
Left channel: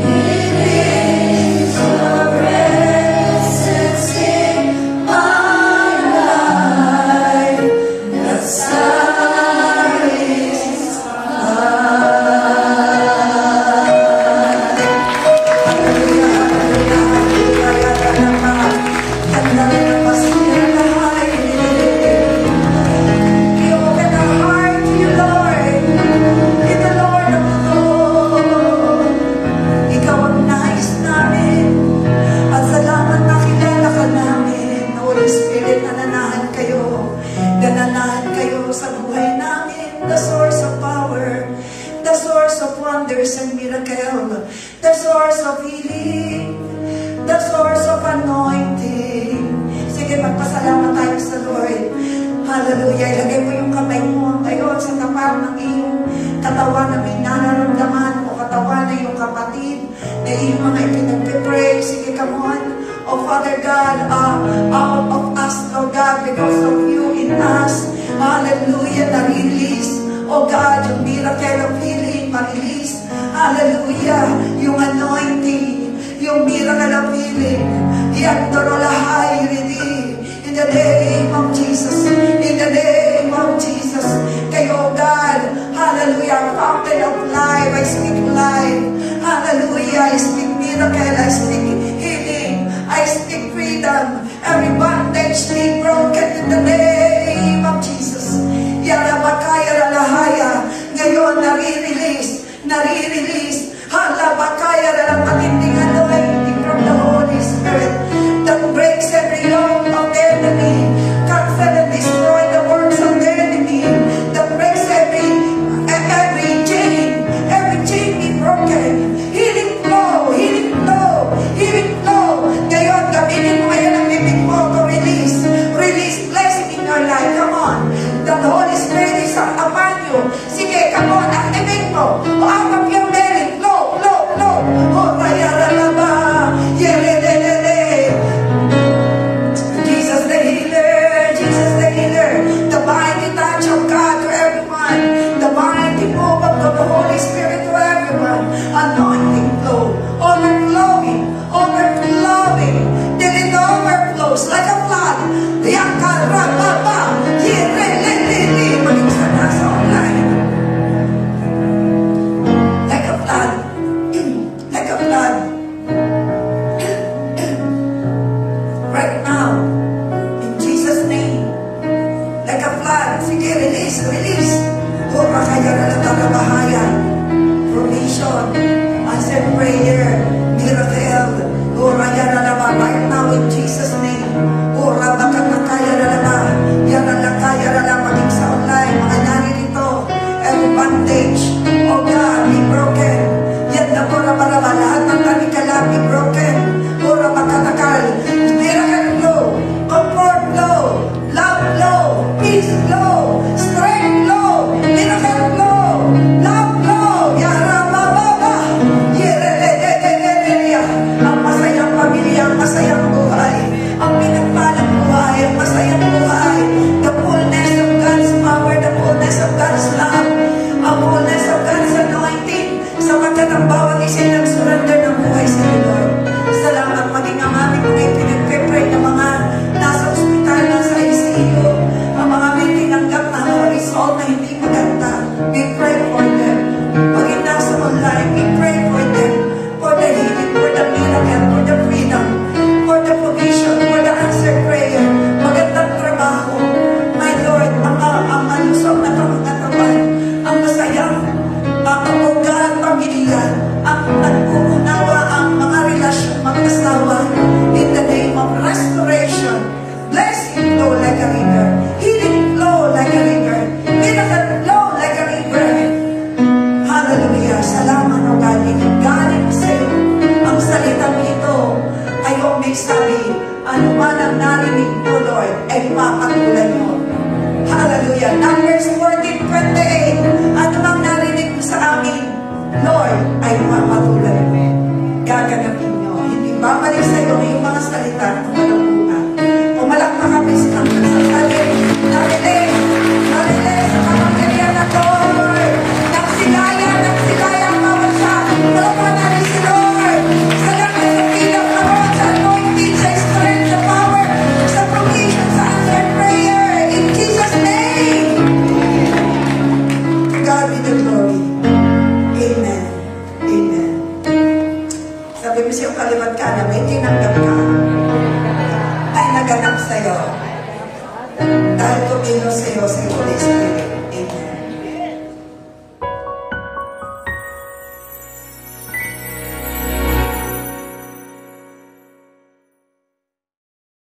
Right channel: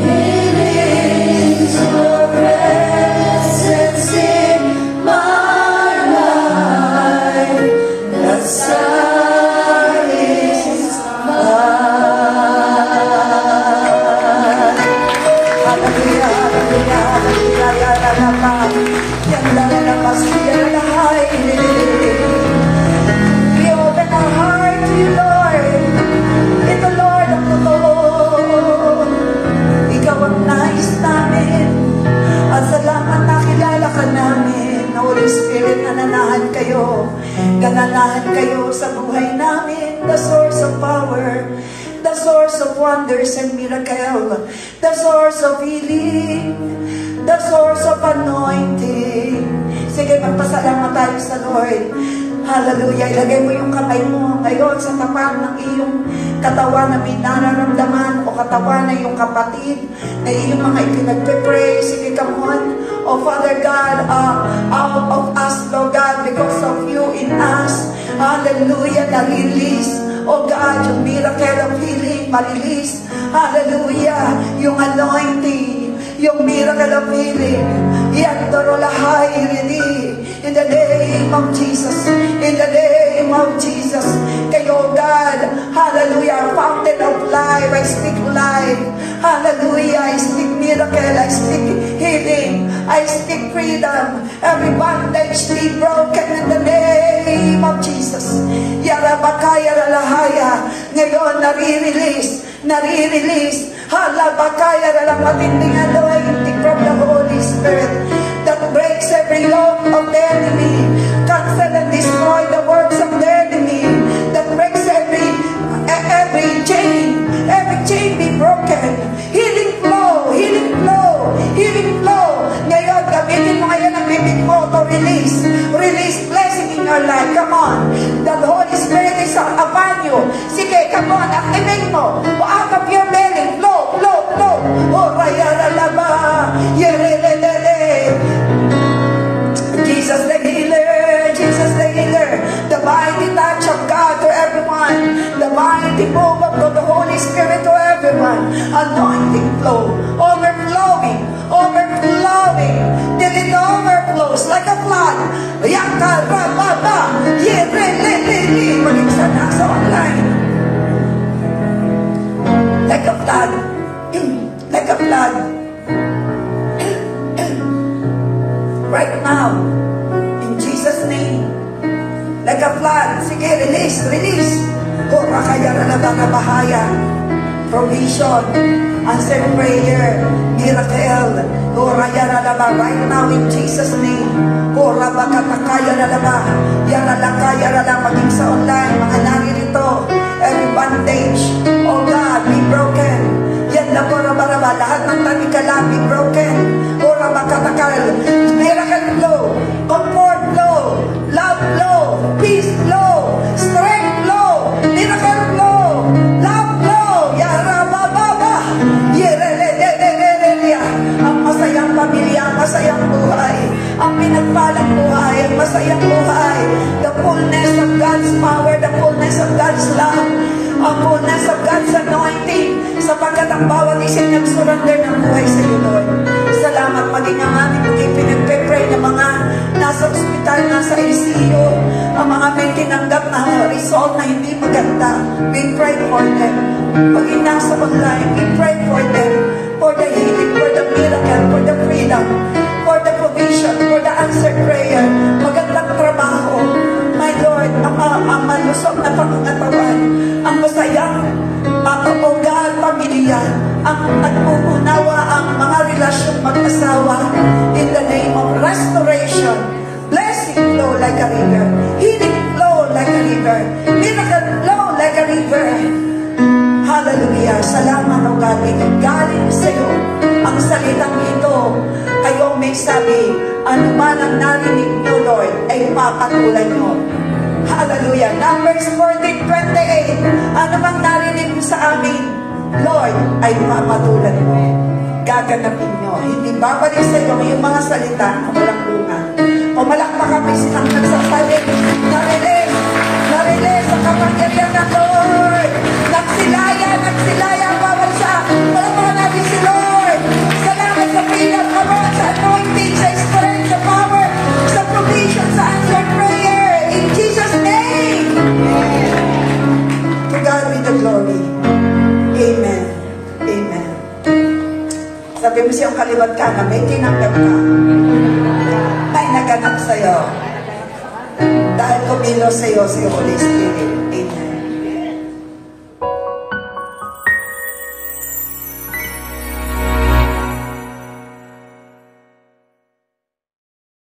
It is your presence in my life that satisfies. Hallelujah, hallelujah, hallelujah, we open our heart to you, Lord. Ito, Lord, ang totoo. Ikaw ang nais namin. At salamat nakilala ka namin. Holy Spirit, nananahan kayo. Gananahan kayo sa buhay namin. The source of power. The source of wonders and miracle. The source of healing. The source of anointing. Sige, magpasalamat tayo sa Lord. Hallelujah. Ilagay mo yung kamay mo ngayon sa tapat ng iyong katawan na may nararamdaman o katawan na yung kapatid na iyong mga ipinagpe-pray. Sige, come on. Oh, Father God, out of us, Lord God, because of you in us. Hallelujah. Na-release. Oh God, yung miracle of healing, ma-release. Hallelujah. Yung anointing, yung miracle of healing. Yandorolahay, in the name of Jesus. In the name of Jesus. Kayo, God. Hallelujah. Fountain of life. I speak life. Hallelujah. I speak miracle. I speak healing. I speak freedom. Every bondage be broken in the name of Jesus. Yarabakaya lalahaya. Ngayon, nare-release. Halabakaya lalamatinding anointing from the Holy Spirit that breaks every yoke of the enemy. Cancel and destroy the works of the enemy. That breaks every chain. Every chain be broken. Healing flow. Ngayon, gamitin mo ngayon ang bibig mo to release. Release blessing in your life. Come on. The Holy Spirit is upon you. Sige, come on. Activate mo. Out of your belly. Flow. Oh, bayaralaba. Jesus the healer. The mighty touch of God to everyone. The mighty move of the Holy Spirit to everyone. Anointing flow. Overflowing. Till it overflows like a flood. Yakarababa. Maging sa nasa online. Like a flood. Right now. In Jesus' name. Like a flood. Sige, release. Kura kaya nalabarabahaya. Provision. Answer prayer. Miracle. Kura kaya nalaba. Right now in Jesus' name. Kura baka kaya nalaba. Yan nalakaya nalaba. Maging sa online. Mga naririto. Every bondage. Oh God, be broken. Yan na kura-baraba. Lahat ng kanikala be broken. Kura baka nakal. Miracle flow. Comfort flow. Love flow. Peace flow. Strength flow. Miracle flow. Love flow. Yarabababa. Ang masayang pamilya, ang masayang buhay. Ang pinagpalang buhay, ang masayang buhay. The fullness of God's power, the fullness of God's love, ang fullness of God's anointing. Sapagkat ang bawat isa'y nag-surrender ng buhay sa iyo, Lord. Salamat maging ang aming mga pinagpe-pray ng mga nasa ospital, nasa ICU, ang mga may tinanggap na result na hindi maganda. We pray for them. Pagin nasa online, we pray for them. For the healing, for the miracle, for the freedom, for the provision, for the answered prayer. Magandang trabaho. My Lord, ang malusog na pangangatawan, ang masayang, oh God, pamilya, ang nagpuunawa ang mga relasyon mag-asawa in the name of restoration. Blessing flow like a river. Healing flow like a river. Miracle flow like a river. Hallelujah. Salamat. ang narinig nyo, Lord, ay papatulan nyo. Hallelujah. Numbers 14:28. Ano bang narinig nyo sa amin, Lord, ay papatulan mo. Gaganapin nyo. Hindi babalik sa iyo yung mga salita na walang bunga. Pumalakpak kami silang nagsasalit. Narinig sa kapangyarihan ng Lord. Nagsilaya bawat siya. Palakpak namin si Lord. Salamat sa pinang power, sa anointing, sa strength, sa power, sa provision, sa answered prayer. In Jesus' name. To God be the glory. Amen. Amen. Sabi mo siyang kaliwat ka na may tinanggap ka. May naganap sa'yo. Dahil kumilo sa'yo si Holy Spirit.